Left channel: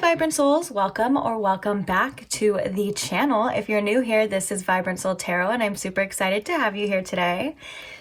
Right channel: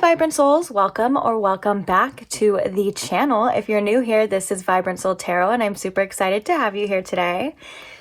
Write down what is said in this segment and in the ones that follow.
Vibrant Souls, welcome or welcome back to the channel. If you're new here, this is Vibrant Soul Tarot and I'm super excited to have you here today.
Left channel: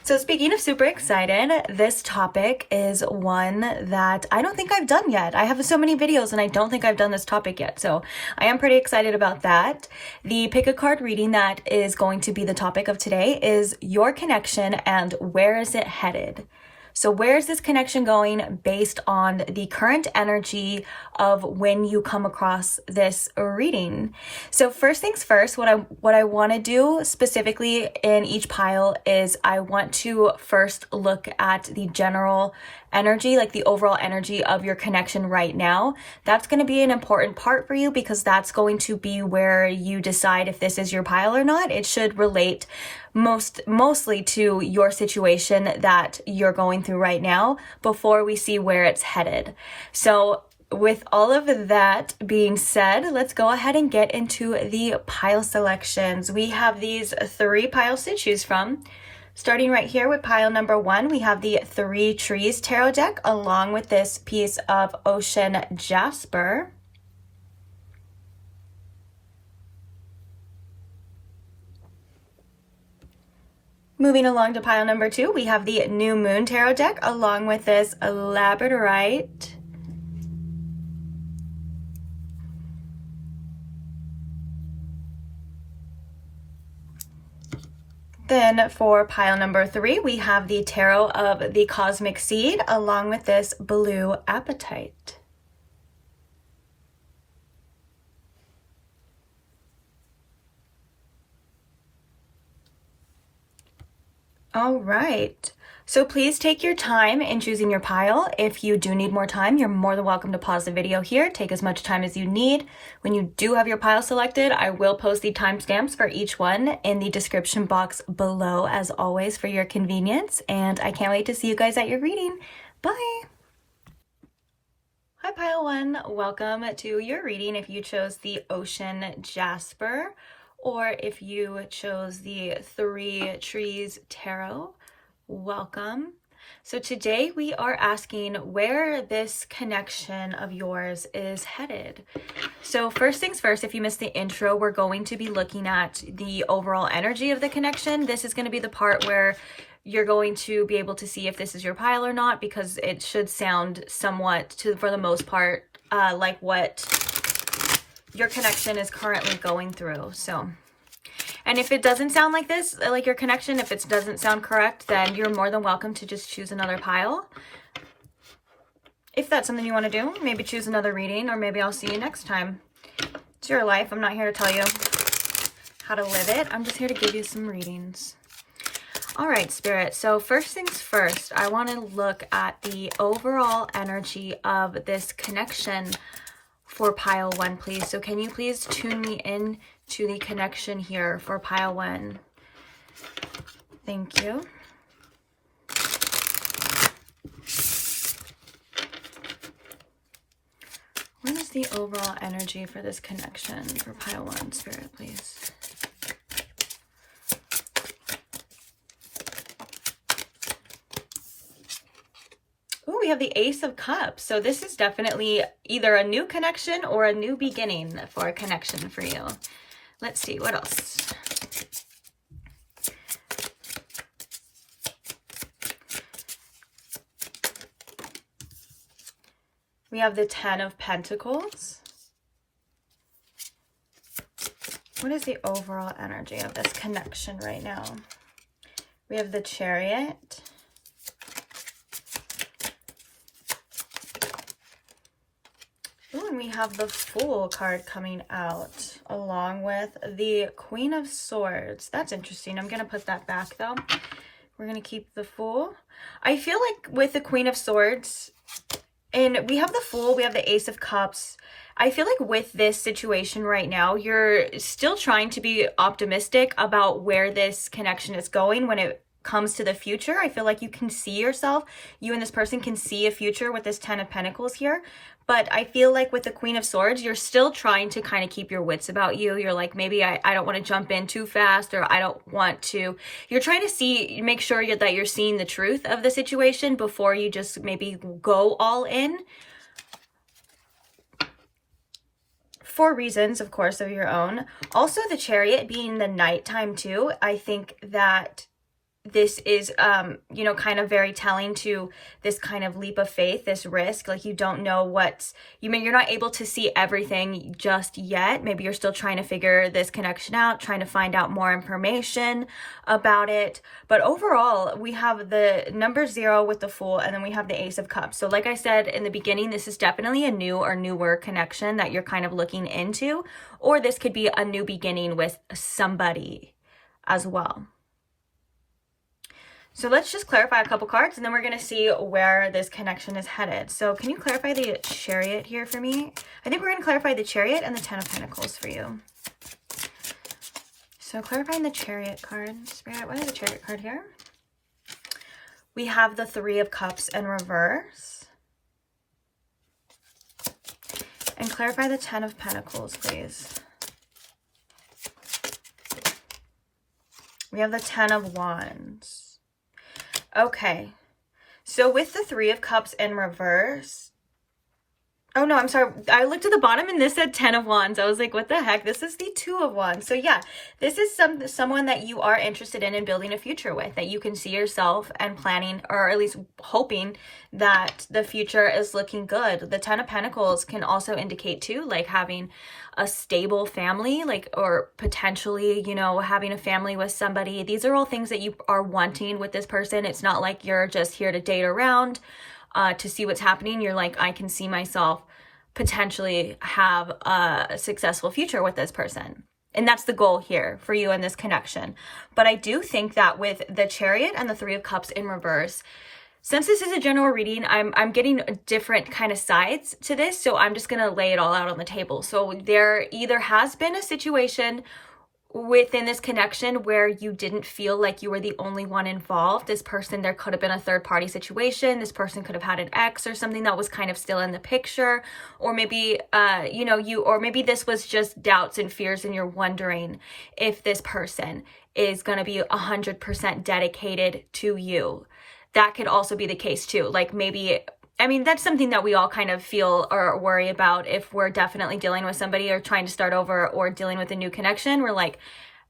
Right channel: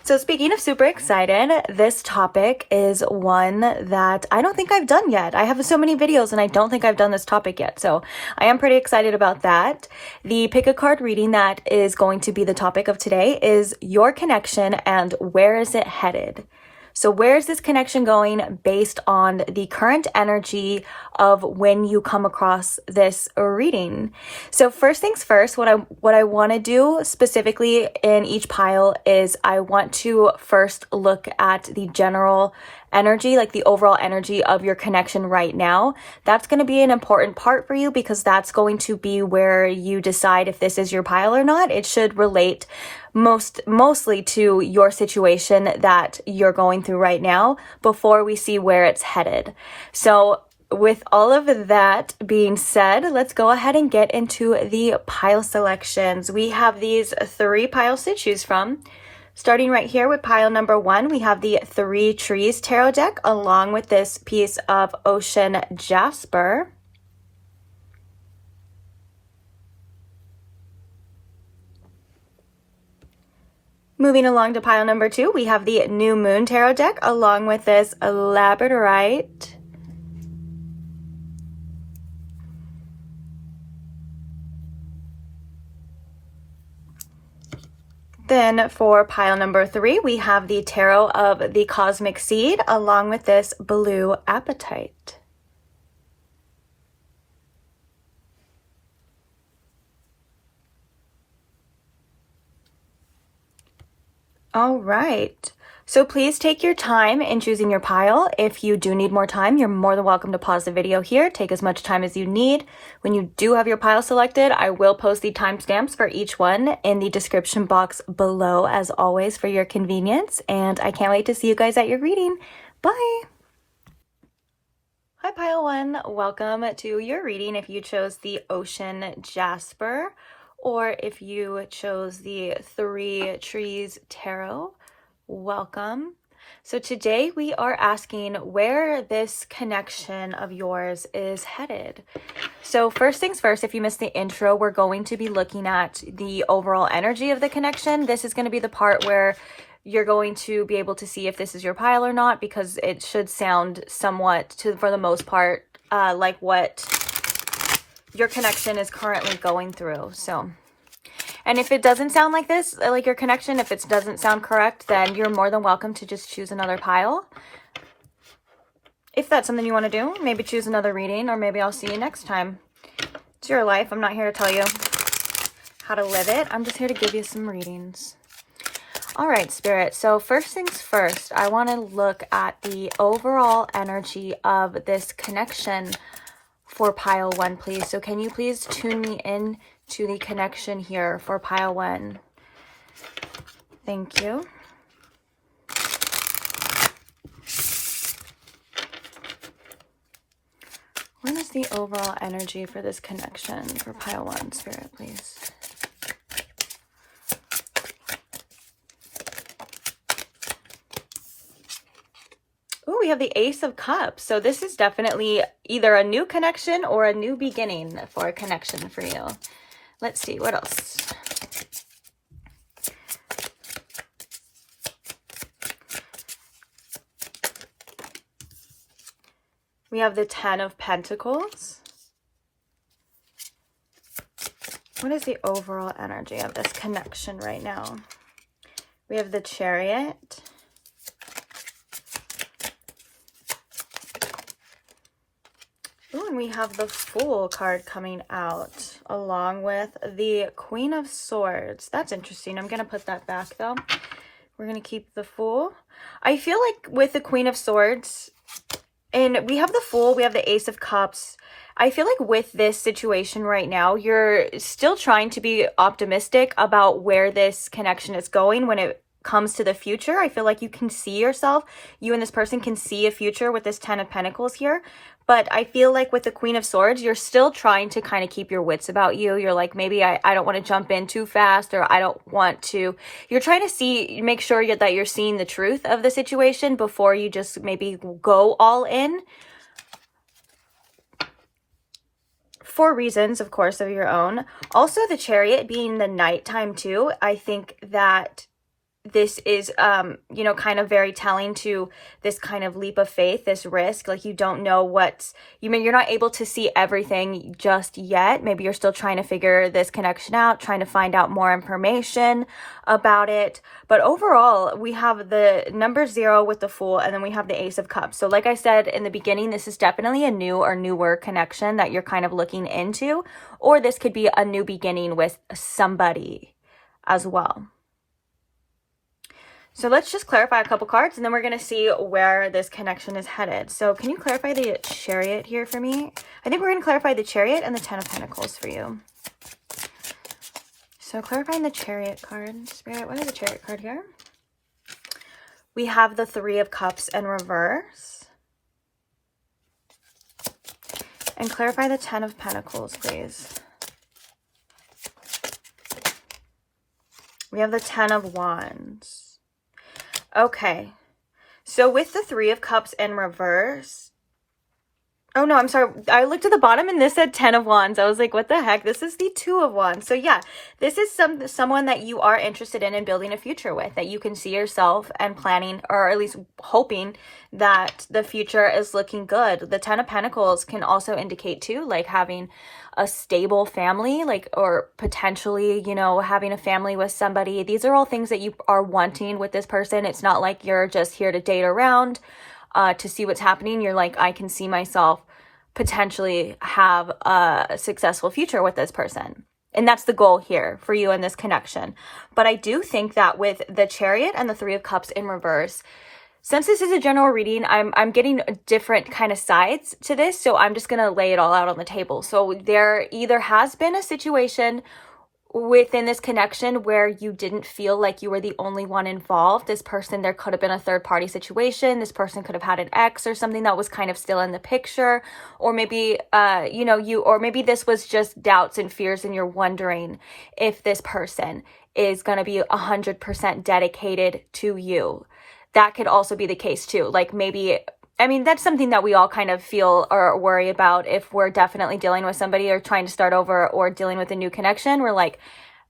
So speaking of super excited, this topic is one that I don't think I've done yet. I have so many videos and I don't think I've done this topic yet. So I am pretty excited about that. The pick a card reading that is going to be the topic of today is your connection and where is it headed? So where is this connection going based on the current energy of when you come across this reading? So first things first, what I want to do specifically in each pile is I want to first look at the general energy, like the overall energy of your connection right now. That's going to be an important part for you because that's going to be where you decide if this is your pile or not. It should relate mostly to your situation that you're going through right now before we see where it's headed. So with all of that being said, let's go ahead and get into the pile selections. We have these 3 piles to choose from. Starting right here with pile number 1, we have the 3 Trees Tarot deck along with this piece of Ocean Jasper. Moving along to pile number 2, we have the New Moon Tarot deck along with this Labradorite. Then for pile number 3, we have the Tarot of the Cosmic Seed along with this Blue Apatite. All right. So please take your time in choosing your pile. If you do need more time, you're more than welcome to pause the video here. Take as much time as you need. When you do have your pile selected, I will post the timestamps for each one in the description box below, as always, for your convenience. And I can't wait to see you guys at your reading. Bye. Hi, pile 1. Welcome to your reading if you chose the Ocean Jasper or if you chose the 3 Trees Tarot. Welcome. So today we are asking where this connection of yours is headed. So first things first, if you missed the intro, we're going to be looking at the overall energy of the connection. This is going to be the part where you're going to be able to see if this is your pile or not, because it should sound somewhat, for the most part, like what your connection is currently going through. So, and if it doesn't sound like this, like your connection, if it doesn't sound correct, then you're more than welcome to just choose another pile. If that's something you want to do, maybe choose another reading, or maybe I'll see you next time. It's your life. I'm not here to tell you how to live it. I'm just here to give you some readings. All right, Spirit. So first things first, I want to look at the overall energy of this connection for pile 1, please. So can you please tune me in to the connection here for pile 1? Thank you. What is the overall energy for this connection for pile 1, Spirit, please? We have the Ace of Cups. So this is definitely either a new connection or a new beginning for a connection for you. Let's see, what else? We have the 10 of Pentacles. What is the overall energy of this connection right now? We have the Chariot. Ooh, and we have the Fool card coming out along with the Queen of Swords. That's interesting. I'm going to put that back though. We're going to keep the Fool. I feel like with the Queen of Swords, and we have the Fool, we have the Ace of Cups. I feel like with this situation right now, you're still trying to be optimistic about where this connection is going when it comes to the future. I feel like you can see yourself, you and this person can see a future with this 10 of Pentacles here. But I feel like with the Queen of Swords, you're still trying to kind of keep your wits about you. You're like, maybe I don't want to jump in too fast, or I don't want to. You're trying to make sure that you're seeing the truth of the situation before you just maybe go all in. for reasons, of course, of your own. Also, the Chariot being the nighttime too, I think that this is, you know, kind of very telling to this kind of leap of faith, this risk. Like, you don't know what's, you're not able to see everything just yet. Maybe you're still trying to figure this connection out, trying to find out more information about it. But overall, we have the number 0 with the Fool, and then we have the Ace of Cups. So like I said in the beginning, this is definitely a new or newer connection that you're kind of looking into, or this could be a new beginning with somebody as well. So let's just clarify a couple cards, and then we're going to see where this connection is headed. So can you clarify the Chariot here for me? I think we're going to clarify the Chariot and the 10 of Pentacles for you. So clarifying the Chariot card. Spirit, what is the Chariot card here? We have the 3 of Cups in reverse. And clarify the 10 of Pentacles, please. We have the 10 of Wands. Okay, so with the 3 of Cups in reverse, oh no, I'm sorry, I looked at the bottom and this said 10 of Wands. I was like, what the heck? This is the 2 of Wands. So yeah, this is someone that you are interested in and building a future with, that you can see yourself and planning, or at least hoping that the future is looking good. The 10 of Pentacles can also indicate too, like having a stable family, like, or potentially, you know, having a family with somebody. These are all things that you are wanting with this person. It's not like you're just here to date around to see what's happening. You're like, I can see myself potentially have a successful future with this person. And that's the goal here for you in this connection. But I do think that with the Chariot and the 3 of Cups in reverse, since this is a general reading, I'm getting different kind of sides to this, so I'm just going to lay it all out on the table. So there either has been a situation within this connection where you didn't feel like you were the only one involved. This person, there could have been a third party situation. This person could have had an ex or something that was kind of still in the picture. Or maybe, you know, or maybe this was just doubts and fears and you're wondering if this person is going to be 100% dedicated to you. That could also be the case too. Like maybe, I mean, that's something that we all kind of feel or worry about if we're definitely dealing with somebody or trying to start over or dealing with a new connection. We're like,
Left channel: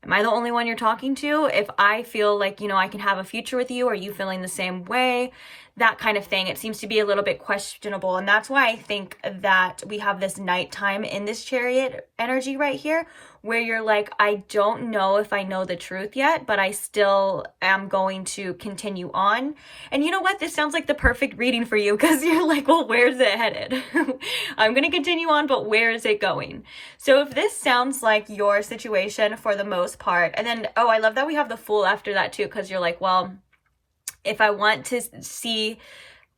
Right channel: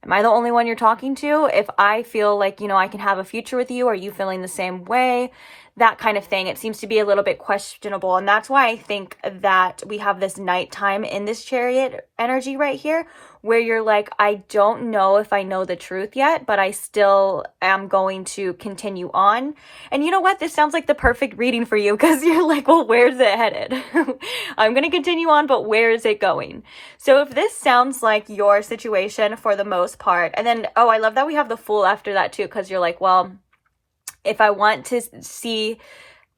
am I the only one you're talking to? If I feel like, you know, I can have a future with you, are you feeling the same way? That kind of thing. It seems to be a little bit questionable. And that's why I think that we have this nighttime in this Chariot energy right here, where you're like, I don't know if I know the truth yet, but I still am going to continue on. And you know what? This sounds like the perfect reading for you, because you're like, well, where's it headed? I'm going to continue on, but where is it going? So if this sounds like your situation for the most part, and then, oh, I love that we have the Fool after that too, because you're like, well, if I want to see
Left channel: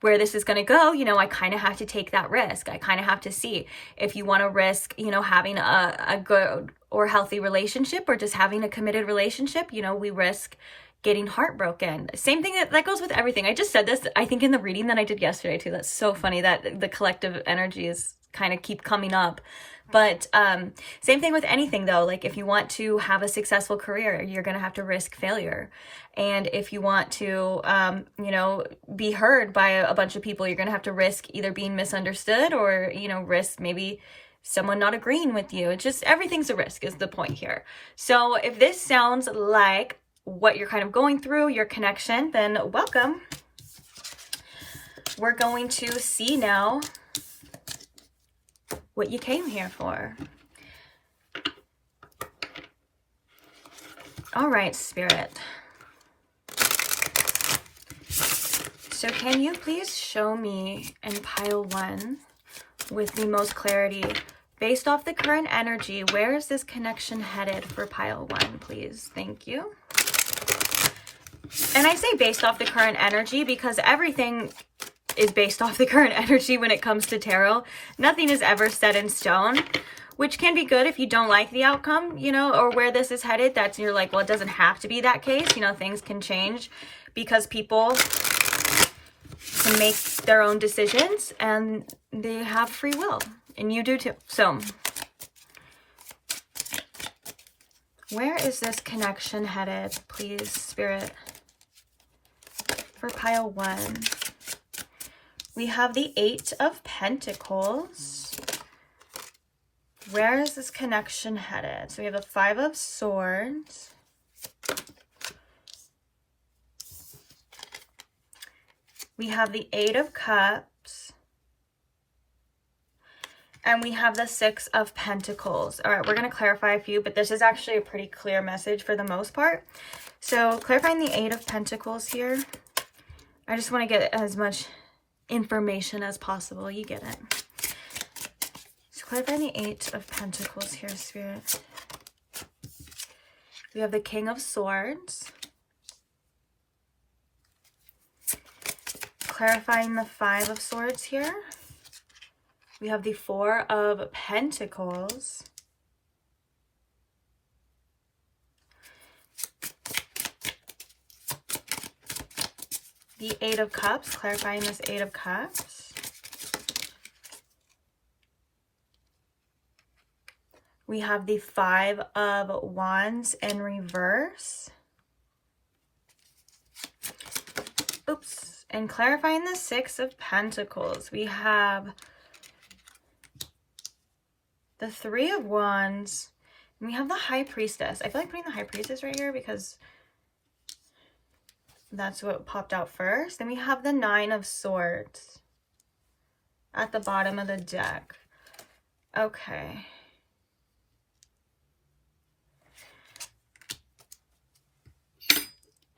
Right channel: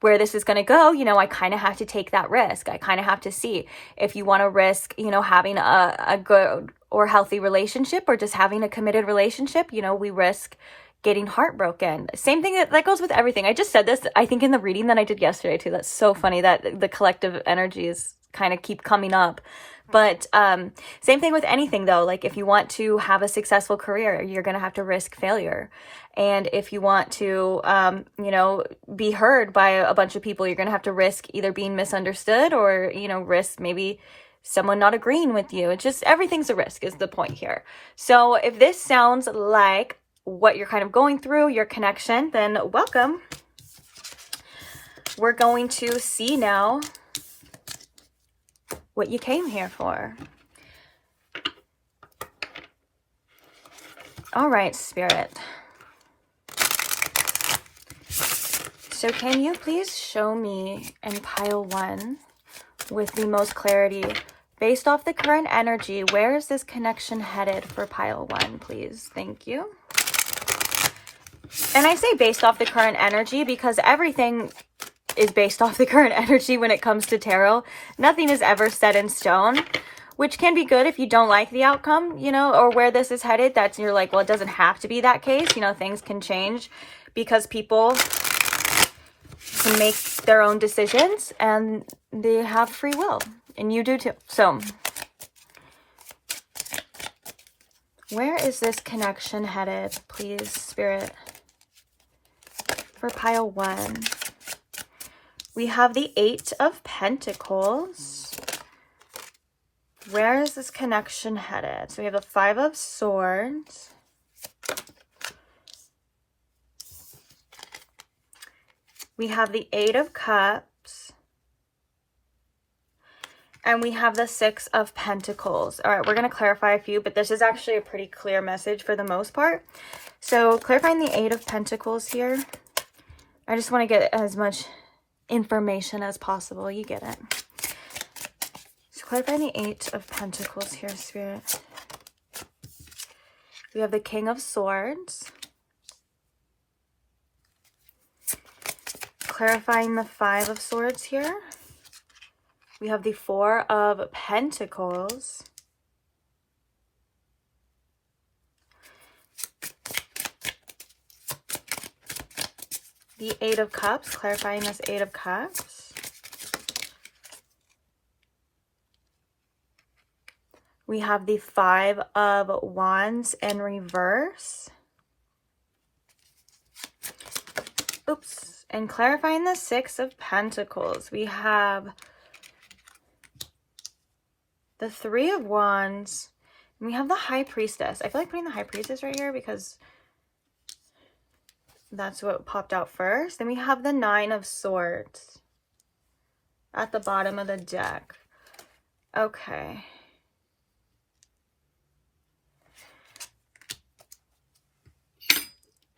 where this is going to go, you know, I kind of have to take that risk. I kind of have to see if you want to risk, you know, having a good or healthy relationship, or just having a committed relationship. You know, we risk getting heartbroken. Same thing that goes with everything. I just said this, I think, in the reading that I did yesterday too. That's so funny that the collective energies kind of keep coming up. But same thing with anything though. Like if you want to have a successful career, you're going to have to risk failure. And if you want to, you know, be heard by a bunch of people, you're going to have to risk either being misunderstood or, you know, risk maybe someone not agreeing with you. It's just, everything's a risk is the point here. So if this sounds like what you're kind of going through, your connection, then welcome. We're going to see now what you came here for. All right, Spirit. So can you please show me in pile 1 with the most clarity, based off the current energy, where is this connection headed for pile 1, please? Thank you. And I say based off the current energy because everything is based off the current energy when it comes to tarot. Nothing is ever set in stone, which can be good if you don't like the outcome, you know, or where this is headed. That's, you're like, well, it doesn't have to be that case. You know, things can change because people can make their own decisions and they have free will, and you do too. So where is this connection headed, please, Spirit, for pile 1? We have the 8 of Pentacles, Where is this connection headed? So we have the Five of Swords. We have the Eight of Cups. And we have the Six of Pentacles. All right, we're going to clarify a few, but this is actually a pretty clear message for the most part. So clarifying the Eight of Pentacles here. I just want to get as much information as possible. You get it. So clarifying the Eight of Pentacles here, Spirit. We have the King of Swords. Clarifying the Five of Swords here. We have the Four of Pentacles. The Eight of Cups, clarifying this Eight of Cups. We have the Five of Wands in reverse. Oops. And clarifying the Six of Pentacles. We have the Three of Wands, and we have the High Priestess. I feel like putting the High Priestess right here because that's what popped out first. Then we have the Nine of Swords at the bottom of the deck. Okay.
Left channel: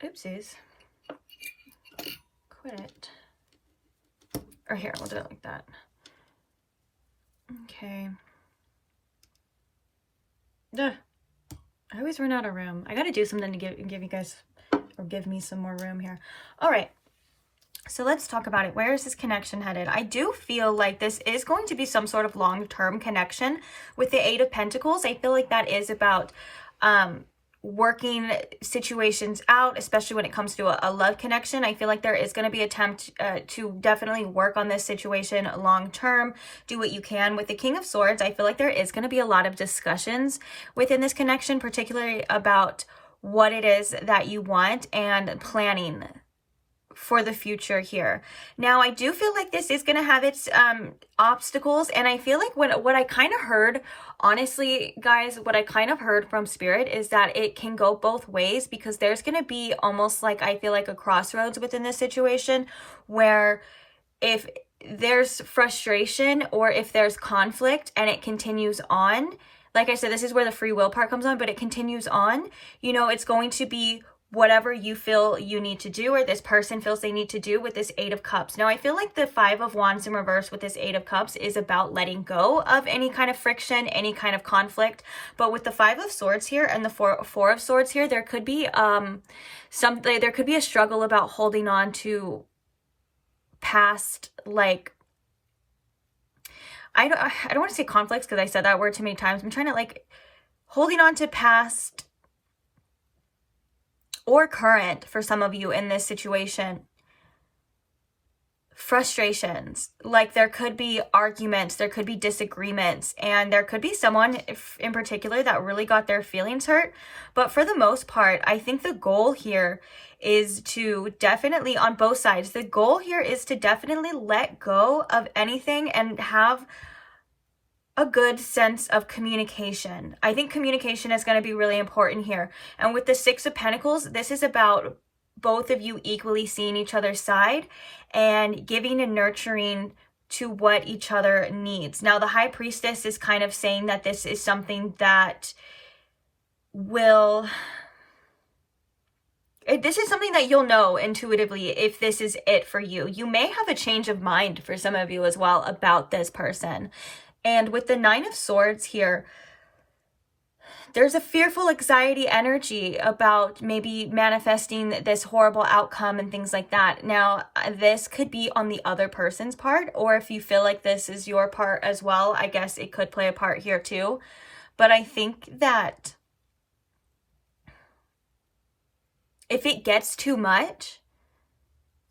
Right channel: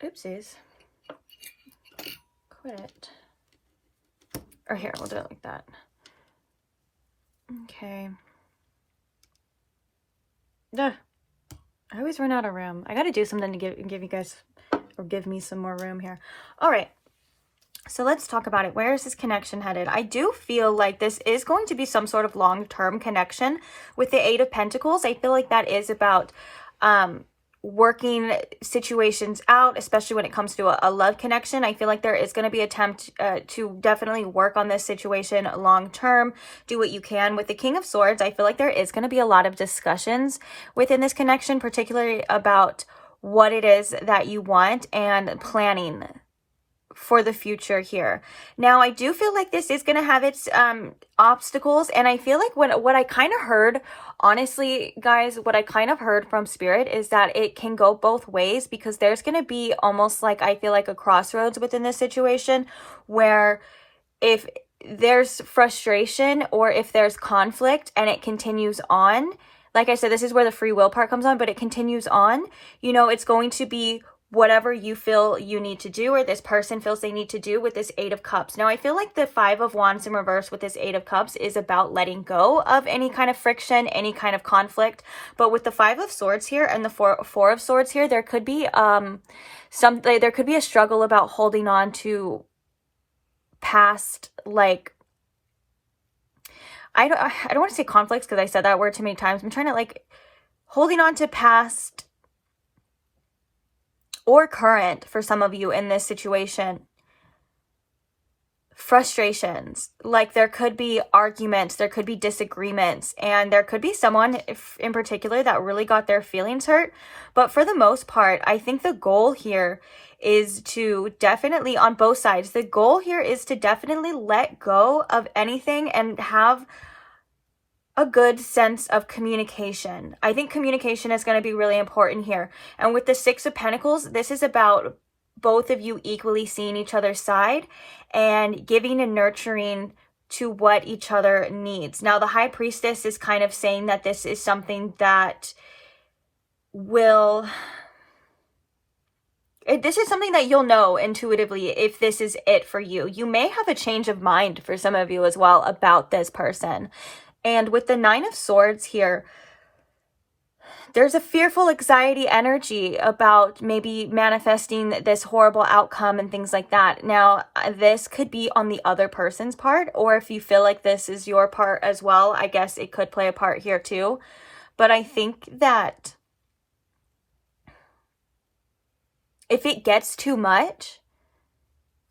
Oopsies. Quit it. Or here, we'll do it like that. Okay. Ugh. I always run out of room. I gotta do something to give you guys, or give me some more room here. All right. So let's talk about it. Where is this connection headed? I do feel like this is going to be some sort of long-term connection with the Eight of Pentacles. I feel like that is about working situations out, especially when it comes to a love connection. I feel like there is going to be an attempt to definitely work on this situation long term. Do what you can. With the King of Swords, I feel like there is going to be a lot of discussions within this connection, particularly about what it is that you want and planning for the future here. Now, I do feel like this is going to have its obstacles, and I feel like what I kind of heard, honestly, guys, what I kind of heard from Spirit is that it can go both ways, because there's going to be almost like, I feel like, a crossroads within this situation where if there's frustration or if there's conflict and it continues on, like I said, this is where the free will part comes on, but it continues on, you know, it's going to be whatever you feel you need to do, or this person feels they need to do, with this Eight of Cups. Now, I feel like the Five of Wands in reverse with this Eight of Cups is about letting go of any kind of friction, any kind of conflict. But with the Five of Swords here and the Four of Swords here, there could be there could be a struggle about holding on to past, like, I don't want to say conflicts because I said that word too many times. I'm trying to, like, holding on to past or current, for some of you in this situation, frustrations. Like, there could be arguments, there could be disagreements, and there could be someone in particular that really got their feelings hurt. But for the most part, I think the goal here is to definitely, on both sides, the goal here is to definitely let go of anything and have a good sense of communication. I think communication is going to be really important here. And with the Six of Pentacles, this is about both of you equally seeing each other's side and giving and nurturing to what each other needs. Now, the High Priestess is kind of saying that this is something that will... This is something that you'll know intuitively if this is it for you. You may have a change of mind for some of you as well about this person. And with the Nine of Swords here, there's a fearful anxiety energy about maybe manifesting this horrible outcome and things like that. Now, this could be on the other person's part, or if you feel like this is your part as well, I guess it could play a part here too. But I think that if it gets too much,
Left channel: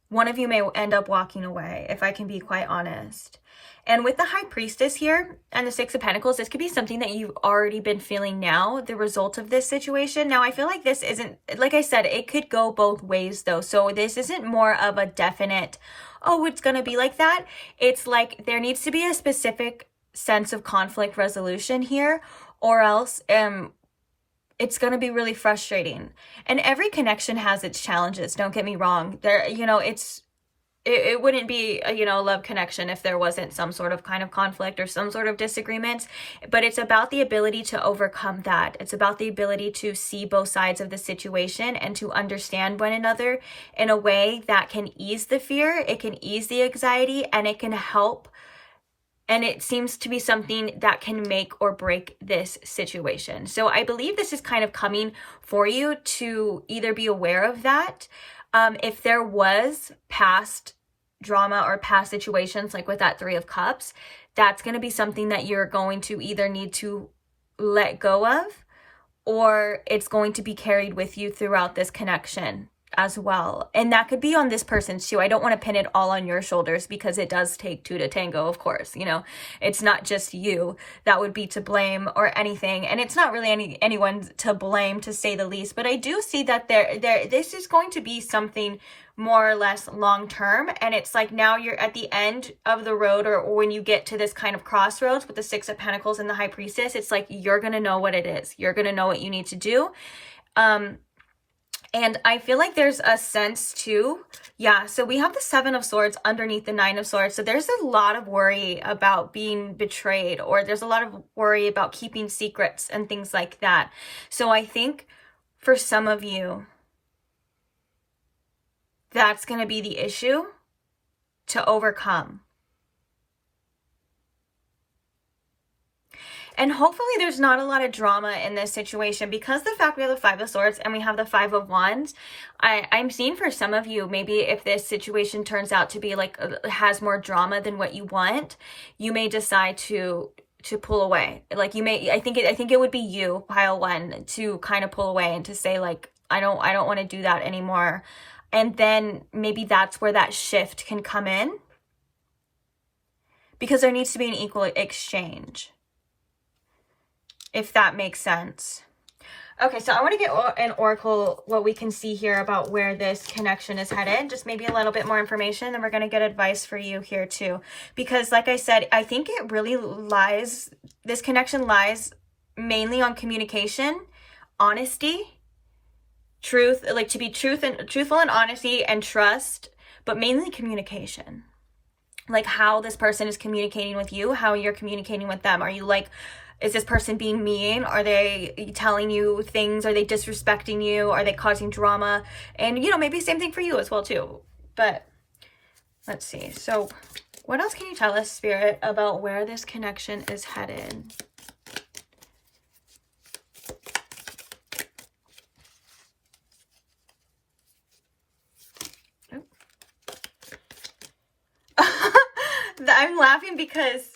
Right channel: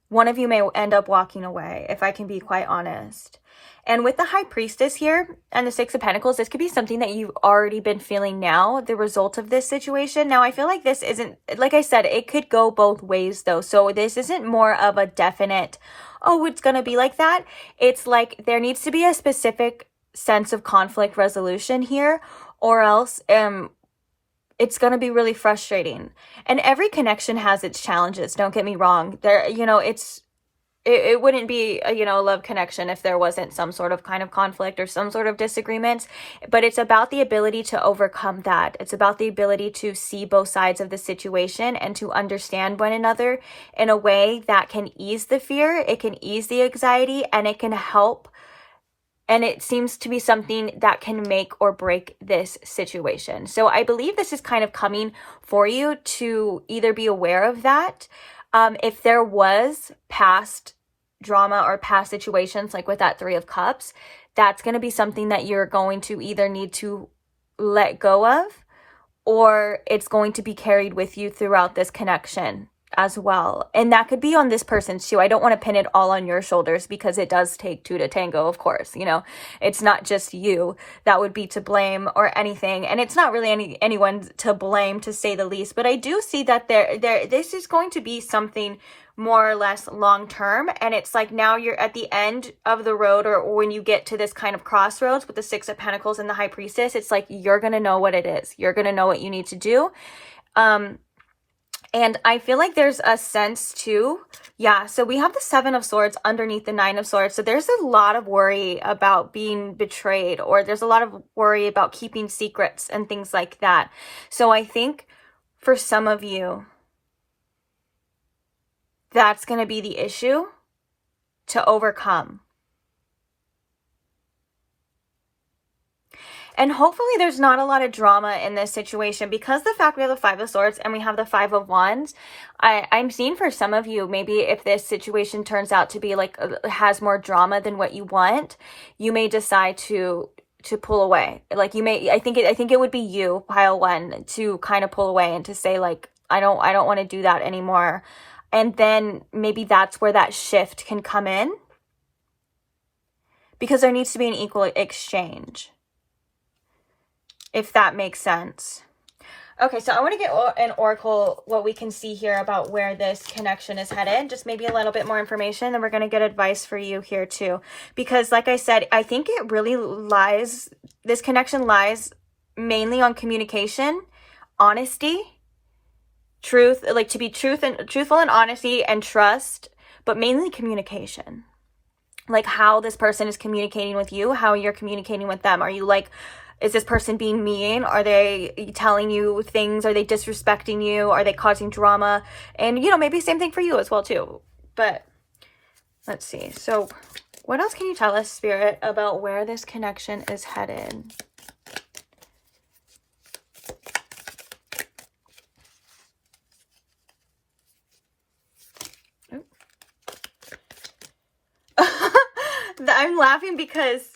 one of you may end up walking away, if I can be quite honest. And with the High Priestess here and the Six of Pentacles, this could be something that you've already been feeling now, the result of this situation. Now, I feel like this isn't, like I said, it could go both ways though. So this isn't more of a definite, oh, it's going to be like that. It's like there needs to be a specific sense of conflict resolution here, or else it's going to be really frustrating. And every connection has its challenges, don't get me wrong. There, you know, it wouldn't be a, you know, love connection if there wasn't some sort of kind of conflict or some sort of disagreements. But it's about the ability to overcome that. It's about the ability to see both sides of the situation and to understand one another in a way that can ease the fear, it can ease the anxiety, and it can help. And it seems to be something that can make or break this situation. So I believe this is kind of coming for you to either be aware of that. If there was past drama or past situations, like with that 3 of Cups, that's going to be something that you're going to either need to let go of, or it's going to be carried with you throughout this connection as well. And that could be on this person's too. I don't want to pin it all on your shoulders, because it does take 2 to tango, of course. You know, it's not just you that would be to blame or anything. And it's not really anyone to blame, to say the least. But I do see that this is going to be something more or less long term. And it's like now you're at the end of the road, or when you get to this kind of crossroads with the 6 of Pentacles and the High Priestess, it's like you're going to know what it is. You're going to know what you need to do. And I feel like there's a sense too. Yeah, so we have the 7 of Swords underneath the 9 of Swords. So there's a lot of worry about being betrayed, or there's a lot of worry about keeping secrets and things like that. So I think for some of you, that's going to be the issue to overcome. And hopefully there's not a lot of drama in this situation, because the fact we have the 5 of Swords and we have the 5 of Wands, I'm seeing for some of you, maybe if this situation turns out to be like, has more drama than what you want, you may decide to pull away. Like you may, I think it would be you, pile 1, to kind of pull away and to say like, I don't want to do that anymore. And then maybe that's where that shift can come in, because there needs to be an equal exchange, if that makes sense. Okay, so I want to get an oracle, what we can see here about where this connection is headed. Just maybe a little bit more information, then we're going to get advice for you here too. Because like I said, I think it really lies, this connection lies mainly on communication, honesty, truth, like to be truthful and honesty and trust, but mainly communication. Like how this person is communicating with you, how you're communicating with them. Are you like, is this person being mean? Are they telling you things? Are they disrespecting you? Are they causing drama? And, you know, maybe same thing for you as well, too. But let's see. So what else can you tell us, Spirit, about where this connection is headed? I'm laughing because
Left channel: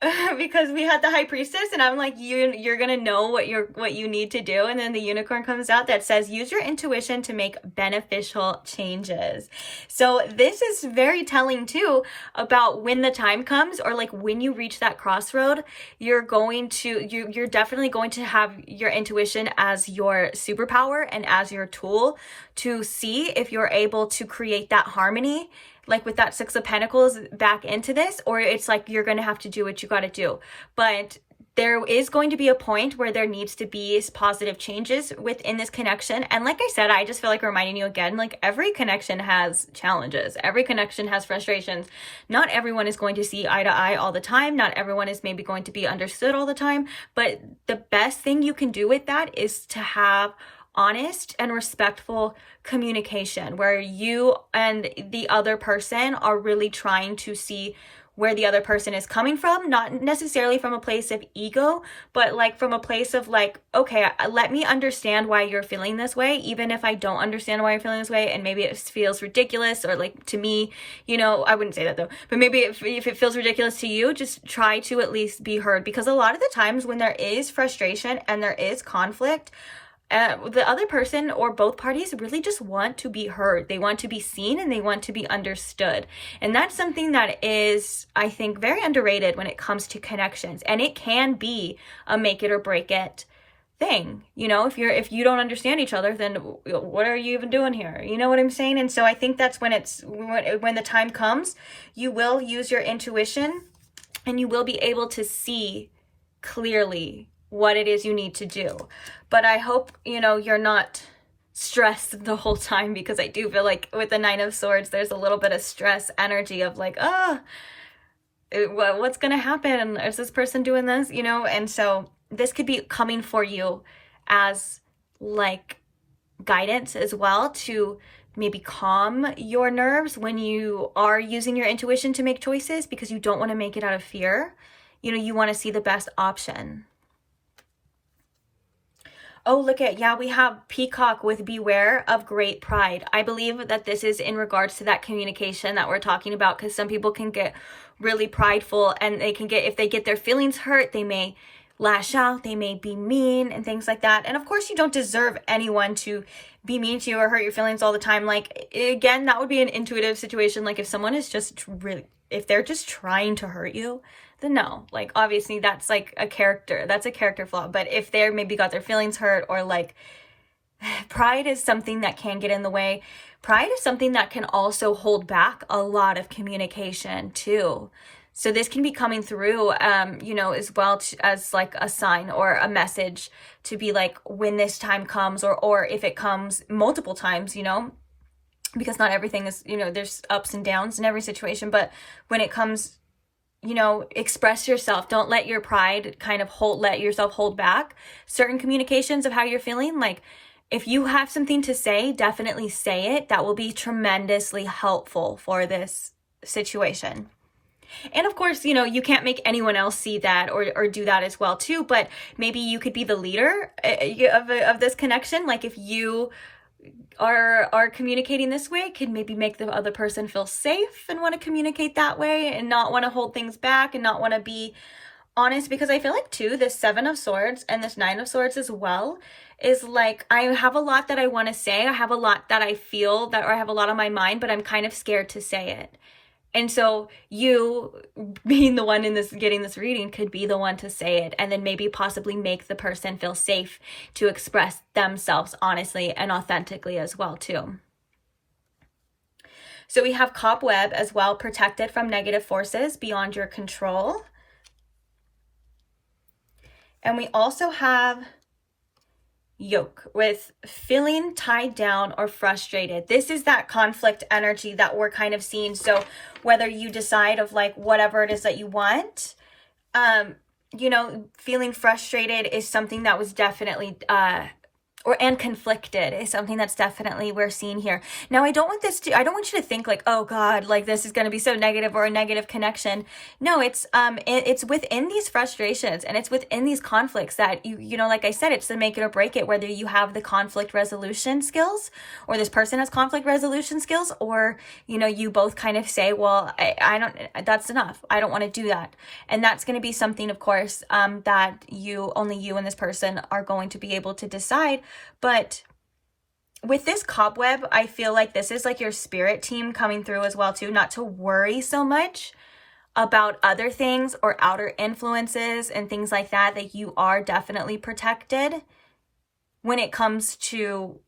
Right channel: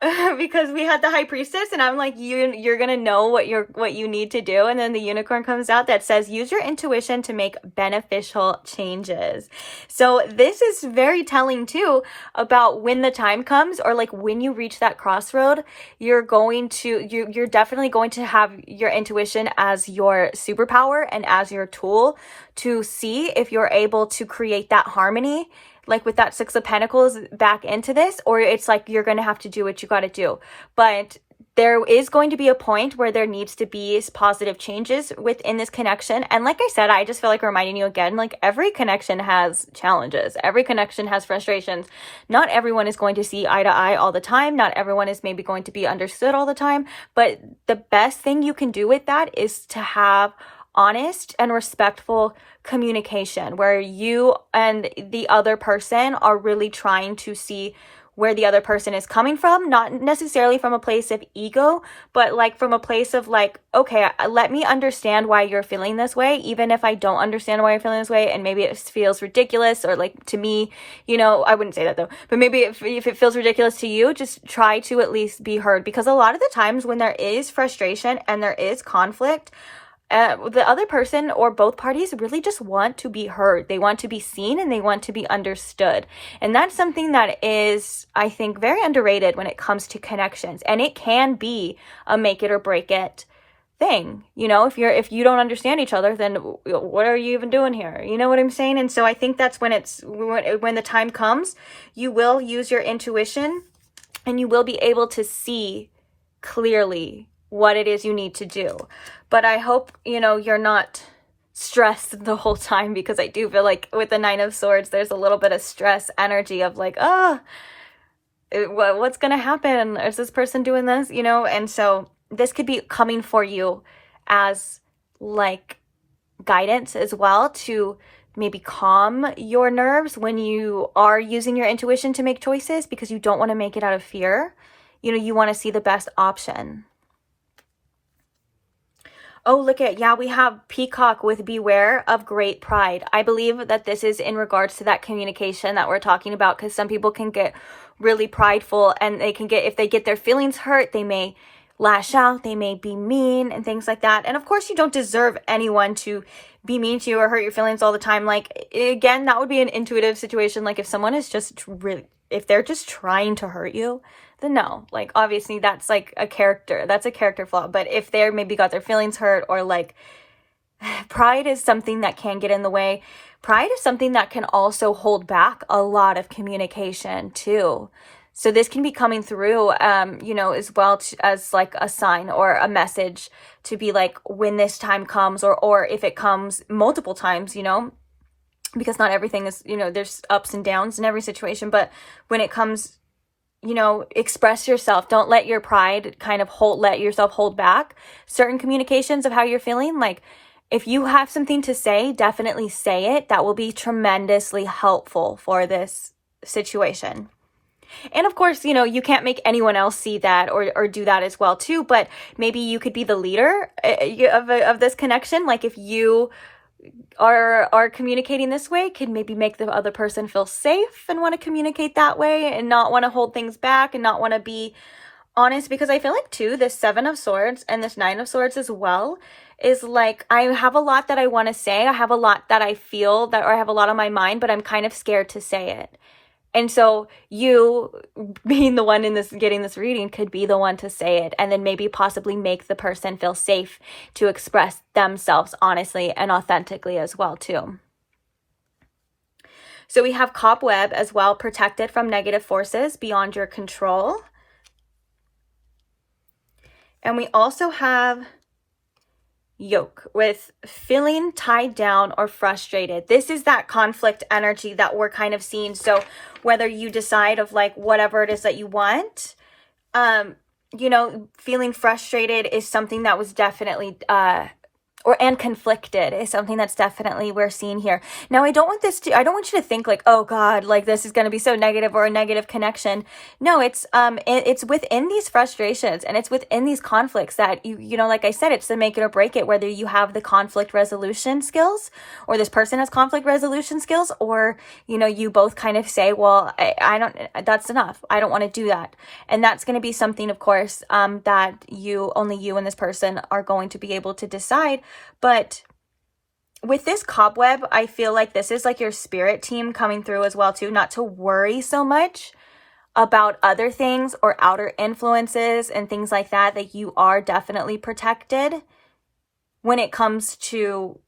we had the High Priestess, and I'm like, you're gonna know what you need to do, and then the Unicorn comes out that says use your intuition to make beneficial changes. So this is very telling too about when the time comes, or like when you reach that crossroad, you're definitely going to have your intuition as your superpower and as your tool to see if you're able to create that harmony, like with that 6 of Pentacles back into this, or it's like you're going to have to do what you got to do. But there is going to be a point where there needs to be positive changes within this connection. And like I said, I just feel like reminding you again, like every connection has challenges. Every connection has frustrations. Not everyone is going to see eye to eye all the time. Not everyone is maybe going to be understood all the time. But the best thing you can do with that is to have honest and respectful communication, where you and the other person are really trying to see where the other person is coming from, not necessarily from a place of ego, but like from a place of like, okay, let me understand why you're feeling this way, even if I don't understand why you're feeling this way, and maybe it feels ridiculous, or like to me, you know, I wouldn't say that though, but maybe if it feels ridiculous to you, just try to at least be heard, because a lot of the times when there is frustration and there is conflict, the other person or both parties really just want to be heard. They want to be seen and they want to be understood. And that's something that is, I think, very underrated when it comes to connections. And it can be a make it or break it thing. You know, if you don't understand each other, then what are you even doing here? You know what I'm saying? And so I think that's when the time comes, you will use your intuition and you will be able to see clearly what it is you need to do. But I hope, you're not stressed the whole time, because I do feel like with the Nine of Swords, there's a little bit of stress energy of like, what's going to happen? Is this person doing this? And so this could be coming for you as like guidance as well, to maybe calm your nerves when you are using your intuition to make choices, because you don't want to make it out of fear. You want to see the best option. Oh, look at, we have Peacock with beware of great pride. I believe that this is in regards to that communication that we're talking about, because some people can get really prideful, and they can get, if they get their feelings hurt, they may lash out, they may be mean and things like that. And of course, you don't deserve anyone to be mean to you or hurt your feelings all the time. Like, again, that would be an intuitive situation. Like, if someone is just really, if they're just trying to hurt you, then no, like, obviously that's like that's a character flaw. But if they're maybe got their feelings hurt, or like, pride is something that can get in the way. Pride is something that can also hold back a lot of communication too. So this can be coming through, as well as like a sign or a message to be like, when this time comes, or if it comes multiple times, because not everything is, there's ups and downs in every situation. But when it comes, express yourself. Don't let your pride kind of let yourself hold back certain communications of how you're feeling. Like, if you have something to say, definitely say it. That will be tremendously helpful for this situation. And of course, you can't make anyone else see that or do that as well too, but maybe you could be the leader of this connection. Like, if you are communicating this way, could maybe make the other person feel safe and want to communicate that way, and not want to hold things back, and not want to be honest. Because I feel like too, this Seven of Swords and this Nine of Swords as well is like, I have a lot that I want to say. I have a lot that I feel or I have a lot on my mind, but I'm kind of scared to say it. And so you being the one getting this reading could be the one to say it, and then maybe possibly make the person feel safe to express themselves honestly and authentically as well too. So we have Cobweb as well, protected from negative forces beyond your control. And we also have Yoke with feeling tied down or frustrated. This is that conflict energy that we're kind of seeing. So whether you decide of like whatever it is that you want, feeling frustrated is something that was definitely and conflicted is something that's definitely we're seeing here. Now, I don't want you to think like, oh God, like this is going to be so negative or a negative connection. No, it's within these frustrations and it's within these conflicts that like I said, it's the make it or break it, whether you have the conflict resolution skills or this person has conflict resolution skills, or, you both kind of say, well, I don't, that's enough. I don't want to do that. And that's going to be something, of course, that only you and this person are going to be able to decide. But with this Cobweb, I feel like this is like your spirit team coming through as well too, not to worry so much about other things or outer influences and things like that, that you are definitely protected when it comes to,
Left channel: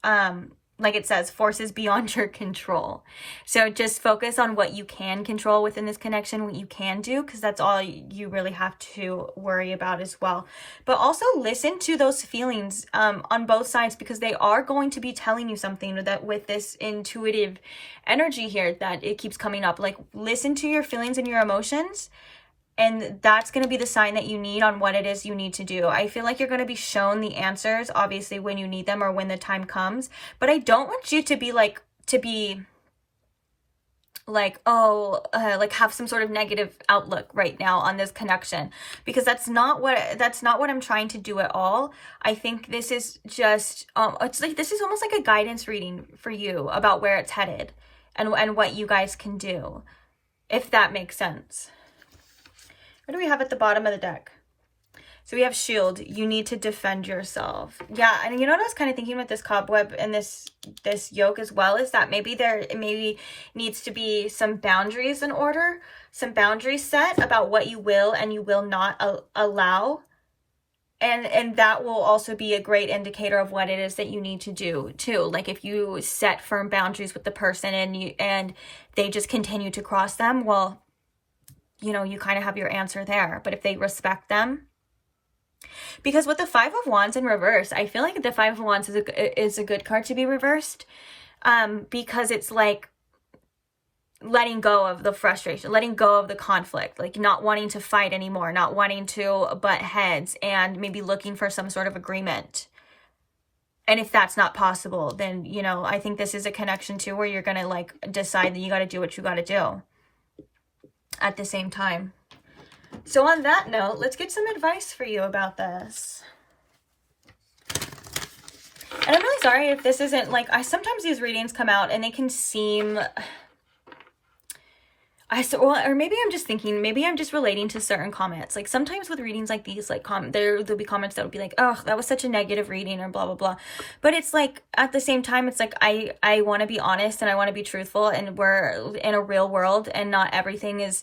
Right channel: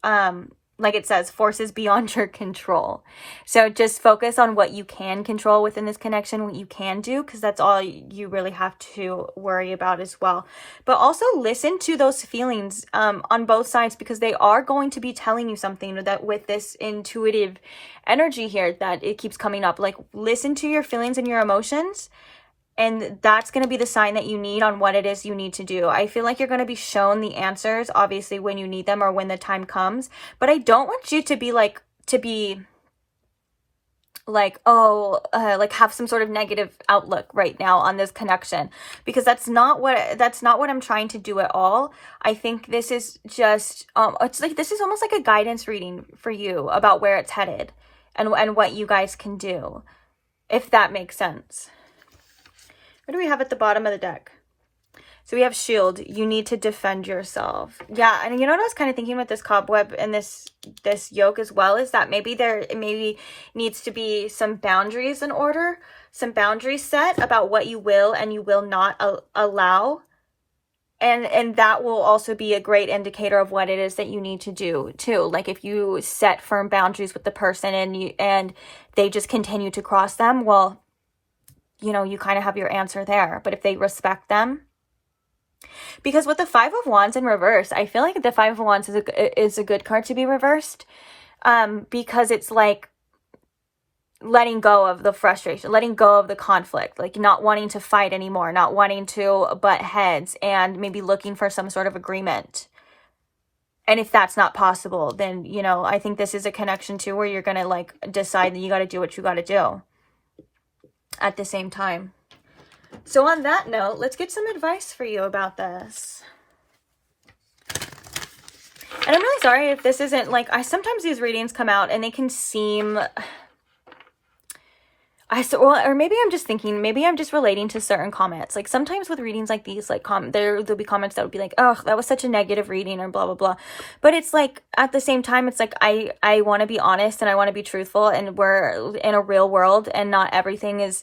like it says, forces beyond your control. So just focus on what you can control within this connection, what you can do, because that's all you really have to worry about as well. But also listen to those feelings on both sides, because they are going to be telling you something that with this intuitive energy here that it keeps coming up. Like, listen to your feelings and your emotions. And that's going to be the sign that you need on what it is you need to do. I feel like you're going to be shown the answers, obviously, when you need them or when the time comes. But I don't want you to be like, like have some sort of negative outlook right now on this connection, because that's not what I'm trying to do at all. I think this is just, it's like, this is almost like a guidance reading for you about where it's headed and what you guys can do, if that makes sense. What do we have at the bottom of the deck? So we have shield. You need to defend yourself. Yeah, and you know what I was kind of thinking with this Cobweb and this yoke as well, is that maybe there needs to be some boundaries in order, some boundaries set about what you will and you will not allow. And that will also be a great indicator of what it is that you need to do too. Like, if you set firm boundaries with the person and they just continue to cross them, well, you know, you kind of have your answer there. But if they respect them, because with the Five of Wands in reverse, I feel like the Five of Wands is a good card to be reversed, because it's like letting go of the frustration, letting go of the conflict, like not wanting to fight anymore, not wanting to butt heads, and maybe looking for some sort of agreement. And if that's not possible, then, you know, I think this is a connection too, where you're going to like decide that you got to do what you got to do at the same time. So on that note, let's get some advice for you about this. And I'm really sorry if this isn't like, sometimes these readings come out and they can seem, or maybe I'm just thinking, maybe I'm just relating to certain comments. Like sometimes with readings like these, like there'll be comments that will be like, oh, that was such a negative reading or blah, blah, blah. But it's like, at the same time, it's like, I want to be honest and I want to be truthful, and we're in a real world and not everything is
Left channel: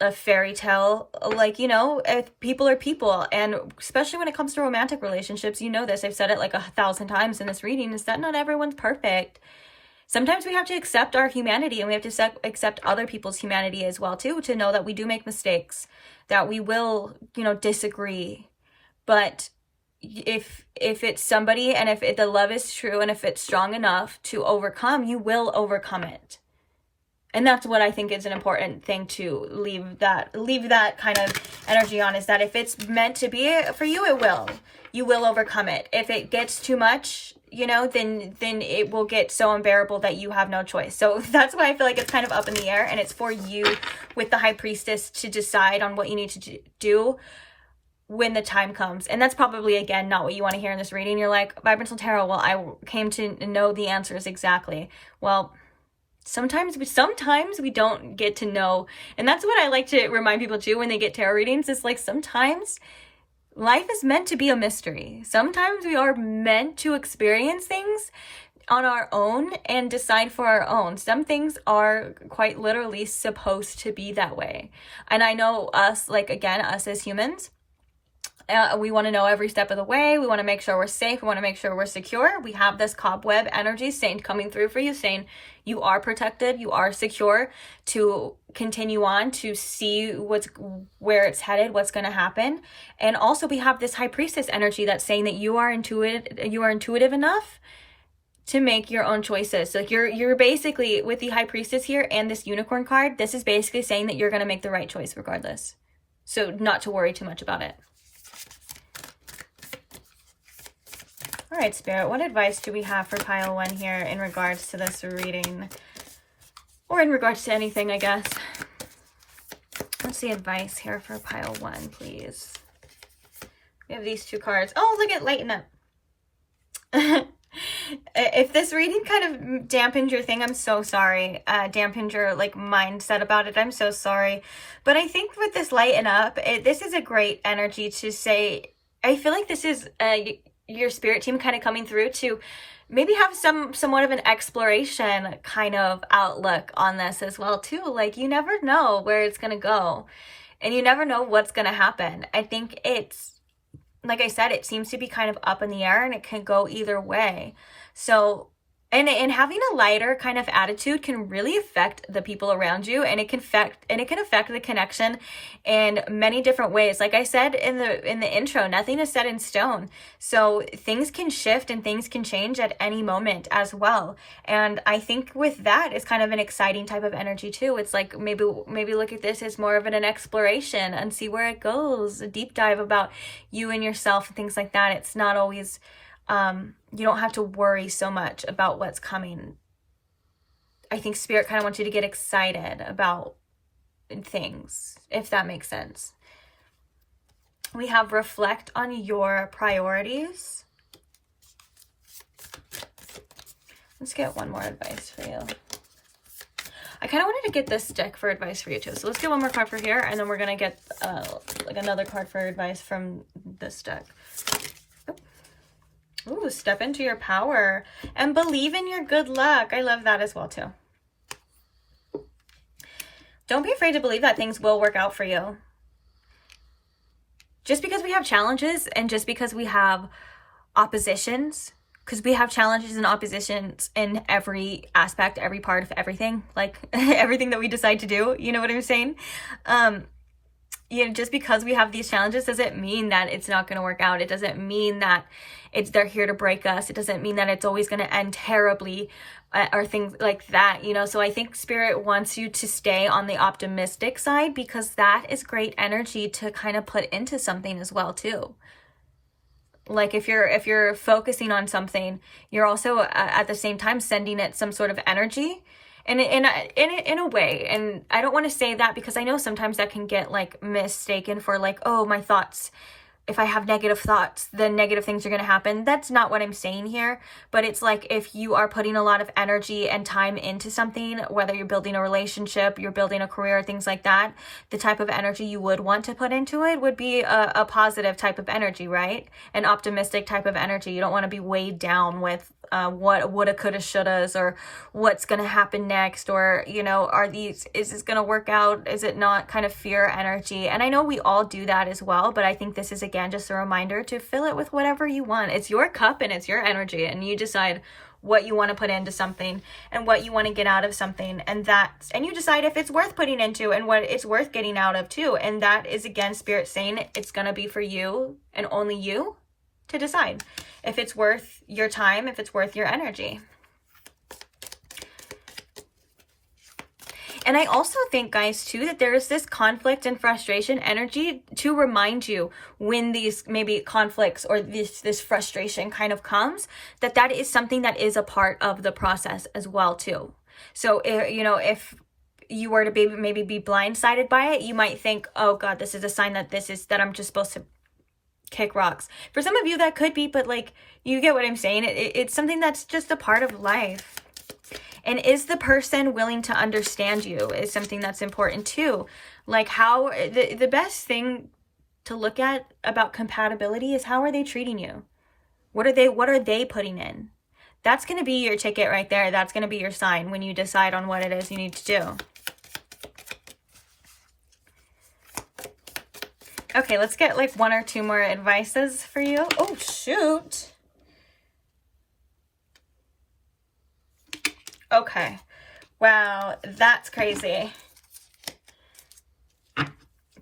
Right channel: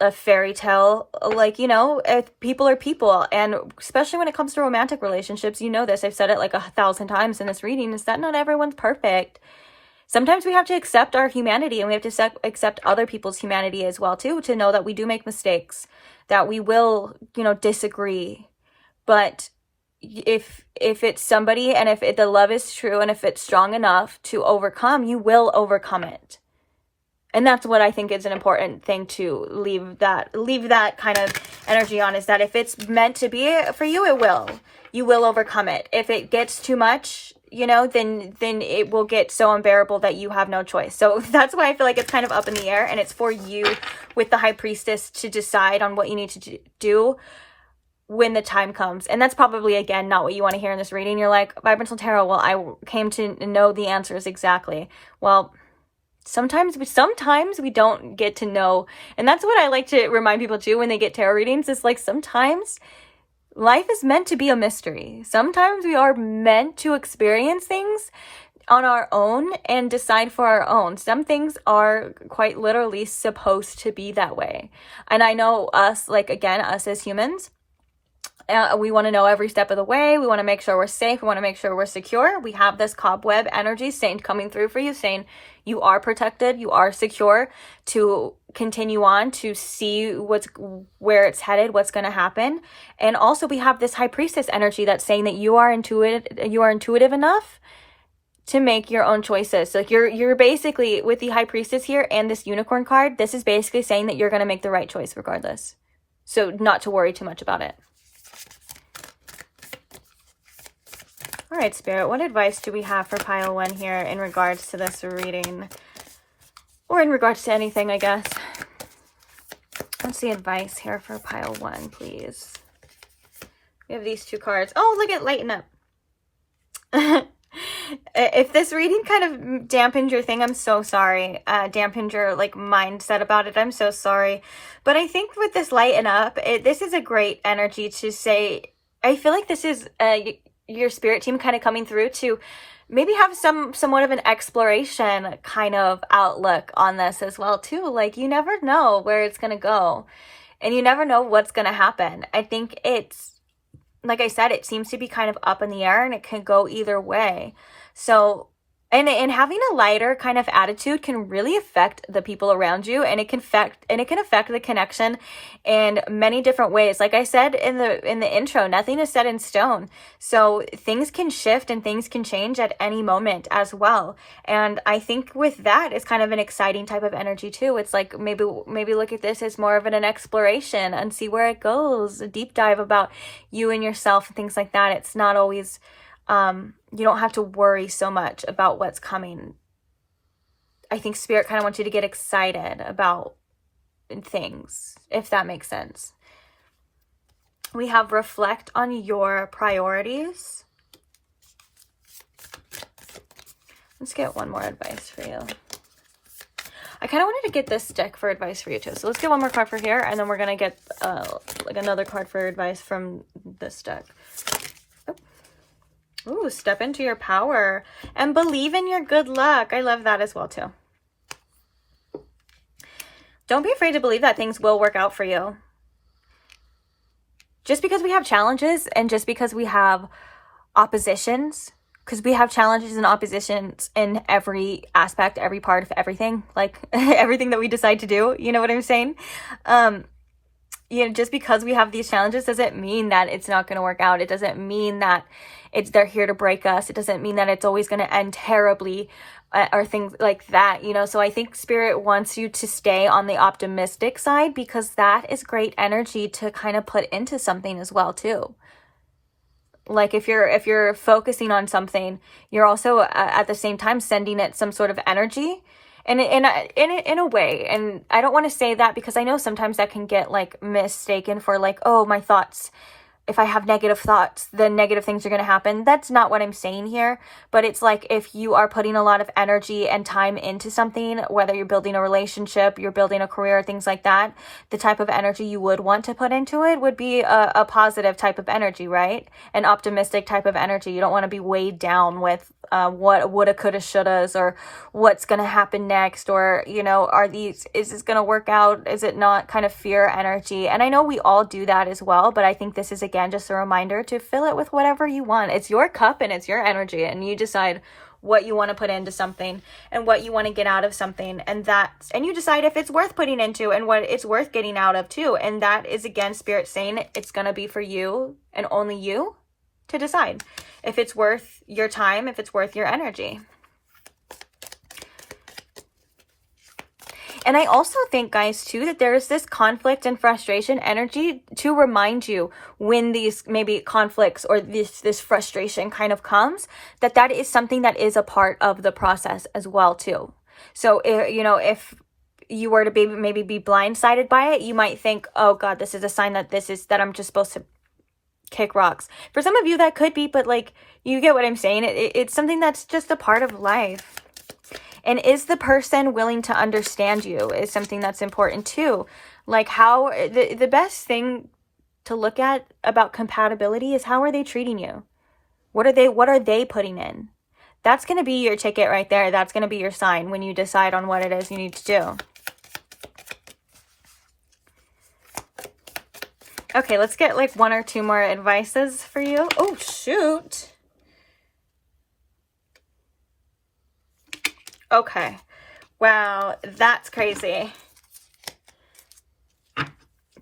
a fairy tale. Like, you know, people are people. And especially when it comes to romantic relationships, you know this, I've said it like 1,000 times in this reading, is that not everyone's perfect. Sometimes we have to accept our humanity, and we have to accept other people's humanity as well, too, to know that we do make mistakes, that we will, you know, disagree. But if it's somebody, and if the love is true, and if it's strong enough to overcome, you will overcome it. And that's what I think is an important thing to leave that kind of energy on, is that if it's meant to be for you, it will. You will overcome it. If it gets too much, you know, then it will get so unbearable that you have no choice. So that's why I feel like it's kind of up in the air, and it's for you with the High Priestess to decide on what you need to do when the time comes. And that's probably, again, not what you want to hear in this reading. You're like, Vibrational Tarot, well, I came to know the answers exactly. Well, sometimes we don't get to know. And that's what I like to remind people too when they get tarot readings. It's like, sometimes life is meant to be a mystery. Sometimes we are meant to experience things on our own and decide for our own. Some things are quite literally supposed to be that way. And I know us, like, again, us as humans, we want to know every step of the way. We want to make sure we're safe. We want to make sure we're secure. We have this cobweb energy saying, coming through for you, saying you are protected, you are secure to continue on, to see where it's headed, what's going to happen. And also we have this High Priestess energy that's saying that you are intuitive enough to make your own choices. So like you're basically, with the High Priestess here and this Unicorn card, this is basically saying that you're going to make the right choice regardless. So not to worry too much about it. All right, Spirit, what advice do we have for pile 1 here in regards to this reading? Or in regards to anything, I guess. What's the advice here for pile 1, please? We have these 2 cards. Oh, look at Lighten Up. If this reading kind of dampened your thing, I'm so sorry. Dampened your like mindset about it, I'm so sorry. But I think with this Lighten Up, this is a great energy to say, I feel like this is your spirit team kind of coming through to maybe have somewhat of an exploration kind of outlook on this as well too. Like, you never know where it's going to go, and you never know what's going to happen. I think it's, like I said, it seems to be kind of up in the air, and it can go either way. So, and having a lighter kind of attitude can really affect the people around you, and it can affect the connection in many different ways. Like I said in the intro, nothing is set in stone. So things can shift and things can change at any moment as well. And I think with that, it's kind of an exciting type of energy too. It's like maybe look at this as more of an exploration and see where it goes, a deep dive about you and yourself and things like that. It's not always you don't have to worry so much about what's coming. I think Spirit kind of wants you to get excited about things, if that makes sense. We have reflect on your priorities. Let's get one more advice for you. I kind of wanted to get this deck for advice for you too. So let's get one more card for here, and then we're going to get like another card for advice from this deck. Ooh, step into your power and believe in your good luck. I love that as well too. Don't be afraid to believe that things will work out for you. Just because we have challenges and just because we have oppositions because we have challenges and oppositions in every aspect, every part of everything, like everything that we decide to do, you know what I'm saying? Just because we have these challenges doesn't mean that it's not going to work out. It doesn't mean that they're here to break us. It doesn't mean that it's always going to end terribly, or things like that, So I think Spirit wants you to stay on the optimistic side, because that is great energy to kind of put into something as well too. Like if you're focusing on something, you're also at the same time sending it some sort of energy, and in a way. And I don't want to say that, because I know sometimes that can get like mistaken for like, oh, my thoughts, if I have negative thoughts, then negative things are going to happen. That's not what I'm saying here. But it's like, if you are putting a lot of energy and time into something, whether you're building a relationship, you're building a career, things like that, the type of energy you would want to put into it would be a positive type of energy, right? An optimistic type of energy. You don't want to be weighed down with what woulda, coulda, shouldas, or what's going to happen next, or, is this going to work out? Is it not? Kind of fear energy. And I know we all do that as well, but I think this is, again, just a reminder to fill it with whatever you want. It's your cup and it's your energy, and you decide what you want to put into something and what you want to get out of something, and you decide if it's worth putting into and what it's worth getting out of too. And that is, again, Spirit saying it's going to be for you and only you to decide if it's worth your time, if it's worth your energy. And I also think, guys, too, that there is this conflict and frustration energy to remind you when these maybe conflicts or this frustration kind of comes, that is something that is a part of the process as well, too. So, if you were to maybe be blindsided by it, you might think, oh God, this is a sign that I'm just supposed to kick rocks. For some of you that could be, but like, you get what I'm saying. It's something that's just a part of life. And is the person willing to understand you is something that's important too. Like, how the best thing to look at about compatibility is, how are they treating you? What are they putting in? That's going to be your ticket right there. That's going to be your sign when you decide on what it is you need to do. Okay, let's get like one or two more advices for you. Oh, shoot. Okay. Wow, that's crazy.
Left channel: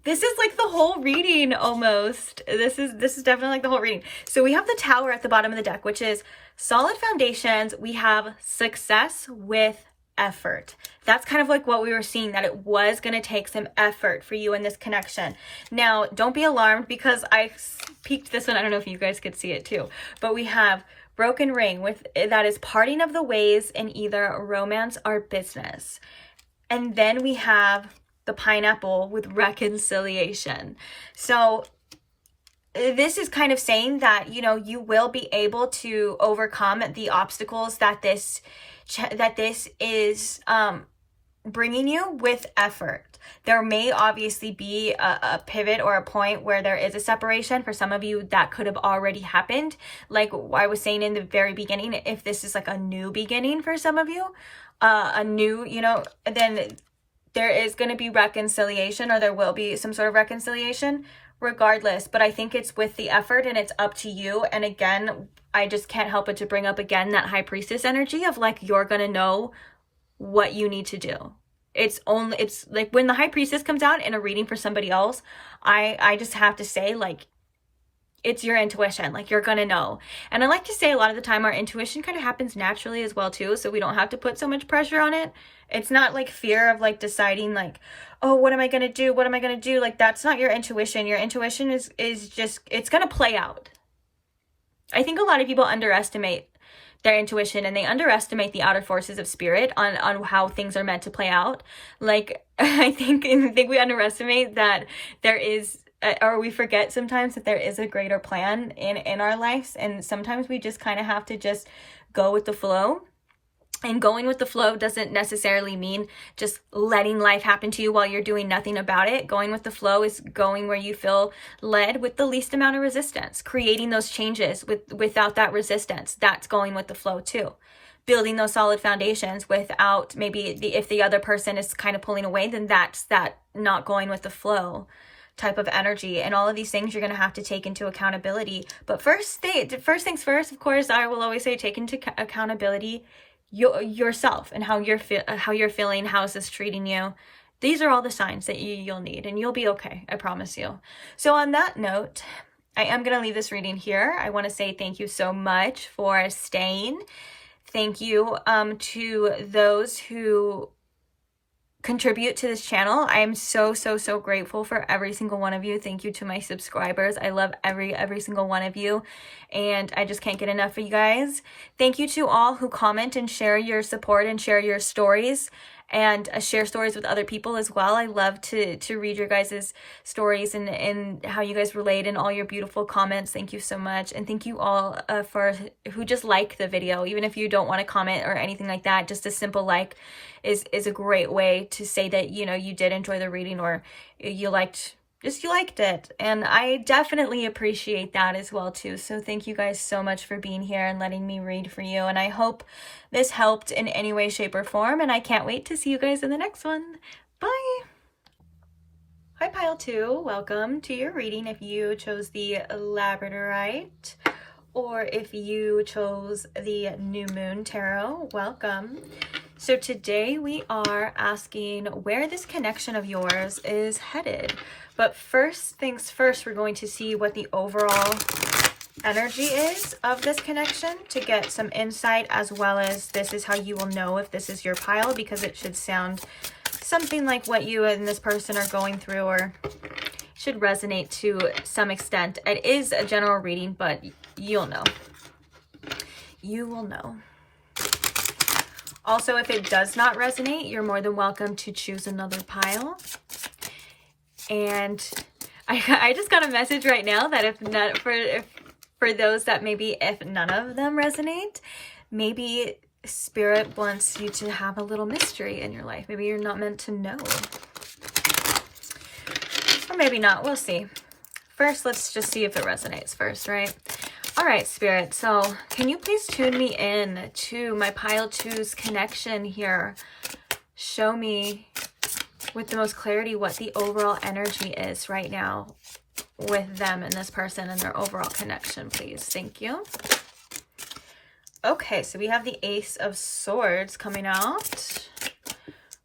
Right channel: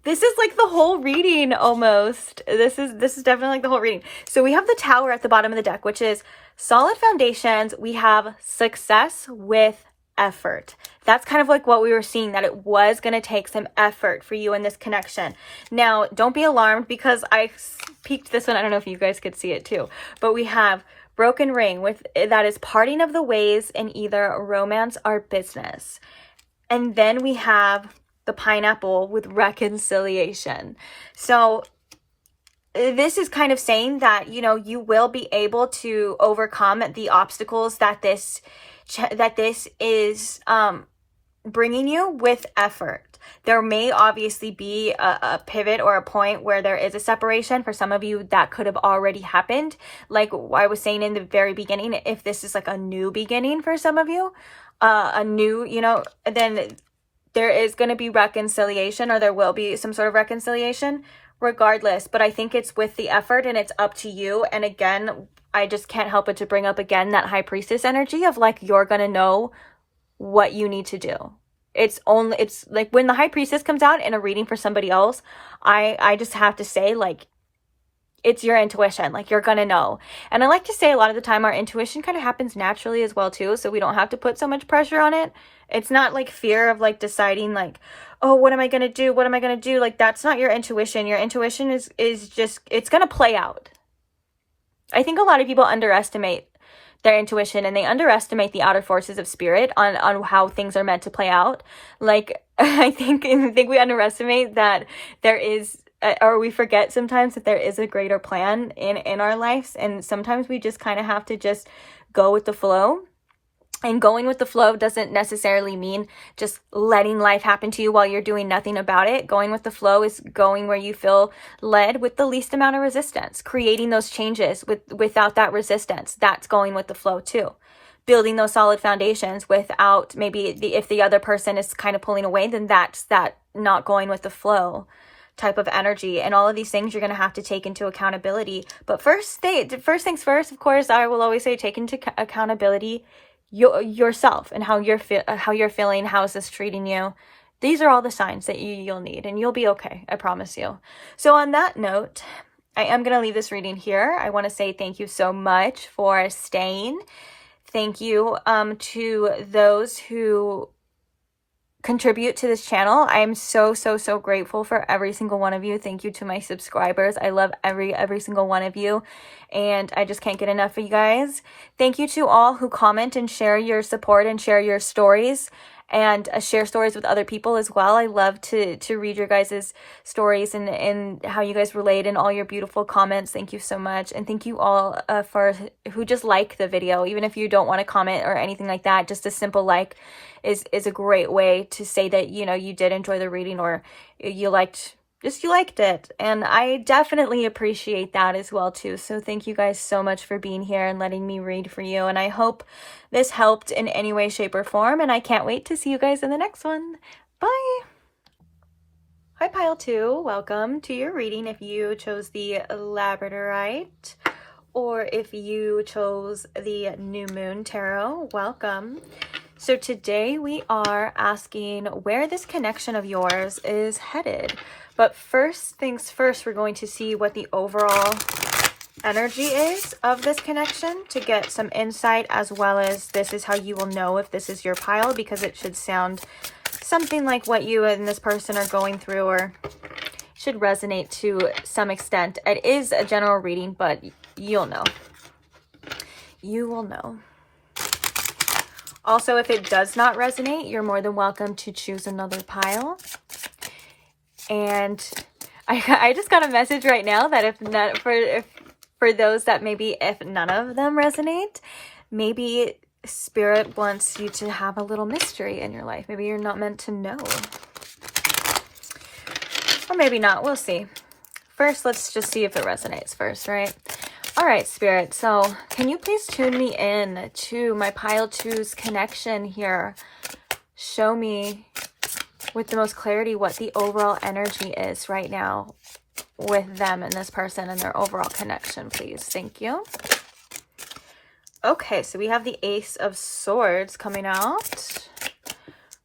This is like the whole reading almost. This is definitely like the whole reading. So we have the Tower at the bottom of the deck, which is solid foundations. We have success with effort. That's kind of like what we were seeing, that it was going to take some effort for you in this connection. Now, don't be alarmed, because I peeked this one. I don't know if you guys could see it too, but we have broken ring, with that is parting of the ways in either romance or business. And then we have the pineapple with reconciliation. So this is kind of saying that, you will be able to overcome the obstacles that this is bringing you with effort. There may obviously be a pivot or a point where there is a separation. For some of you, that could have already happened. Like I was saying in the very beginning, if this is like a new beginning for some of you, then there is going to be reconciliation, or there will be some sort of reconciliation regardless. But I think it's with the effort, and it's up to you. And again, I just can't help but to bring up again that High Priestess energy of like, you're going to know what you need to do. It's like when the High Priestess comes out in a reading for somebody else, I just have to say, like, it's your intuition. Like, you're gonna know. And I like to say a lot of the time our intuition kind of happens naturally as well too, so we don't have to put so much pressure on it. It's not like fear of like deciding like, oh, what am I gonna do, like, that's not your intuition. Your intuition is just, it's gonna play out. I think a lot of people underestimate their intuition, and they underestimate the outer forces of spirit on how things are meant to play out. Like, I think we underestimate that there is, or we forget sometimes that there is a greater plan in our lives, and sometimes we just kind of have to just go with the flow. And going with the flow doesn't necessarily mean just letting life happen to you while you're doing nothing about it. Going with the flow is going where you feel led with the least amount of resistance, creating those changes without that resistance. That's going with the flow too. Building those solid foundations without if the other person is kind of pulling away, then that's that not going with the flow type of energy, and all of these things you're going to have to take into accountability. But first things first, of course, I will always say take into accountability yourself and how you're feeling. How is this treating you? These are all the signs that you'll need, and you'll be okay, I promise you. So on that note, I am going to leave this reading here. I want to say thank you so much for staying. Thank you to those who contribute to this channel. I am so grateful for every single one of you. Thank you to my subscribers. I love every single one of you, and I just can't get enough of you guys. Thank you to all who comment and share your support and share your stories, and share stories with other people as well. I love to read your guys' stories and how you guys relate and all your beautiful comments. Thank you so much. And thank you all for who just like the video. Even if you don't want to comment or anything like that, just a simple like is a great way to say that, you know, you did enjoy the reading, or you liked it. And I definitely appreciate that as well too. So thank you guys so much for being here and letting me read for you. And I hope this helped in any way, shape, or form. And I can't wait to see you guys in the next one. Bye. Hi, Pile 2. Welcome to your reading. If you chose the Labradorite, or if you chose the New Moon Tarot, welcome. So today we are asking where this connection of yours is headed. But first things first, we're going to see what the overall energy is of this connection to get some insight, as well as this is how you will know if this is your pile, because it should sound something like what you and this person are going through, or should resonate to some extent. It is a general reading, but you'll know. You will know. Also, if it does not resonate, you're more than welcome to choose another pile. And I just got a message right now that if for those that maybe if none of them resonate, maybe Spirit wants you to have a little mystery in your life. Maybe you're not meant to know. Or maybe not. We'll see. First, let's just see if it resonates first, right? All right, Spirit. So can you please tune me in to my pile 2's connection here? Show me with the most clarity what the overall energy is right now with them and this person and their overall connection, please. Thank you. Okay, so we have the Ace of Swords coming out.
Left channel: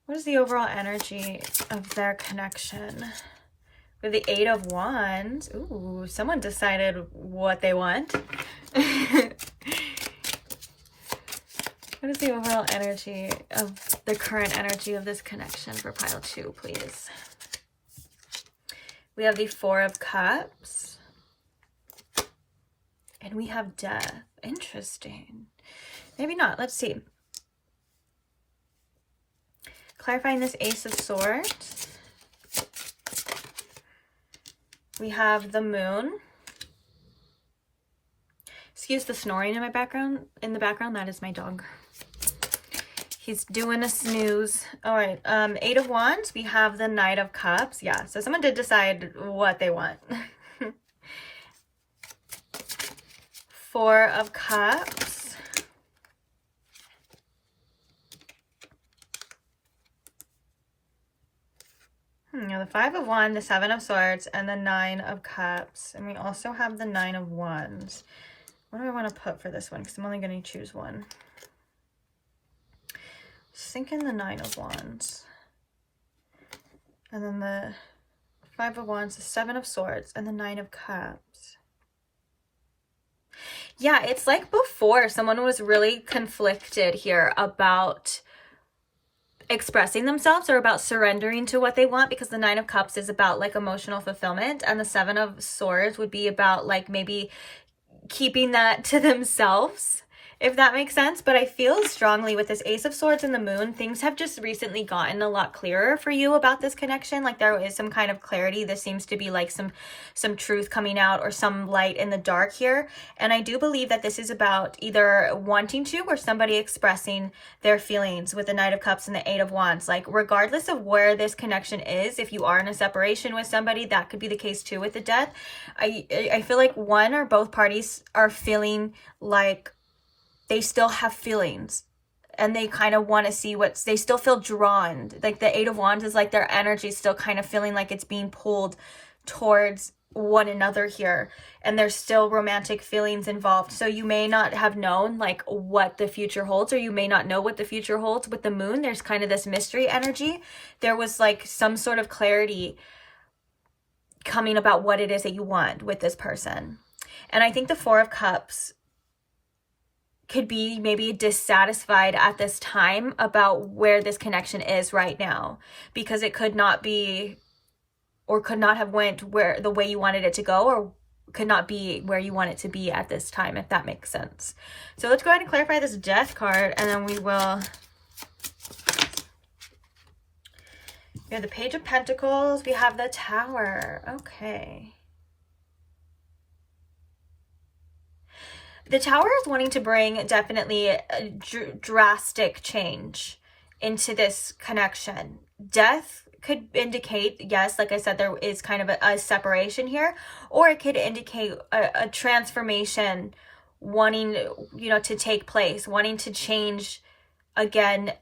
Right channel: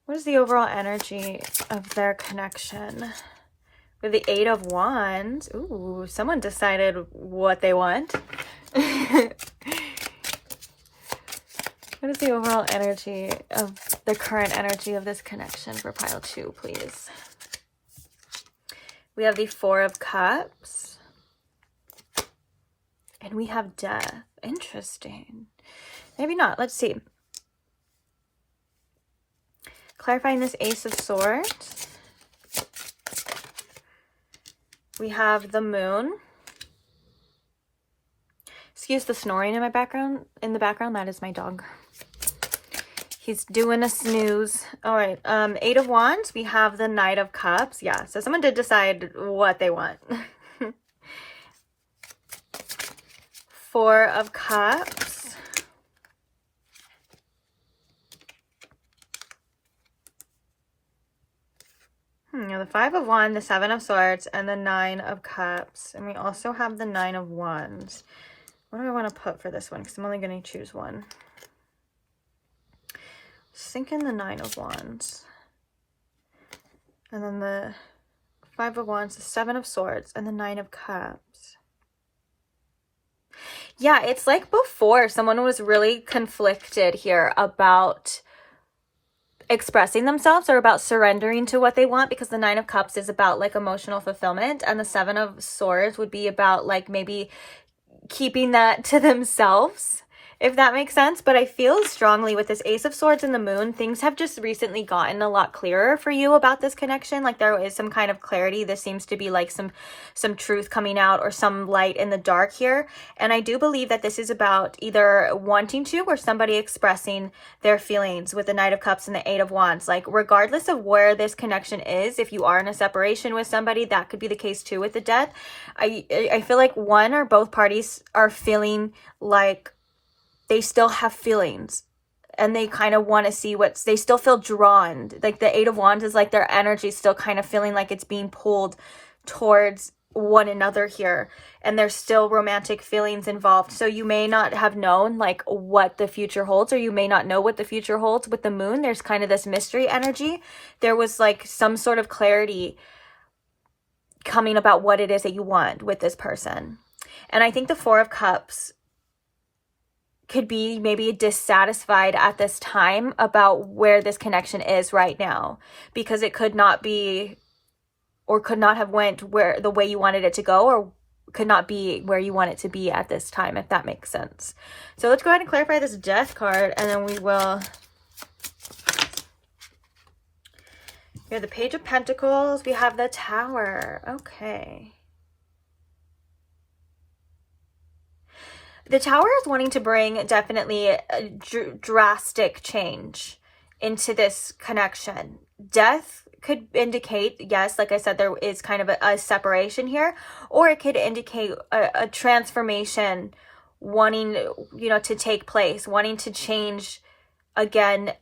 What is the overall energy of their connection? With the Eight of Wands. Ooh, someone decided what they want. What is the overall energy of the current energy of this connection for pile 2, please? We have the Four of Cups. And we have Death. Interesting. Maybe not. Let's see. Clarifying this Ace of Swords. We have the Moon. Excuse the snoring in my background. In the background, that is my dog. He's doing a snooze. All right. Eight of Wands. We have the Knight of Cups. Yeah. So someone did decide what they want. Four of Cups. Now the Five of Wands, the Seven of Swords, and the Nine of Cups. And we also have the Nine of Wands. What do I want to put for this one? Because I'm only going to choose one. Just thinking the Nine of Wands. And then the Five of Wands, the Seven of Swords, and the Nine of Cups. Yeah, it's like before someone was really conflicted here about expressing themselves or about surrendering to what they want, because the Nine of Cups is about like emotional fulfillment, and the Seven of Swords would be about like maybe keeping that to themselves, if that makes sense. But I feel strongly with this Ace of Swords and the Moon, things have just recently gotten a lot clearer for you about this connection. Like there is some kind of clarity. This seems to be like some truth coming out, or some light in the dark here. And I do believe that this is about either wanting to, or somebody expressing their feelings with the Knight of Cups and the Eight of Wands. Like regardless of where this connection is, if you are in a separation with somebody, that could be the case too with the Death. I feel like one or both parties are feeling like they still have feelings, and they kind of want to see they still feel drawn. Like the Eight of Wands is like their energy still kind of feeling like it's being pulled towards one another here, and there's still romantic feelings involved. So you may not have known like what the future holds, or you may not know what the future holds. With the moon, there's kind of this mystery energy. There was like some sort of clarity coming about what it is that you want with this person. And I think the Four of Cups could be maybe dissatisfied at this time about where this connection is right now, because it could not be, or could not have went where the way you wanted it to go, or could not be where you want it to be at this time, if that makes sense. So let's go ahead and clarify this Death card, and then we will. We have the Page of Pentacles. We have the Tower. Okay. The Tower is wanting to bring definitely a drastic change into this connection. Death could indicate, yes, like I said, there is kind of a separation here, or it could indicate a transformation wanting, you know, to take place, wanting to change again,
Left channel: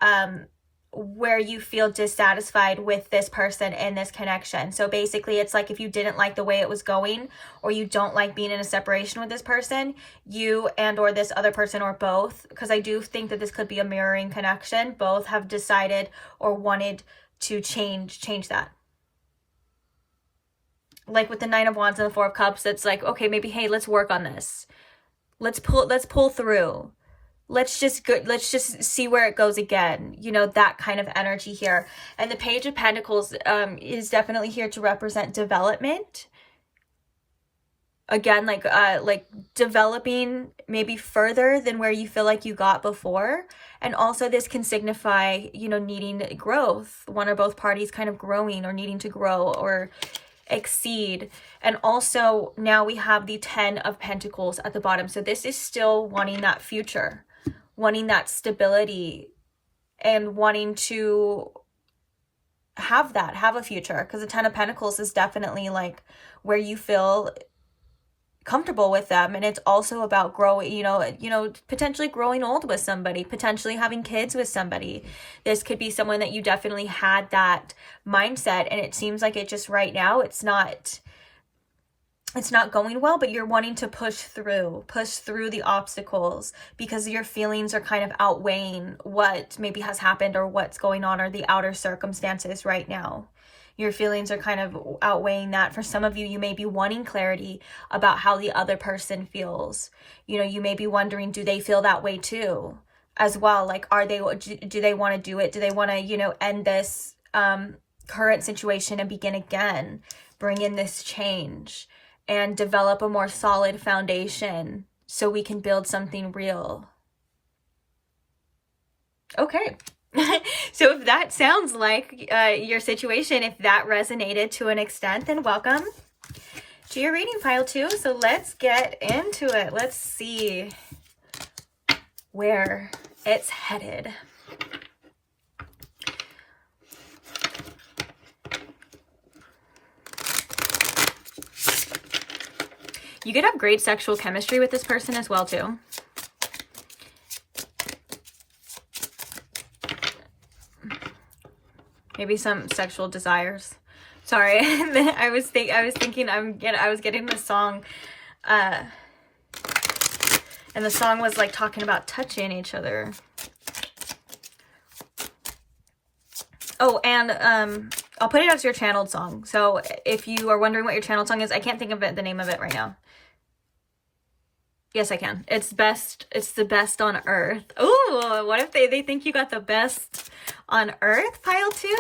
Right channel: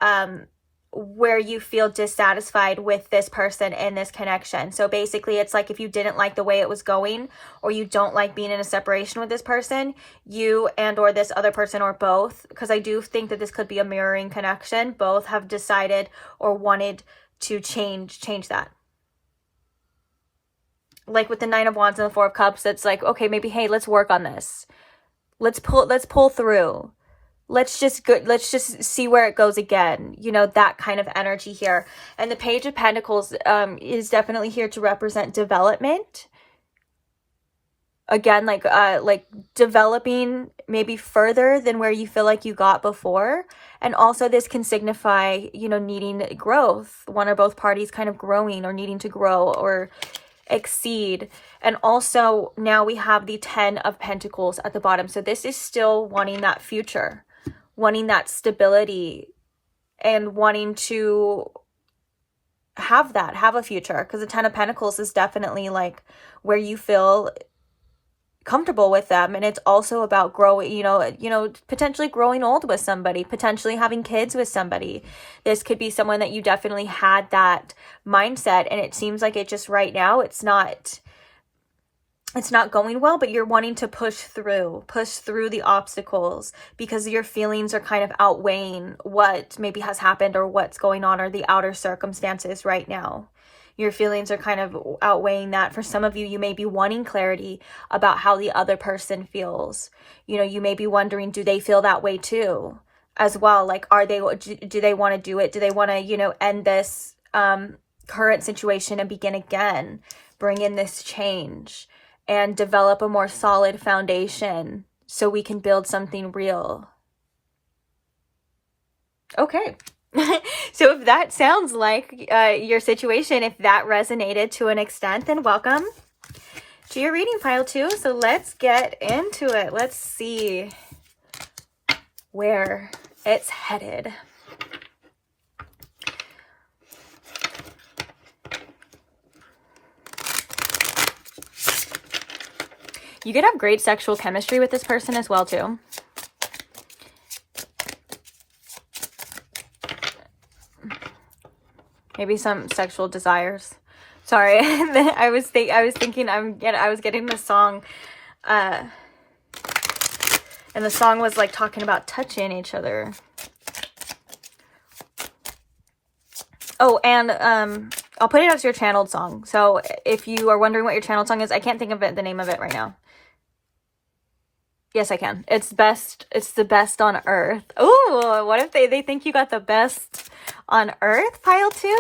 where you feel dissatisfied with this person in this connection. So basically it's like if you didn't like the way it was going, or you don't like being in a separation with this person, you and or this other person, or both, because I do think that this could be a mirroring connection, both have decided or wanted to change that. Like with the Nine of Wands and the Four of Cups, it's like, okay, maybe, hey, let's work on this. Let's pull through. Let's just see where it goes again. You know, that kind of energy here. And the Page of Pentacles is definitely here to represent development. Again, like developing maybe further than where you feel like you got before. And also this can signify, you know, needing growth. One or both parties kind of growing, or needing to grow or exceed. And also now we have the Ten of Pentacles at the bottom. So this is still wanting that future, wanting that stability, and wanting to have a future, because the Ten of Pentacles is definitely like where you feel comfortable with them. And it's also about growing, you know, potentially growing old with somebody, potentially having kids with somebody. This could be someone that you definitely had that mindset, and it seems like it just right now it's not going well, but you're wanting to push through the obstacles, because your feelings are kind of outweighing what maybe has happened, or what's going on, or the outer circumstances right now. Your feelings are kind of outweighing that. For some of you, you may be wanting clarity about how the other person feels. You know, you may be wondering, do they feel that way too as well? Like, do they want to do it? Do they want to, you know, end this current situation and begin again, bring in this change, and develop a more solid foundation so we can build something real? Okay. So if that sounds like your situation, if that resonated to an extent, then welcome to your reading, pile 2. So let's get into it. Let's see where it's headed. You could have great sexual chemistry with this person as well too. Maybe some sexual desires. Sorry, I was getting this song, and the song was like talking about touching each other. Oh, and I'll put it as your channeled song. So if you are wondering what your channeled song is, I can't think of the name of it right now. Yes, I can. It's the best on earth. Oh, what if they think you got the best on earth, pile 2?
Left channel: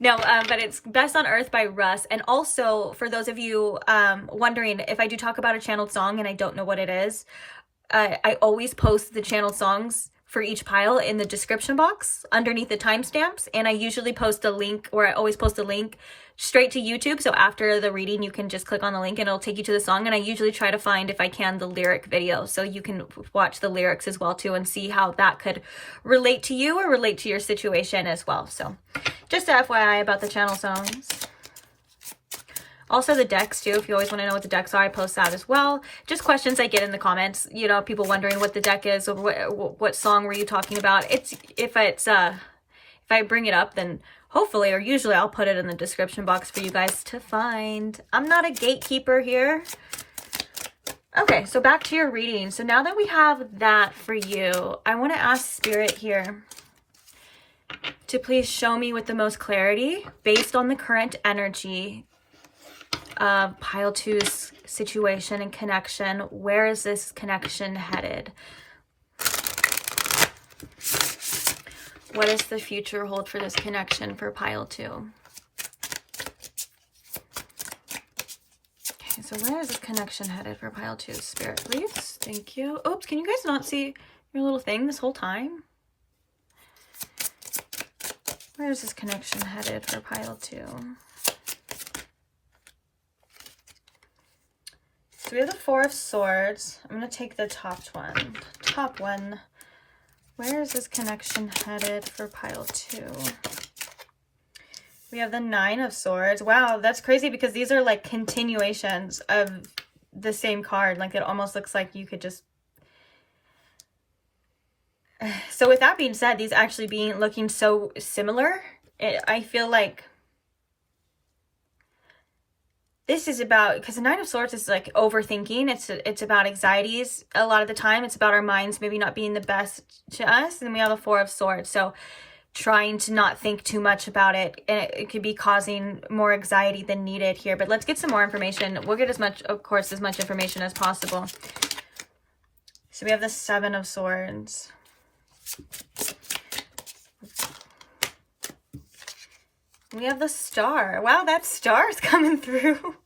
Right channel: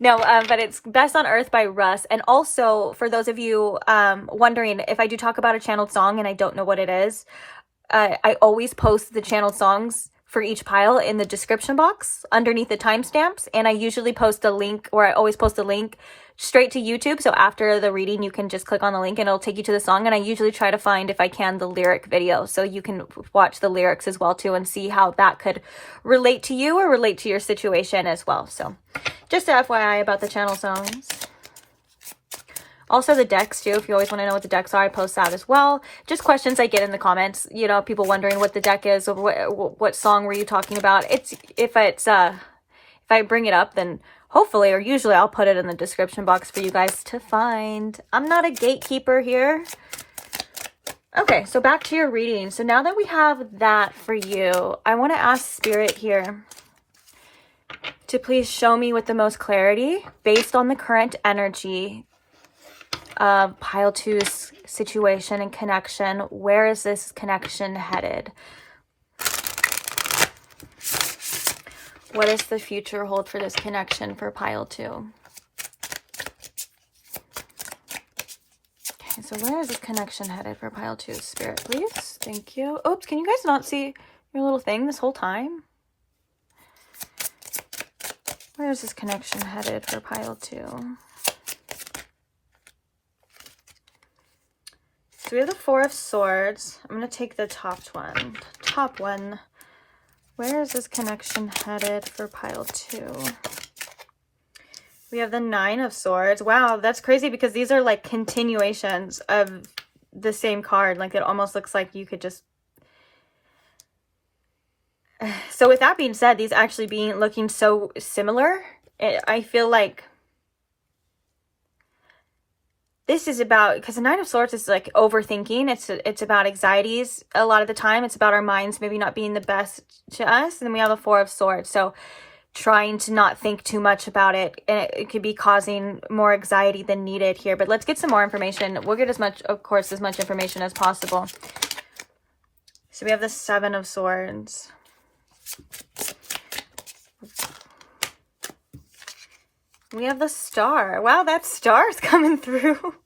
No, but it's Best on Earth by Russ. And also, for those of you wondering, if I do talk about a channeled song and I don't know what it is, I always post the channeled songs for each pile in the description box underneath the timestamps. And I usually post a link, or I always post a link straight to YouTube. So after the reading, you can just click on the link and it'll take you to the song. And I usually try to find, if I can, the lyric video, so you can watch the lyrics as well too, and see how that could relate to you or relate to your situation as well. So just a FYI about the channel songs. Also the decks too, if you always want to know what the decks are, I post that as well. Just questions I get in the comments, you know, people wondering what the deck is, or what song were you talking about. If I bring it up, then hopefully, or usually I'll put it in the description box for you guys to find. I'm not a gatekeeper here. Okay, so back to your reading. So now that we have that for you, I want to ask Spirit here to please show me with the most clarity, based on the current energy of pile 2's situation and connection, where is this connection headed? What does the future hold for this connection for pile 2? Okay, so where is this connection headed for pile 2? Spirit, please. Thank you. Oops, can you guys not see your little thing this whole time? Where is this connection headed for pile 2? So we have the Four of Swords. I'm going to take the top one. Top one. Where is this connection headed for pile 2? We have the Nine of Swords. Wow, that's crazy because these are like continuations of the same card. Like it almost looks like you could just... So with that being said, these actually looking so similar, I feel like this is about, because the Nine of Swords is like overthinking. It's about anxieties a lot of the time. It's about our minds maybe not being the best to us. And then we have the Four of Swords. So trying to not think too much about it. And it could be causing more anxiety than needed here. But let's get some more information. We'll get as much, of course, as much information as possible. So we have the Seven of Swords. We have the Star. Wow, that star's coming through.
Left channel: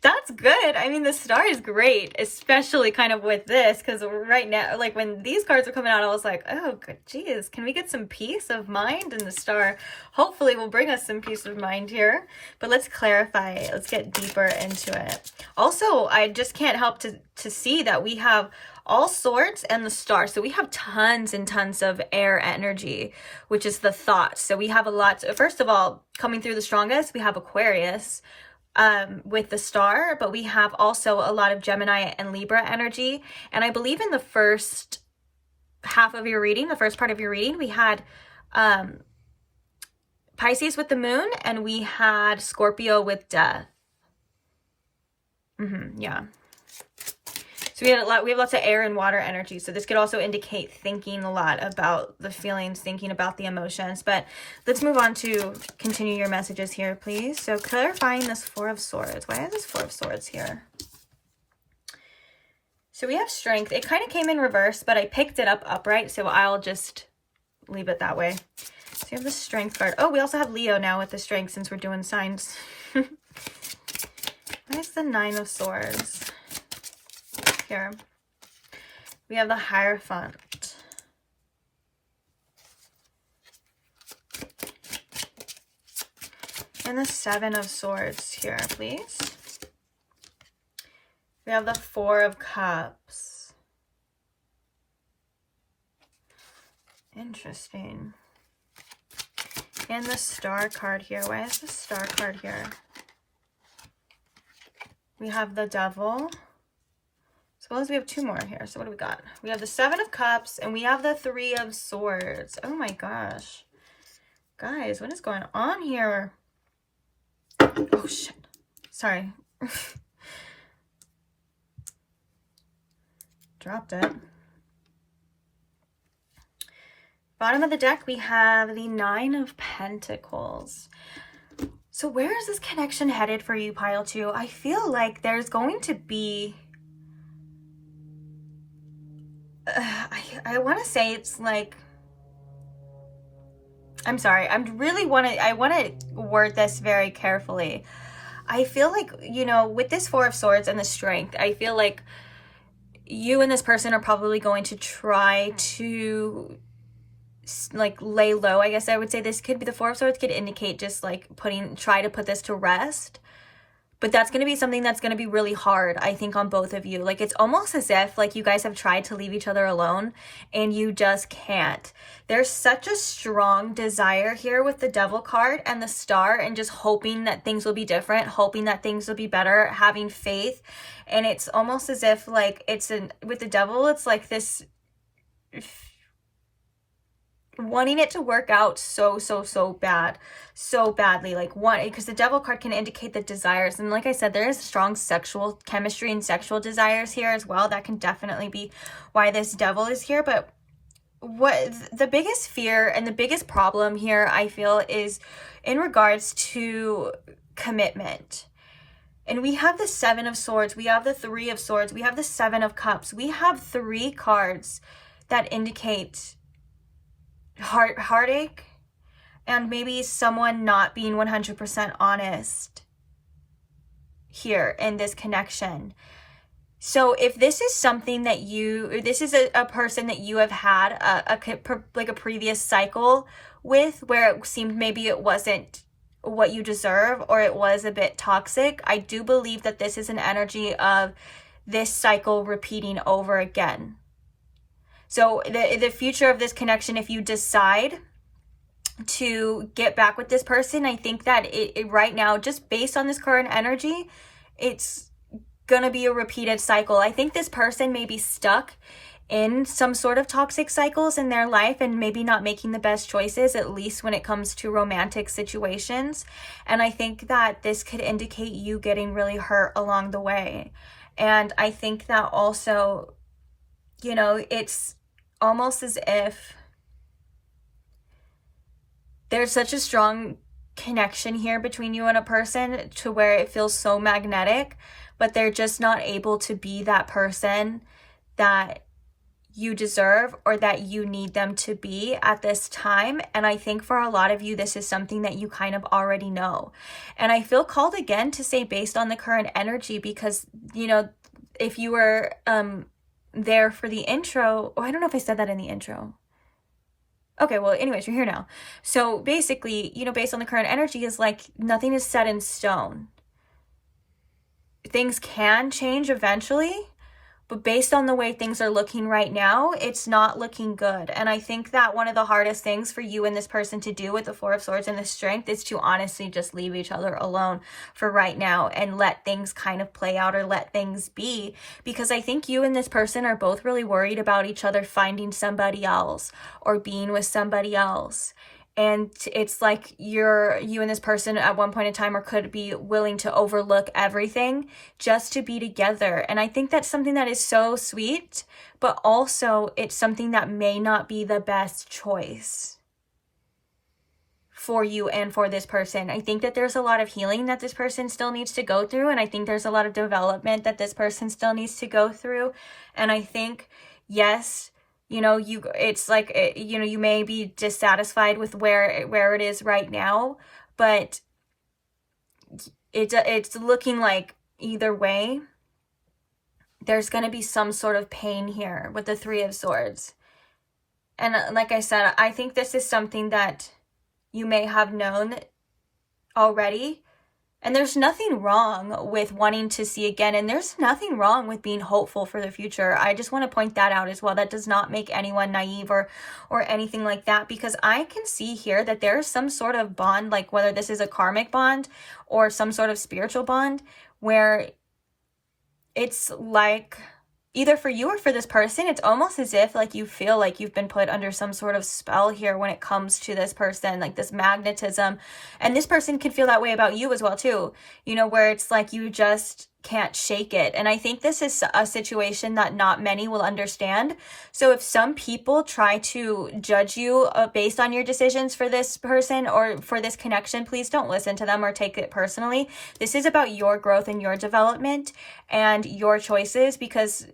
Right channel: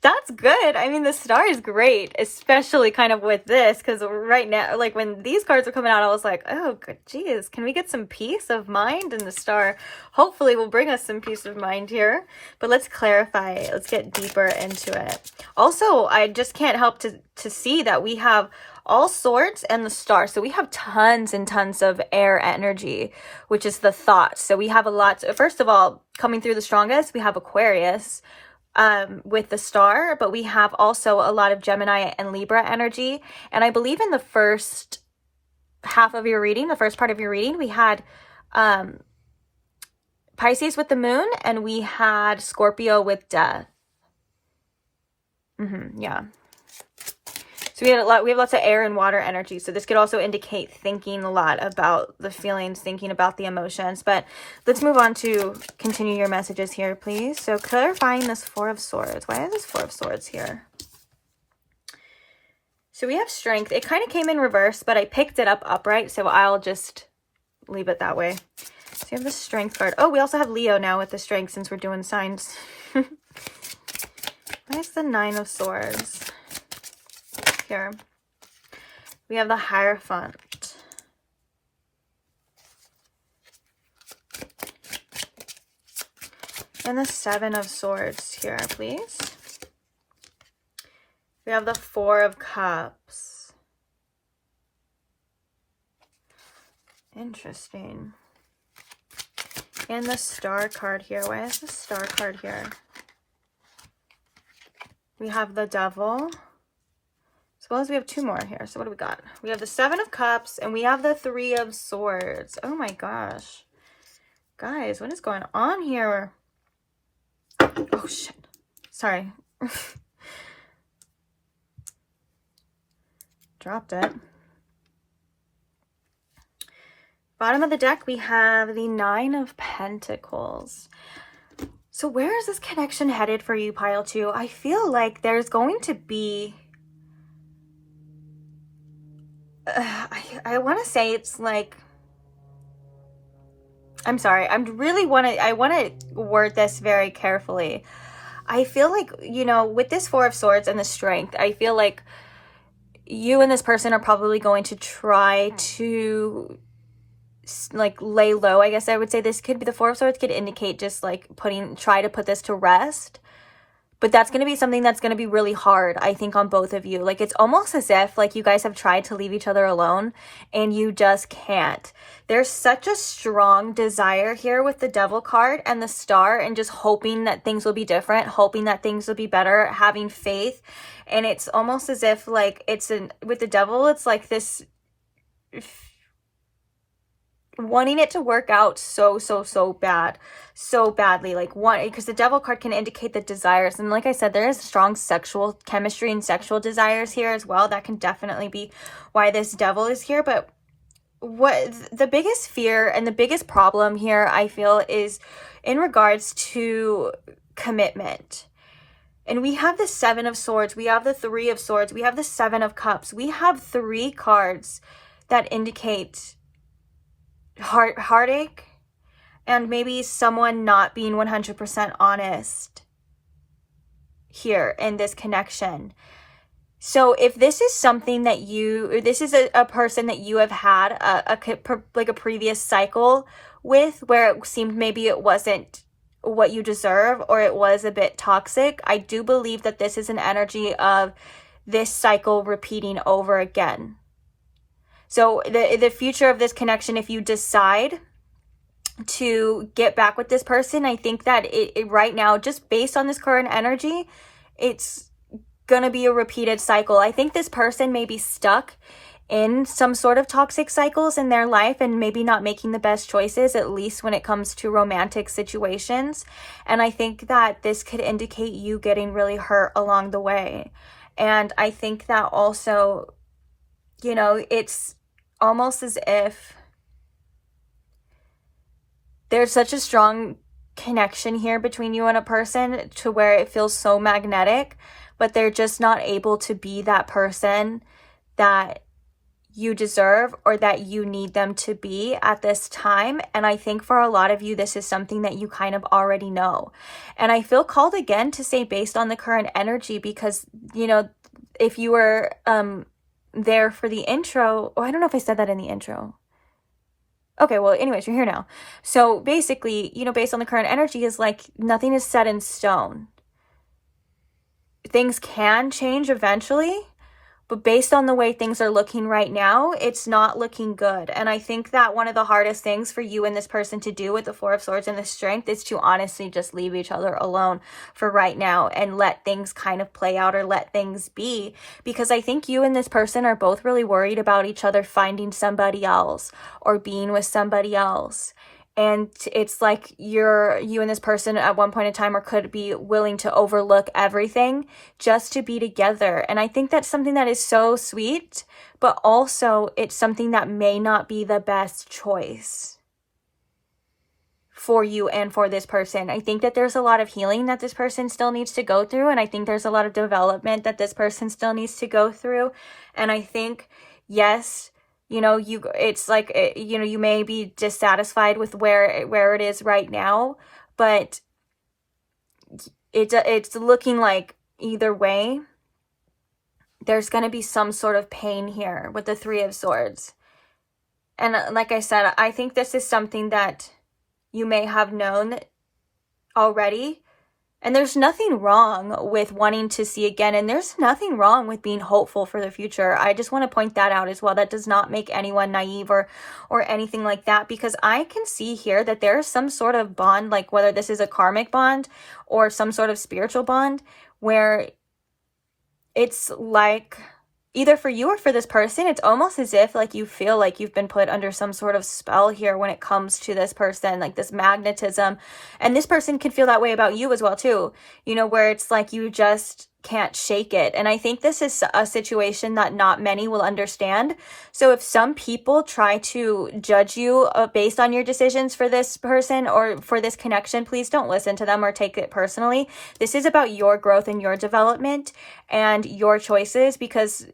That's good. I mean, the Star is great, especially kind of with this, because right now, like when these cards are coming out, I was like, oh, good, geez, can we get some peace of mind? And the Star hopefully will bring us some peace of mind here. But let's clarify. Let's get deeper into it. Also, I just can't help to see that we have all Swords and the Star. So we have tons and tons of air energy, which is the thoughts. So we have a lot. First of all, coming through the strongest, we have Aquarius with the Star, but we have also a lot of Gemini and Libra energy. And I believe in the first half of your reading, the first part of your reading, we had Pisces with the Moon, and we had Scorpio with Death. Yeah. So we have lots of air and water energy. So this could also indicate thinking a lot about the feelings, thinking about the emotions. But let's move on to continue your messages here, please. So clarifying this Four of Swords. Why is this Four of Swords here? So we have Strength. It kind of came in reverse, but I picked it up upright. So I'll just leave it that way. So we have the Strength card. Oh, we also have Leo now with the Strength since we're doing signs. Where's the Nine of Swords? Here we have the Hierophant. And the Seven of Swords here, please. We have the Four of Cups. Interesting. And the Star card here. Why is the Star card here? We have the Devil. As well as we have two more here. So what do we got? We have the Seven of Cups and we have the Three of Swords. Oh my gosh. Guys, what is going on here? Oh shit. Sorry. Dropped it. Bottom of the deck, we have the Nine of Pentacles. So where is this connection headed for you, pile 2? I feel like there's going to be... I want to say it's like, I'm sorry, I want to word this very carefully. I feel like, you know, with this Four of Swords and the Strength, I feel like you and this person are probably going to try to like lay low. I guess I would say this could be, the Four of Swords could indicate just like try to put this to rest. But that's going to be something that's going to be really hard, I think, on both of you. Like, it's almost as if, like, you guys have tried to leave each other alone and you just can't. There's such a strong desire here with the Devil card and the Star, and just hoping that things will be different, hoping that things will be better, having faith. And it's almost as if, like, with the Devil, it's like this wanting it to work out so bad. so badly. Like one, because the devil card can indicate the desires. And like I said, there is strong sexual chemistry and sexual desires here as well. That can definitely be why this devil is here. But what the biggest fear and the biggest problem here, I feel, is in regards to commitment. And we have the Seven of Swords, we have the Three of Swords, we have the Seven of Cups. We have 3 cards that indicate heartache and maybe someone not being 100% honest here in this connection. So if this is something that or this is a person that you have had like a previous cycle with, where it seemed maybe it wasn't what you deserve, or it was a bit toxic, I do believe that this is an energy of this cycle repeating over again. So the future of this connection, if you decide to get back with this person, I think that it right now, just based on this current energy, it's gonna be a repeated cycle. I think this person may be stuck in some sort of toxic cycles in their life and maybe not making the best choices, at least when it comes to romantic situations. And I think that this could indicate you getting really hurt along the way. And I think that also, you know, it's almost as if there's such a strong connection here between you and a person to where it feels so magnetic, but they're just not able to be that person that you deserve or that you need them to be at this time. And I think for a lot of you, this is something that you kind of already know. And I feel called again to say based on the current energy, because, you know, if you were there for the intro, I don't know if I said that in the intro. Okay, well, anyways, you're here now. So basically, you know, based on the current energy, is like nothing is set in stone. Things can change eventually, but based on the way things are looking right now, it's not looking good. And I think that one of the hardest things for you and this person to do with the Four of Swords and the Strength is to honestly just leave each other alone for right now and let things kind of play out, or let things be. Because I think you and this person are both really worried about each other finding somebody else or being with somebody else. And it's like you and this person at one point in time, or could be willing to overlook everything just to be together. And I think that's something that is so sweet, but also it's something that may not be the best choice for you and for this person. I think that there's a lot of healing that this person still needs to go through. And I think there's a lot of development that this person still needs to go through. And I think, yes, you know, it's like, you know, you may be dissatisfied with where it is right now, but it's looking like either way, there's going to be some sort of pain here with the Three of Swords. And like I said, I think this is something that you may have known already. And there's nothing wrong with wanting to see again. And there's nothing wrong with being hopeful for the future. I just want to point that out as well. That does not make anyone naive or anything like that. Because I can see here that there's some sort of bond, like whether this is a karmic bond or some sort of spiritual bond, where it's like either for you or for this person, it's almost as if like you feel like you've been put under some sort of spell here when it comes to this person, like this magnetism. And this person can feel that way about you as well too, you know, where it's like you just can't shake it. And I think this is a situation that not many will understand. So if some people try to judge you based on your decisions for this person or for this connection, please don't listen to them or take it personally. This is about your growth and your development and your choices, because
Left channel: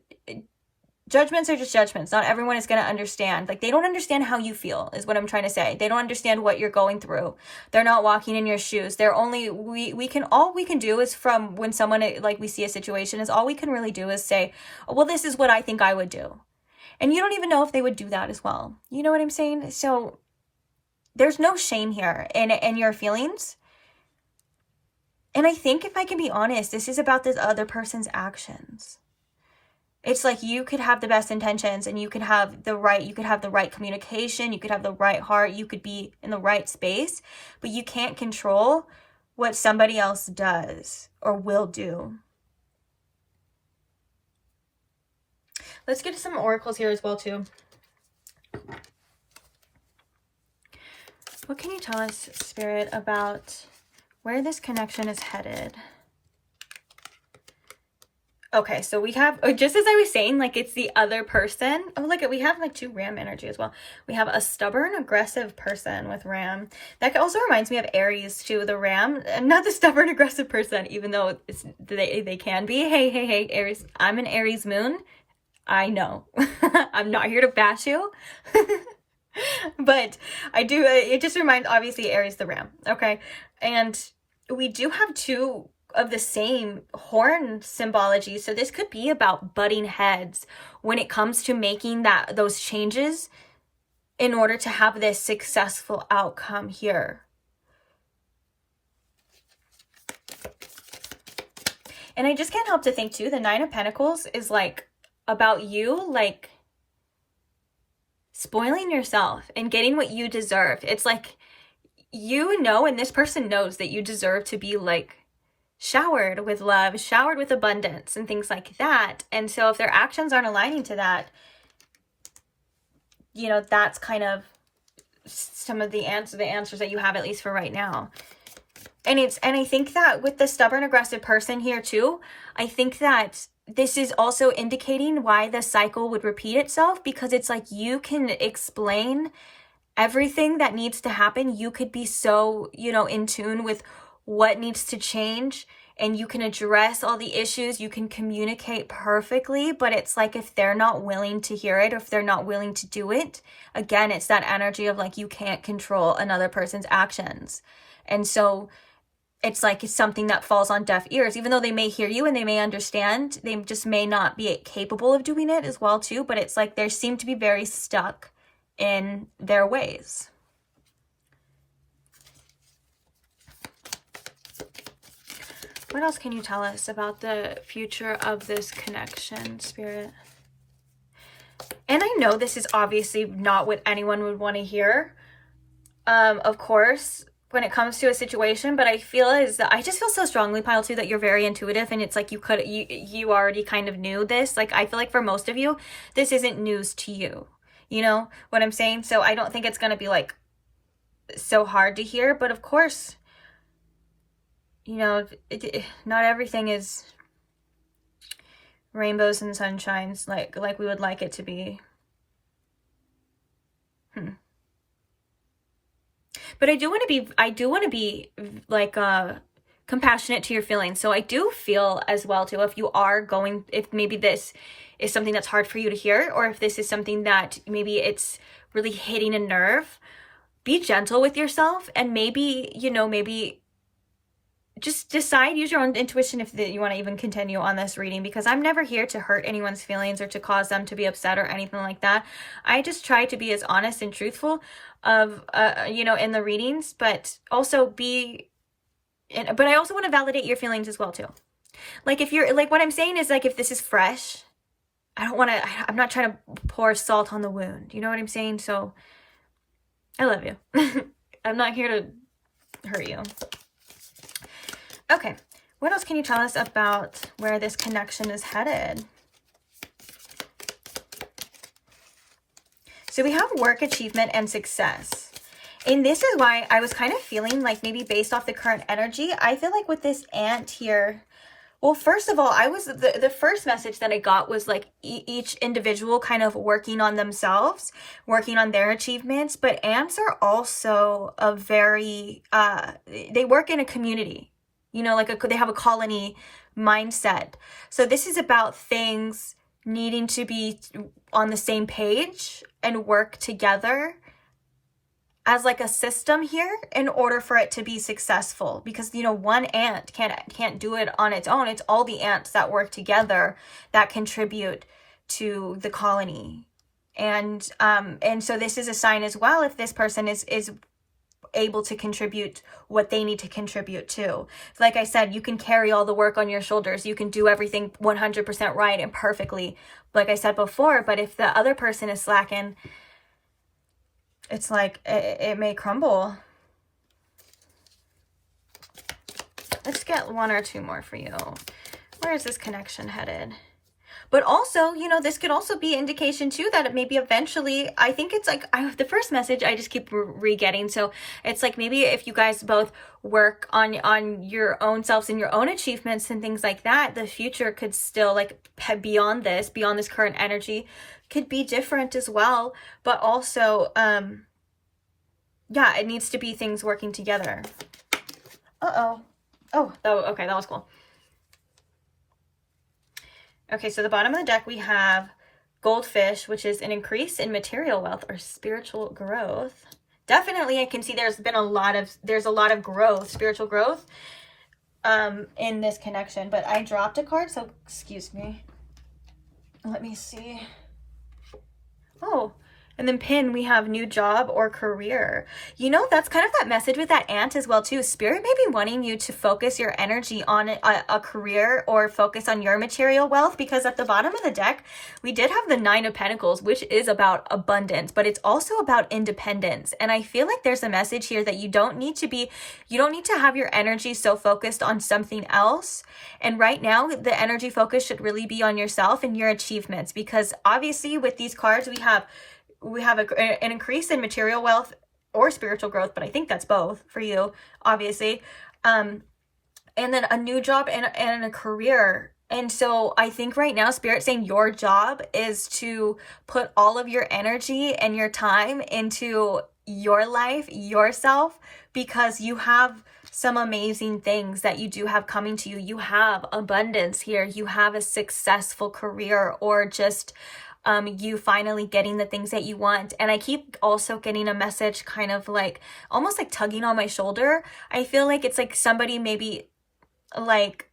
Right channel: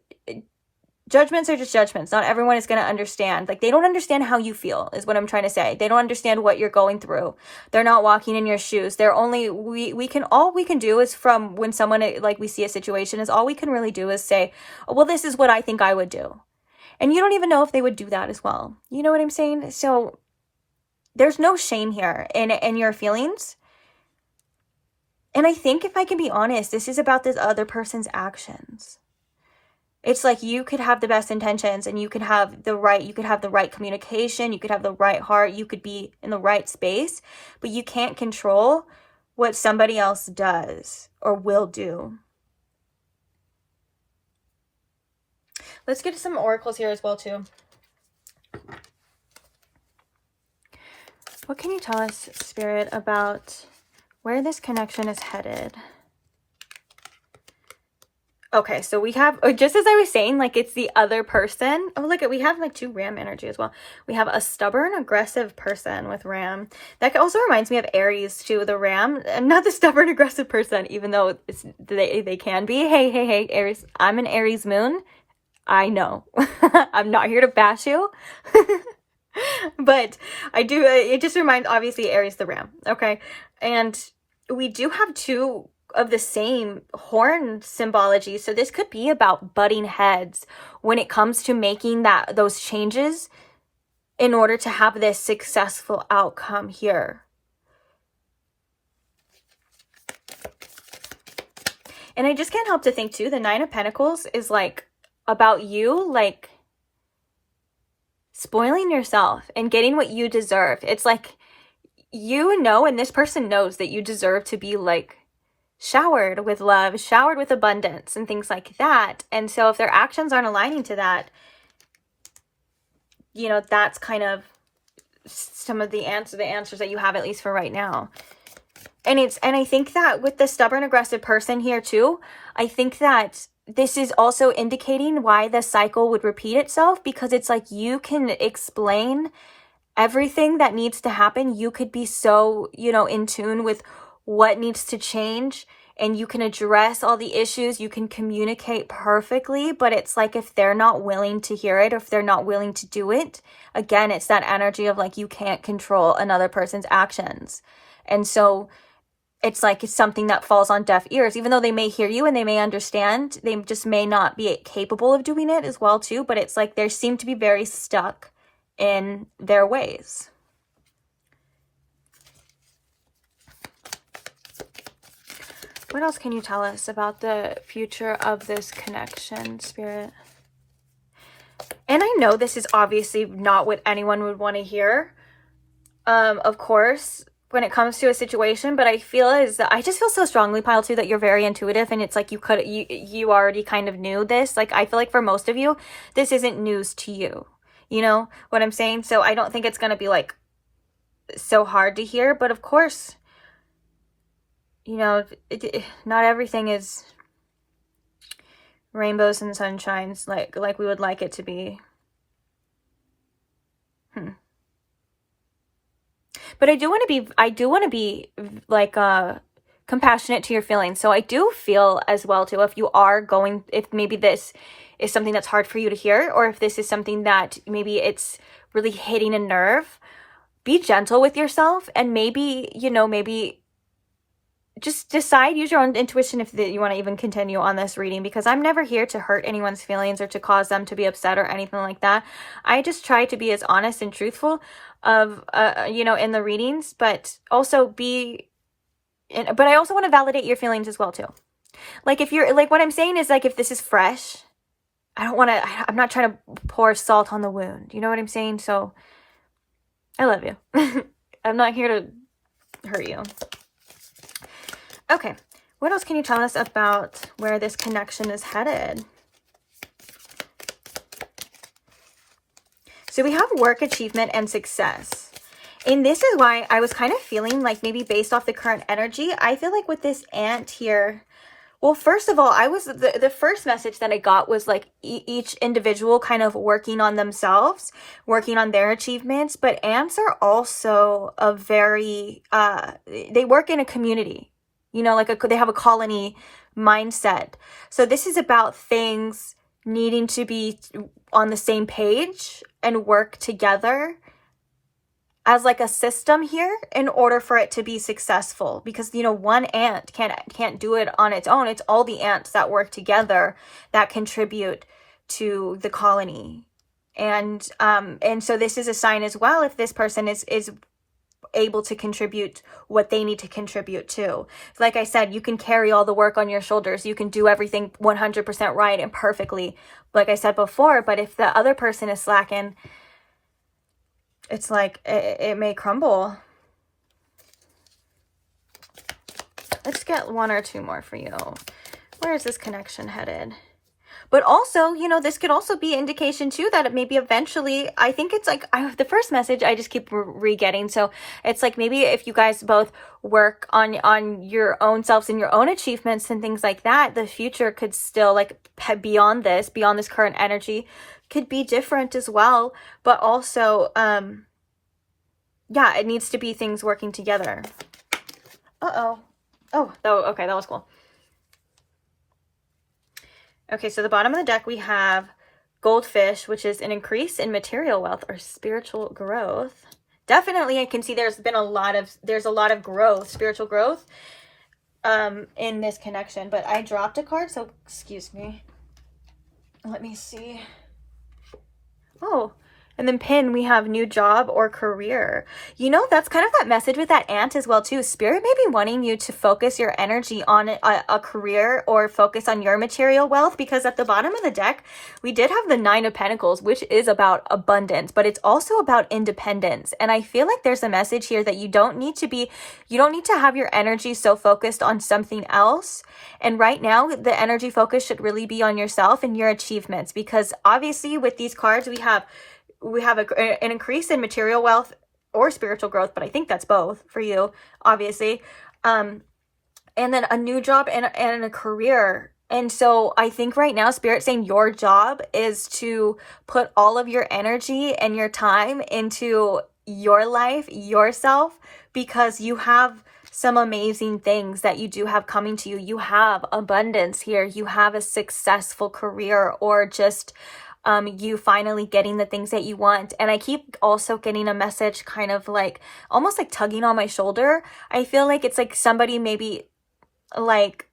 judgments are just judgments. Not everyone is going to understand. Like, they don't understand how you feel is what I'm trying to say. They don't understand what you're going through. They're not walking in your shoes. They're only, all we can do is, from when someone, like, we see a situation, is all we can really do is say, oh, well, this is what I think I would do. And you don't even know if they would do that as well. You know what I'm saying? So there's no shame here in your feelings. And I think, if I can be honest, this is about this other person's actions. It's like you could have the best intentions and you could have the right communication, you could have the right heart, you could be in the right space, but you can't control what somebody else does or will do. Let's get to some oracles here as well too. What can you tell us, Spirit, about where this connection is headed? Okay, so we have, just as I was saying, like it's the other person. Oh, look, we have like 2 Ram energy as well. We have a stubborn, aggressive person with Ram. That also reminds me of Aries too, the Ram. Not the stubborn, aggressive person, even though they can be. Hey, Aries. I'm an Aries moon. I know. I'm not here to bash you. But I do, it just reminds, obviously, Aries the Ram. Okay. And we do have 2 of the same horn symbology, so this could be about butting heads when it comes to making those changes in order to have this successful outcome here. And I just can't help to think too, the 9 of Pentacles is like about you like spoiling yourself and getting what you deserve. It's like, you know, and this person knows that you deserve to be like showered with love, showered with abundance and things like that. And so if their actions aren't aligning to that, you know, that's kind of some of the answers that you have, at least for right now. And I think that with the stubborn, aggressive person here too, I think that this is also indicating why the cycle would repeat itself, because it's like you can explain everything that needs to happen. You could be so, you know, in tune with what needs to change, and you can address all the issues, you can communicate perfectly, but it's like if they're not willing to hear it, or if they're not willing to do it, again, it's that energy of like you can't control another person's actions. And so it's like it's something that falls on deaf ears, even though they may hear you and they may understand, they just may not be capable of doing it as well too. But it's like they seem to be very stuck in their ways. What else can you tell us about the future of this connection, Spirit? And I know this is obviously not what anyone would want to hear, of course, when it comes to a situation, but I just feel so strongly, Pile 2, that you're very intuitive, and it's like you already kind of knew this. Like, I feel like for most of you, this isn't news to you. You know what I'm saying? So I don't think it's going to be like so hard to hear, but of course, you know, not everything is rainbows and sunshines like we would like it to be. But I do want to be like compassionate to your feelings. So I do feel as well too, if maybe this is something that's hard for you to hear, or if this is something that maybe it's really hitting a nerve, be gentle with yourself, and maybe just decide, use your own intuition if you want to even continue on this reading, because I'm never here to hurt anyone's feelings or to cause them to be upset or anything like that. I just try to be as honest and truthful in the readings, but I also want to validate your feelings as well too. Like, if you're like, what I'm saying is, like, if this is fresh, I'm not trying to pour salt on the wound. You know what I'm saying? So I love you. I'm not here to hurt you. Okay, what else can you tell us about where this connection is headed? So we have work, achievement, and success. And this is why I was kind of feeling like, maybe based off the current energy, I feel like with this ant here, well, first of all, the first message that I got was like each individual kind of working on themselves, working on their achievements. But ants are also they work in a community. You know, like they have a colony mindset. So this is about things needing to be on the same page and work together as like a system here in order for it to be successful. Because, you know, one ant can't do it on its own. It's all the ants that work together that contribute to the colony. And so this is a sign as well, if this person is able to contribute what they need to contribute to. Like I said, you can carry all the work on your shoulders. You can do everything 100% right and perfectly, like I said before. But if the other person is slacking, it's like it may crumble. Let's get 1 or 2 more for you. Where is this connection headed? But also, you know, this could also be indication too that it maybe eventually, I think it's like, the first message I just keep re-getting. So it's like, maybe if you guys both work on your own selves and your own achievements and things like that, the future could still, like, beyond this current energy, could be different as well. But also, yeah, it needs to be things working together. Oh, okay, that was cool. Okay, so the bottom of the deck, we have goldfish, which is an increase in material wealth or spiritual growth. Definitely, I can see there's a lot of growth, spiritual growth, in this connection. But I dropped a card, so excuse me. Let me see. Oh, and then pin, we have new job or career. You know, that's kind of that message with that ant as well too. Spirit may be wanting you to focus your energy on a career or focus on your material wealth, because at the bottom of the deck, we did have the 9 of Pentacles, which is about abundance, but it's also about independence. And I feel like there's a message here that you don't need to have your energy so focused on something else. And right now, the energy focus should really be on yourself and your achievements, because obviously with these cards, we have an increase in material wealth or spiritual growth, but I think that's both for you, obviously. And then a new job and a career. And so I think right now, Spirit's saying your job is to put all of your energy and your time into your life, yourself, because you have some amazing things that you do have coming to you. You have abundance here. You have a successful career, or just you finally getting the things that you want. And I keep also getting a message kind of like, almost like tugging on my shoulder. I feel like it's like somebody maybe like,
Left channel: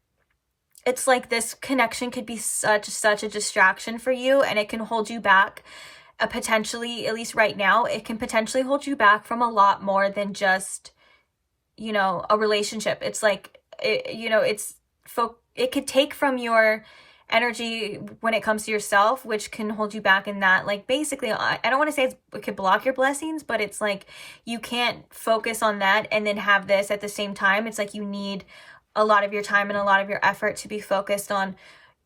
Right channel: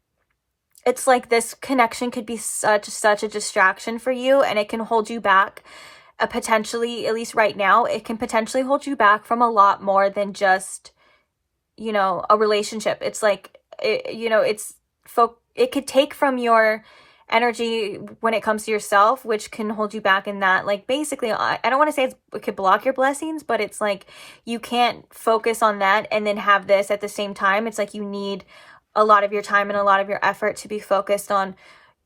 it's like this connection could be such a distraction for you, and it can hold you back, potentially, at least right now, it can potentially hold you back from a lot more than just, you know, a relationship. It's like, you know, it could take from your energy when it comes to yourself, which can hold you back in that. Like, basically, I don't want to say it could block your blessings, but it's like you can't focus on that and then have this at the same time. It's like you need a lot of your time and a lot of your effort to be focused on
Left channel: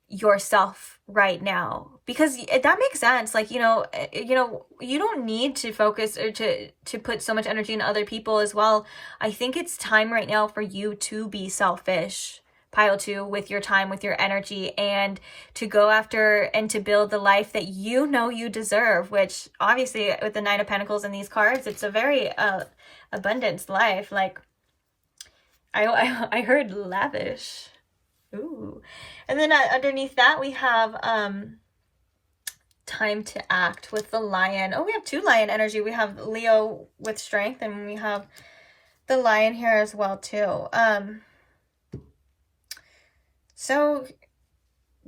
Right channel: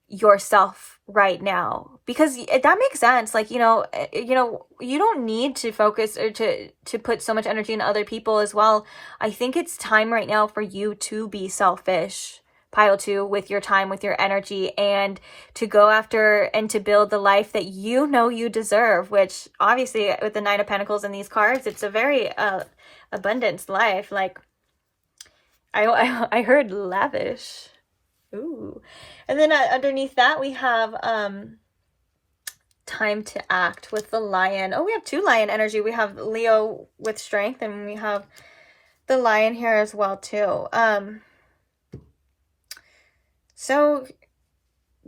yourself right now, because that makes sense. Like, you know, you don't need to focus or to put so much energy in other people as well. I think it's time right now for you to be selfish, pile 2, with your time, with your energy, and to go after and to build the life that you know you deserve, which obviously with the 9 of Pentacles in these cards, it's a very abundance life. Like, I heard lavish. Ooh. And then underneath that, we have time to act with the lion. Oh, we have 2 lion energy. We have Leo with strength, and we have the lion here as well too. So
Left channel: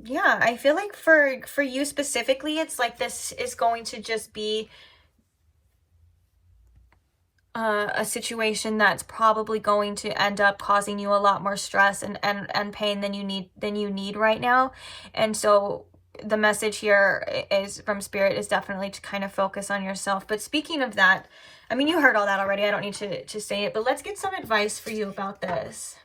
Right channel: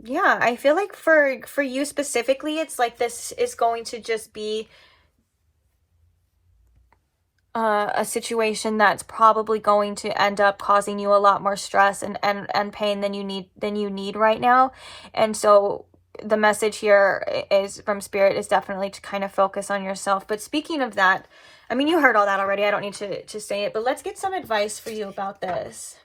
yeah, I feel like for you specifically, it's like this is going to just be a situation that's probably going to end up causing you a lot more stress and pain than you need right now. And so the message here is from Spirit is definitely to kind of focus on yourself. But speaking of that, I mean, you heard all that already. I don't need to say it, but let's get some advice for you about this.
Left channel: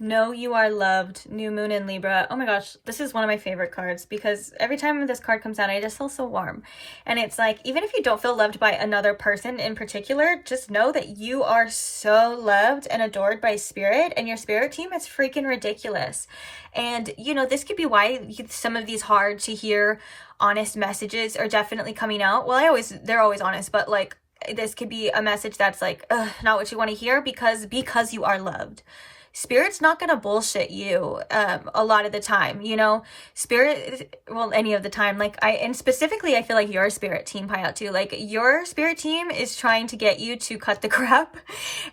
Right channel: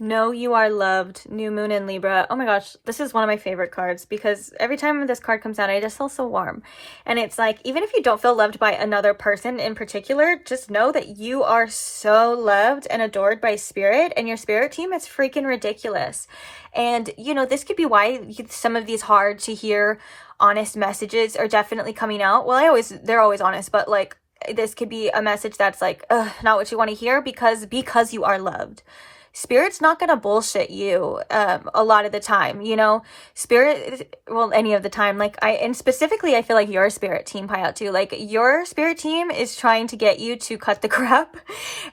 Know you are loved. New moon in Libra. Oh my gosh, this is one of my favorite cards, because every time this card comes out, I just feel so warm. And it's like, even if you don't feel loved by another person in particular, just know that you are so loved and adored by Spirit, and your Spirit team is freaking ridiculous. And, you know, this could be why some of these hard to hear, honest messages are definitely coming out. Well, they're always honest, but like, this could be a message that's like, not what you want to hear, because you are loved. Spirit's not going to bullshit you a lot of the time, you know. Spirit, well, any of the time. Like, and specifically, I feel like your Spirit team, Pile, too. Like, your Spirit team is trying to get you to cut the crap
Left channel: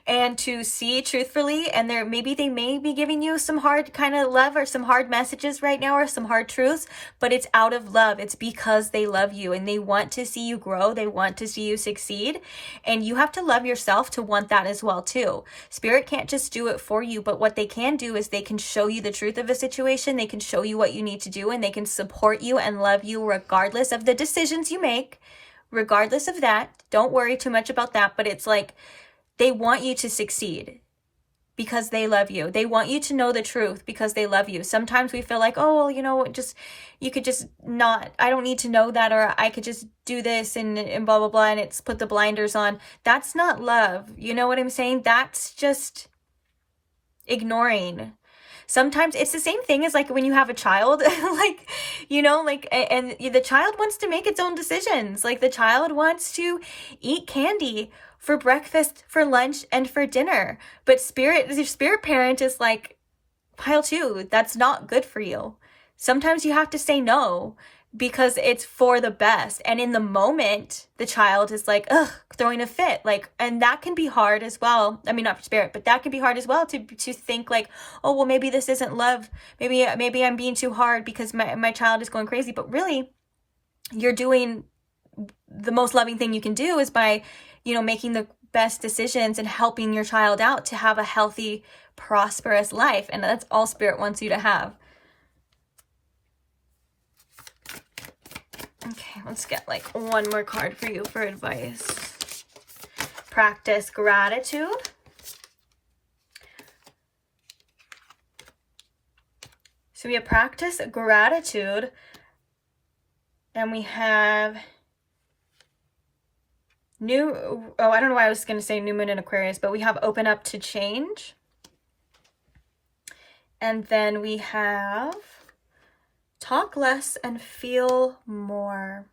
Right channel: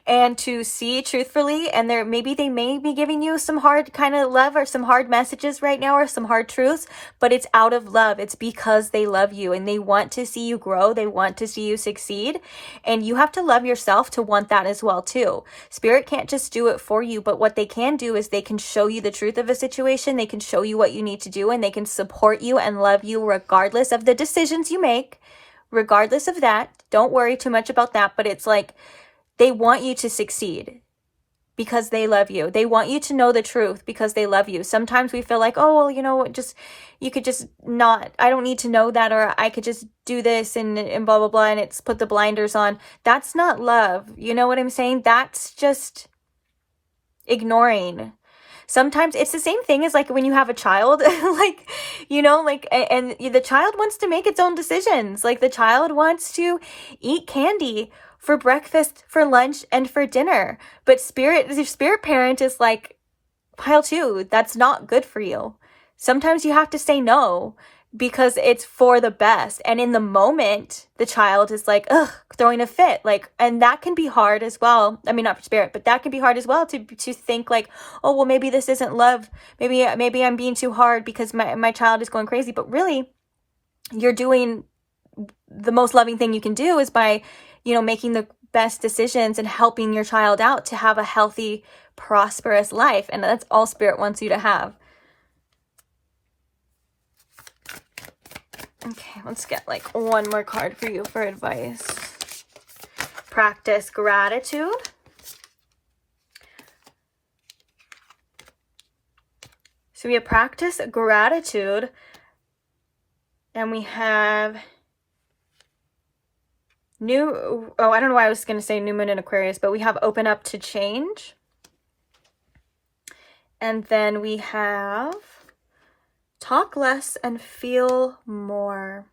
and to see truthfully. And they may be giving you some hard kind of love or some hard messages right now, or some hard truths, but it's out of love. It's because they love you and they want to see you grow. They want to see you succeed. And you have to love yourself to want that as well, too. Spirit can't just do it for you, but what they can do is they can show you the truth of a situation. They can show you what you need to do, and they can support you and love you regardless of the decisions you make, regardless of that, don't worry too much about that. But it's like, they want you to succeed because they love you. They want you to know the truth because they love you. Sometimes we feel like, oh, well, you know, you could just not, I don't need to know that, or I could just do this and blah, blah, blah. And it's put the blinders on. That's not love. You know what I'm saying? That's just ignoring. Sometimes it's the same thing as like when you have a child, like, you know, like, and the child wants to make its own decisions. Like the child wants to eat candy for breakfast, for lunch, and for dinner. But the spirit parent is like, pile two, that's not good for you. Sometimes you have to say no because it's for the best. And in the moment, the child is like, ugh, throwing a fit. Like, and that can be hard as well. I mean, not for spirit, but that can be hard as well to think like, oh, well, maybe this isn't love. Maybe I'm being too hard because my child is going crazy. But really, you're doing the most loving thing you can do is by, you know, making the best decisions and helping your child out to have a healthy, prosperous life. And that's all spirit wants you to have. Okay, let's get like one more card for you for advice. Practice gratitude. So we have practice gratitude. And we have I don't know why I was going to say new moon in Aquarius, but we have open up to change. And then we have talk less and feel more.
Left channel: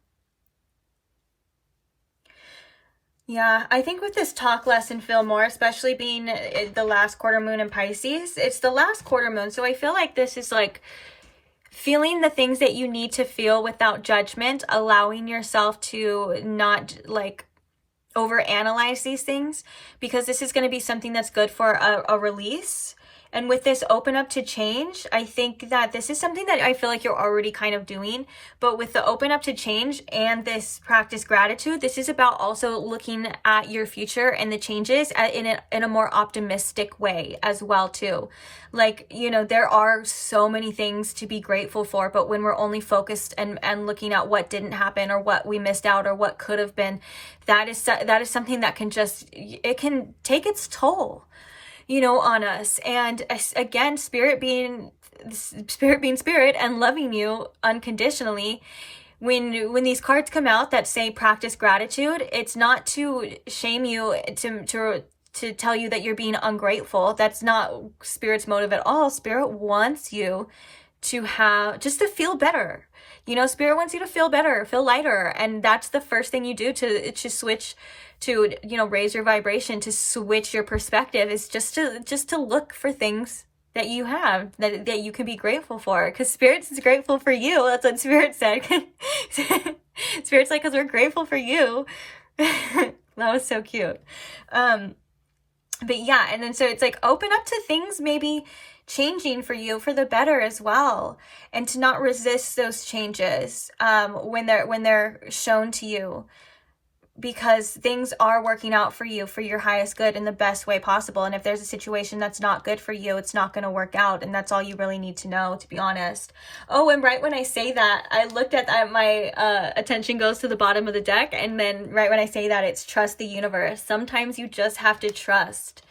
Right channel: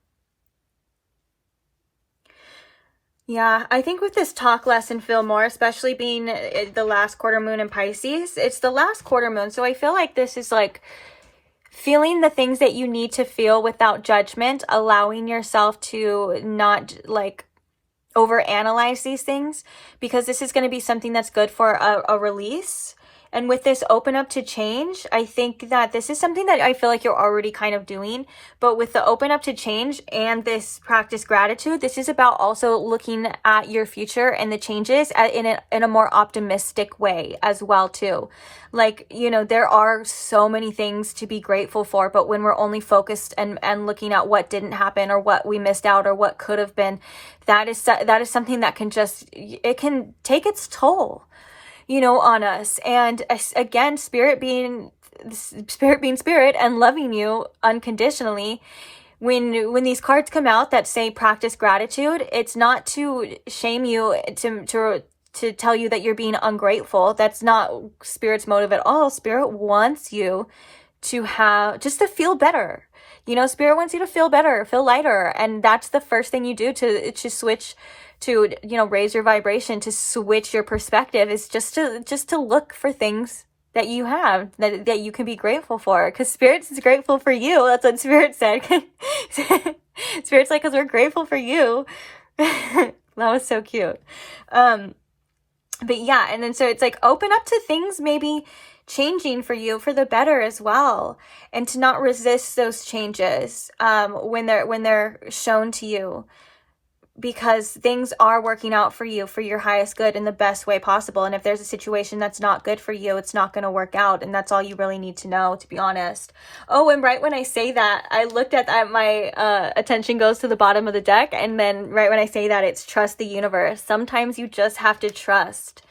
Yeah, I think with this talk less and feel more, especially being the last quarter moon in Pisces, it's the last quarter moon. So I feel like this is like feeling the things that you need to feel without judgment, allowing yourself to not like overanalyze these things, because this is going to be something that's good for a release. And with this open up to change, I think that this is something that I feel like you're already kind of doing. But with the open up to change and this practice gratitude, this is about also looking at your future and the changes in a more optimistic way as well too. Like, you know, there are so many things to be grateful for, but when we're only focused and looking at what didn't happen or what we missed out or what could have been, that is something that can it can take its toll, you know, on us. And again, spirit being spirit and loving you unconditionally, when these cards come out that say practice gratitude, it's not to shame you, to tell you that you're being ungrateful. That's not spirit's motive at all. Spirit wants you to feel better. You know, spirit wants you to feel better, feel lighter. And that's the first thing you do to switch to, you know, raise your vibration, to switch your perspective, is just to look for things that you have that you can be grateful for, because spirit is grateful for you. That's what spirit said. Spirit's like, because we're grateful for you. That was so cute. But yeah, and then so it's like open up to things maybe changing for you for the better as well, and to not resist those changes when they're shown to you, because things are working out for you for your highest good in the best way possible. And if there's a situation that's not good for you, it's not going to work out, and that's all you really need to know, to be honest. Oh, and right when I say that, I looked at that, my attention goes to the bottom of the deck, and then right when I say that, it's trust the universe. Sometimes you just have to trust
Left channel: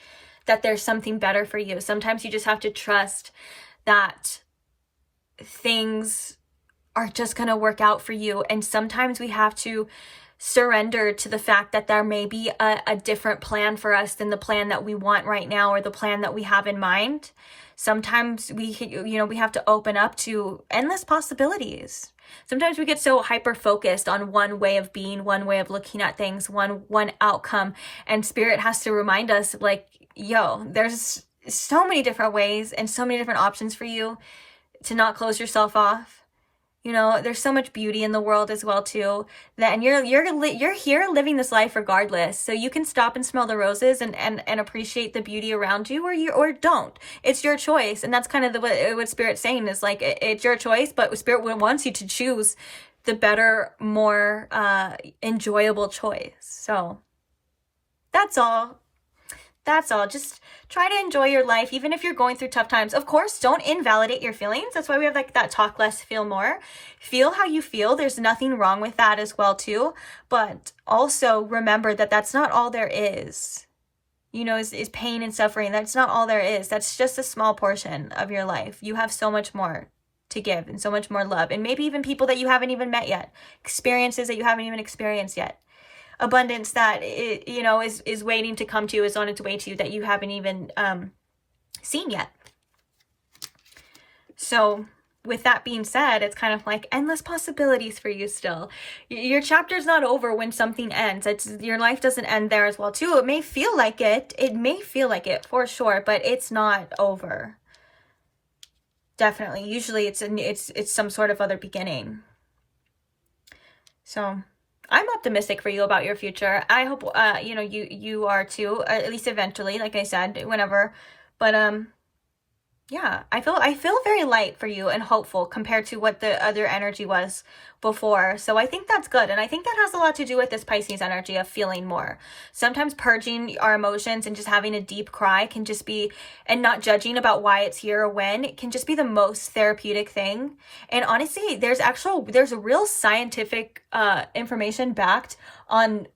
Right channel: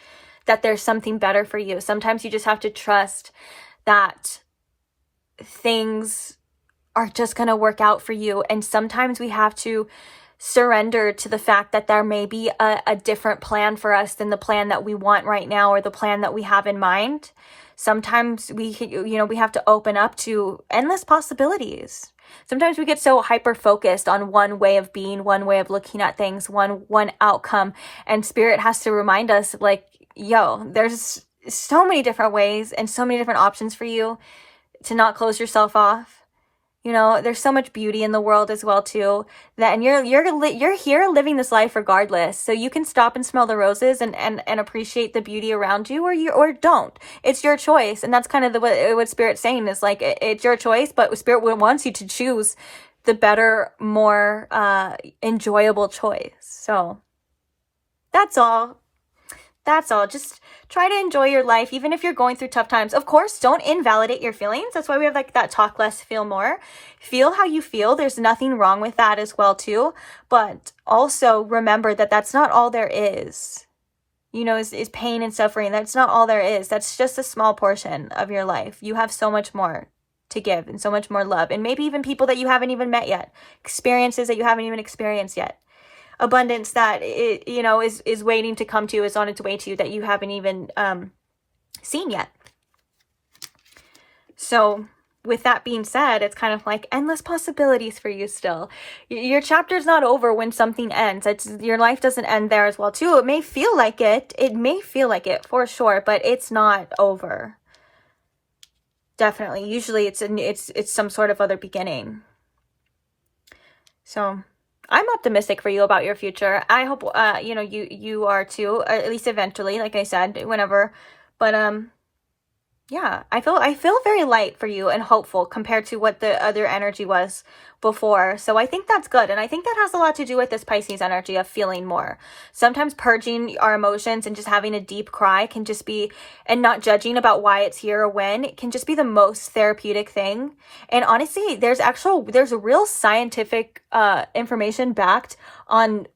that there's something better for you. Sometimes you just have to trust that things are just going to work out for you. And sometimes we have to surrender to the fact that there may be a different plan for us than the plan that we want right now, or the plan that we have in mind. Sometimes we have to open up to endless possibilities. Sometimes we get so hyper focused on one way of being, one way of looking at things, one outcome, and spirit has to remind us, like, yo, there's so many different ways and so many different options for you to not close yourself off. You know, there's so much beauty in the world as well too, and you're here living this life regardless. So you can stop and smell the roses and appreciate the beauty around you, or don't. It's your choice. And that's kind of what Spirit's saying is, like, it's your choice, but Spirit wants you to choose the better, more enjoyable choice. So that's all. That's all. Just try to enjoy your life, even if you're going through tough times. Of course, don't invalidate your feelings. That's why we have like that talk less, feel more. Feel how you feel. There's nothing wrong with that as well too. But also remember that that's not all there is. You know, is pain and suffering. That's not all there is. That's just a small portion of your life. You have so much more to give and so much more love. And maybe even people that you haven't even met yet. Experiences that you haven't even experienced yet. Abundance that you know is waiting to come to you, is on its way to you, that you haven't even seen yet. So with that being said, it's kind of like endless possibilities for you still. Your chapter's not over when something ends. Your life doesn't end there as well too. It may feel like it. It may feel like it for sure, but it's not over. Definitely. Usually it's some sort of other beginning. So I'm optimistic for you about your future. I hope, you know, you are too, at least eventually, like I said, whenever. But, yeah, I feel very light for you and hopeful compared to what the other energy was before. So I think that's good. And I think that has a lot to do with this Pisces energy of feeling more. Sometimes purging our emotions and just having a deep cry can just be, and not judging about why it's here or when, it can just be the most therapeutic thing. And honestly, there's a real scientific information backed on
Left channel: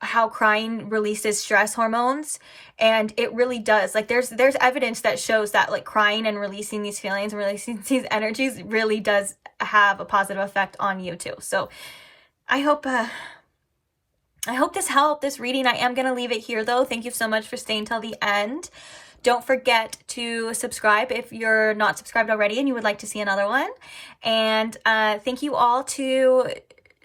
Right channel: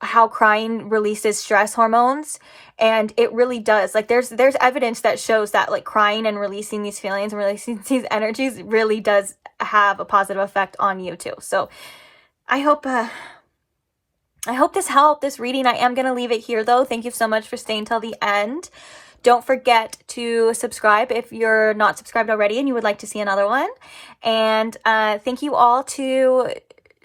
how crying releases stress hormones. And it really does. Like there's evidence that shows that like crying and releasing these feelings and releasing these energies really does have a positive effect on you too. So I hope this helped, this reading. I am going to leave it here though. Thank you so much for staying till the end. Don't forget to subscribe if you're not subscribed already and you would like to see another one. And thank you all to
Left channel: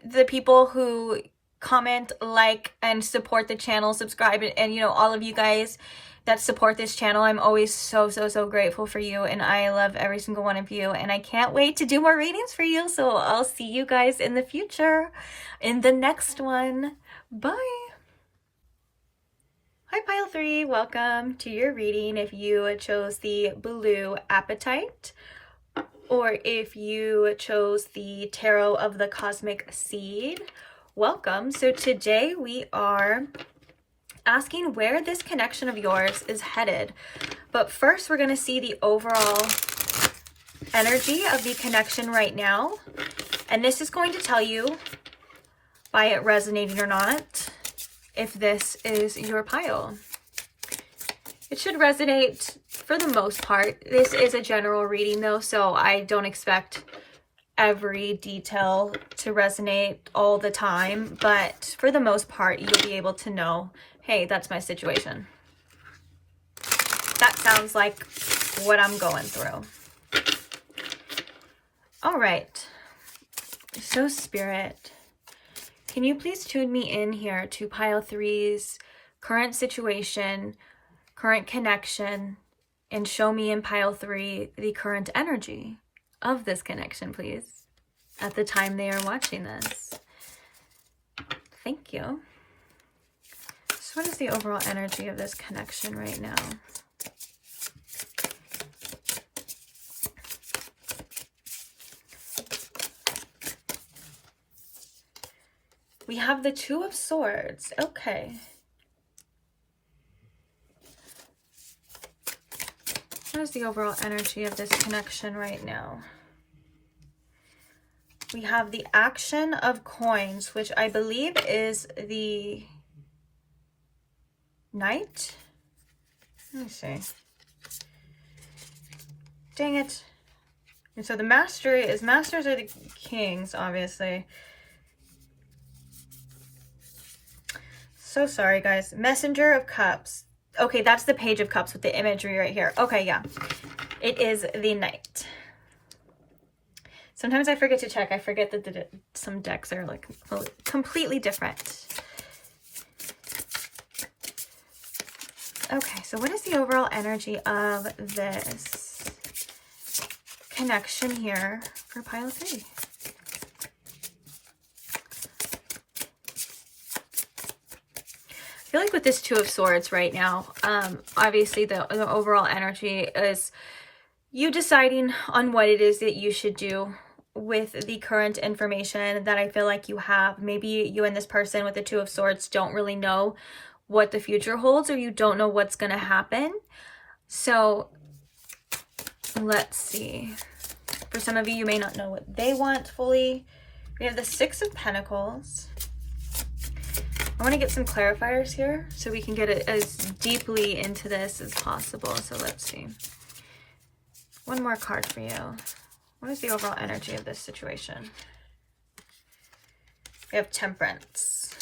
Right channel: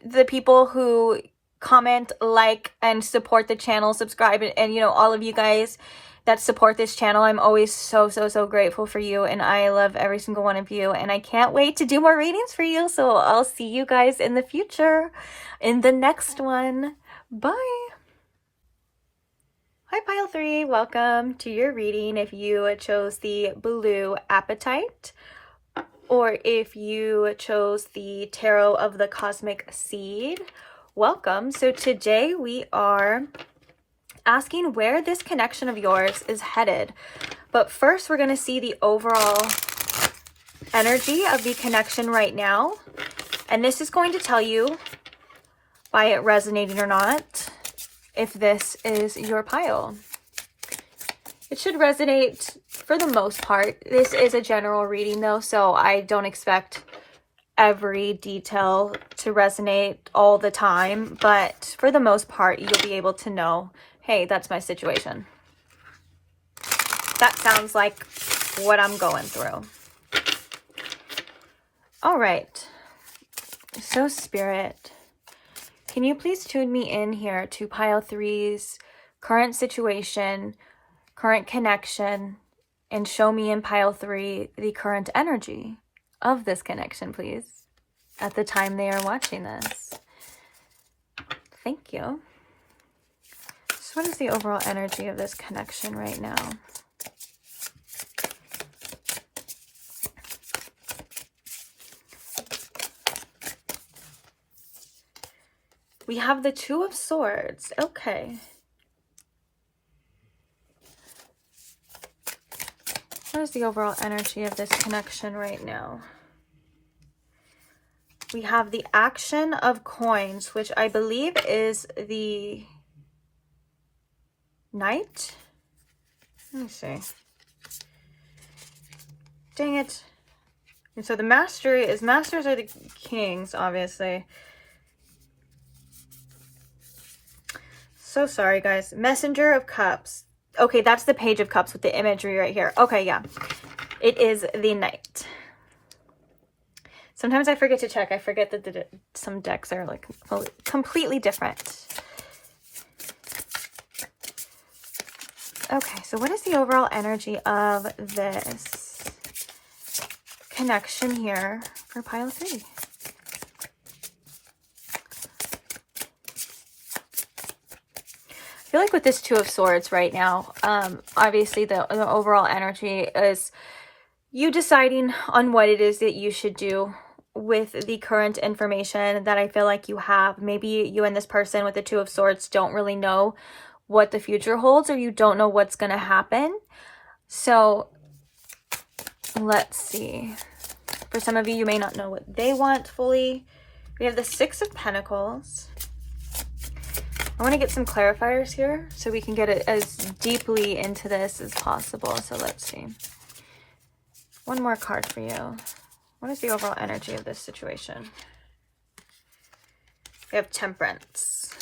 the people who comment, like, and support the channel, subscribe, and you know, all of you guys that support this channel. I'm always so grateful for you, and I love every single one of you, and I can't wait to do more readings for you. So I'll see you guys in the future in the next one. Bye. Hi Pile 3, welcome to your reading. If you chose the Blue Appetite, or if you chose the Tarot of the Cosmic Seed, welcome. So today we are asking where this connection of yours is headed. But first we're going to see the overall energy of the connection right now. And this is going to tell you, by it resonating or not, if this is your pile. It should resonate for the most part. This is a general reading though, so I don't expect every detail to resonate all the time, but for the most part you'll be able to know, hey, that's my situation. That sounds like what I'm going through. All right, so Spirit, can you please tune me in here to Pile 3's current situation, current connection, and show me in Pile 3 the current energy of this connection, please, at the time they are watching this. Thank you. So what is the overall energy of this connection right now? We have the Two of Swords. Okay. What is the overall energy of this connection right now? We have the Action of Coins, which I believe is the Knight. Let me see. Dang it. And so the Mastery is, Masters are the Kings, obviously. So sorry, guys. Messenger of Cups. Okay, that's the Page of Cups with the imagery right here. Okay, yeah. It is the Knight. Sometimes I forget to check. I forget that some decks are like completely different. Okay, so what is the overall energy of this connection here for Pile 3? I feel like with this Two of Swords right now, obviously the overall energy is you deciding on what it is that you should do with the current information that I feel like you have. Maybe you and this person with the Two of Swords don't really know what the future holds, or you don't know what's going to happen. So let's see. For some of you, you may not know what they want fully. We have the Six of Pentacles. I want to get some clarifiers here so we can get it as deeply into this as possible. So let's see. One more card for you. What is the overall energy of this situation? We have Temperance.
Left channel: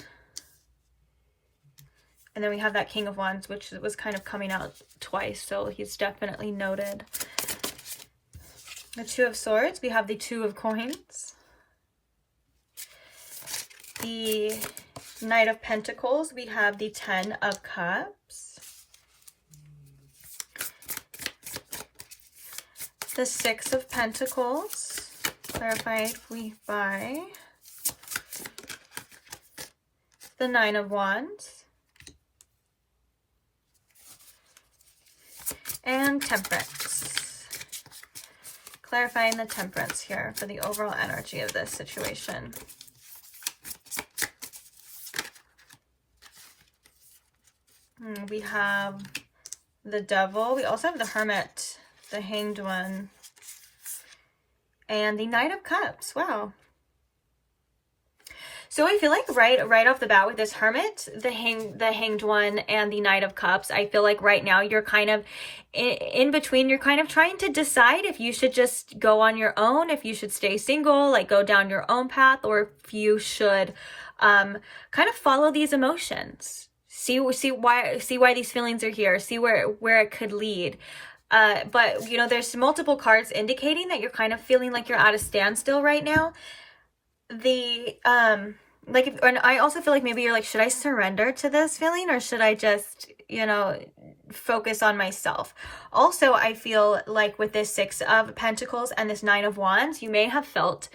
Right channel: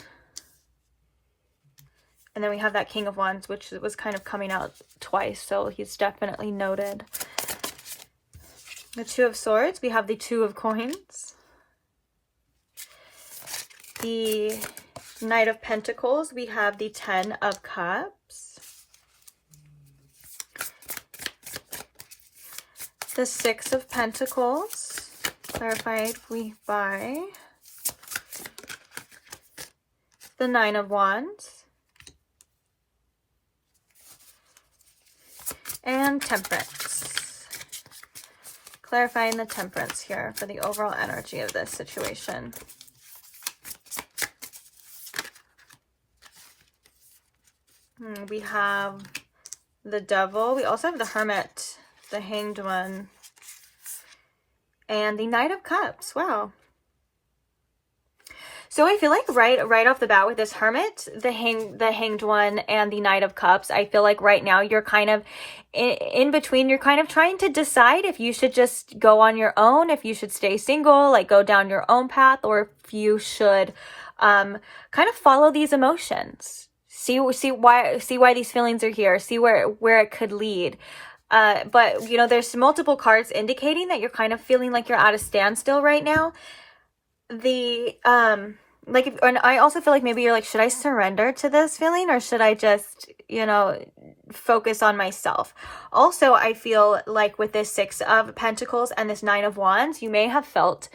And then we have that King of Wands, which was kind of coming out twice. So he's definitely noted. The Two of Swords. We have the Two of Coins. The Knight of Pentacles. We have the Ten of Cups. The Six of Pentacles, clarified by the Nine of Wands, and Temperance, clarifying the Temperance here for the overall energy of this situation. We have the Devil. We also have the Hermit, the Hanged One, and the Knight of Cups. Wow. So I feel like right off the bat with this Hermit, the Hanged One, and the Knight of Cups, I feel like right now you're kind of in between. You're kind of trying to decide if you should just go on your own, if you should stay single, like go down your own path, or if you should kind of follow these emotions. See why these feelings are here. See where it could lead. But you know, there's multiple cards indicating that you're kind of feeling like you're at a standstill right now. And I also feel like maybe you're like, should I surrender to this feeling, or should I just, you know, focus on myself? Also, I feel like with this Six of Pentacles and this Nine of Wands, you may have felt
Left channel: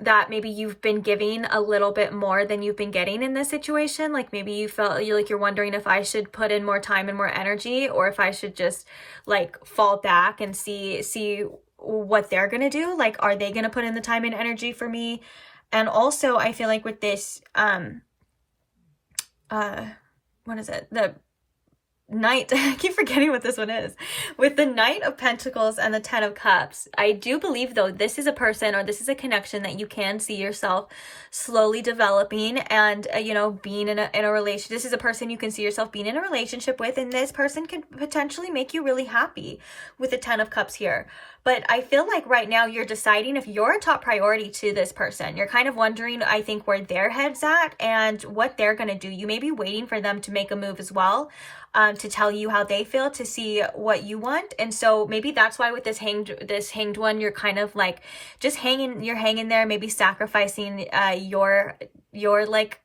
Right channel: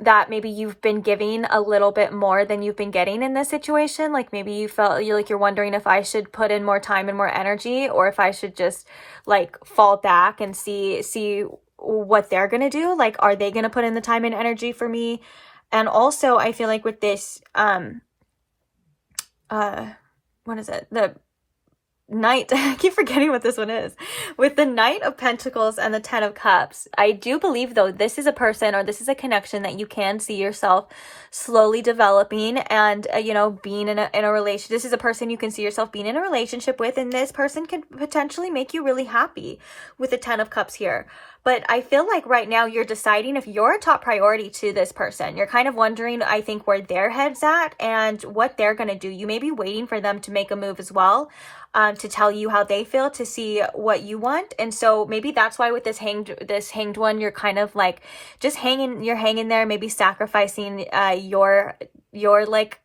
that maybe you've been giving a little bit more than you've been getting in this situation. Like maybe you felt you're wondering if I should put in more time and more energy, or if I should just like fall back and see what they're gonna do. Like, are they gonna put in the time and energy for me? And also I feel like with this what is it, the Knight, I keep forgetting what this one is. With the Knight of Pentacles and the Ten of Cups, I do believe though this is a person, or this is a connection that you can see yourself slowly developing, and you know, being in a relationship. This is a person you can see yourself being in a relationship with, and this person could potentially make you really happy with the Ten of Cups here. But I feel like right now you're deciding if you're a top priority to this person. You're kind of wondering, I think, where their head's at and what they're going to do. You may be waiting for them to make a move as well, to tell you how they feel, to see what you want. And so maybe that's why with this hanged one, you're kind of like just hanging there, maybe sacrificing your like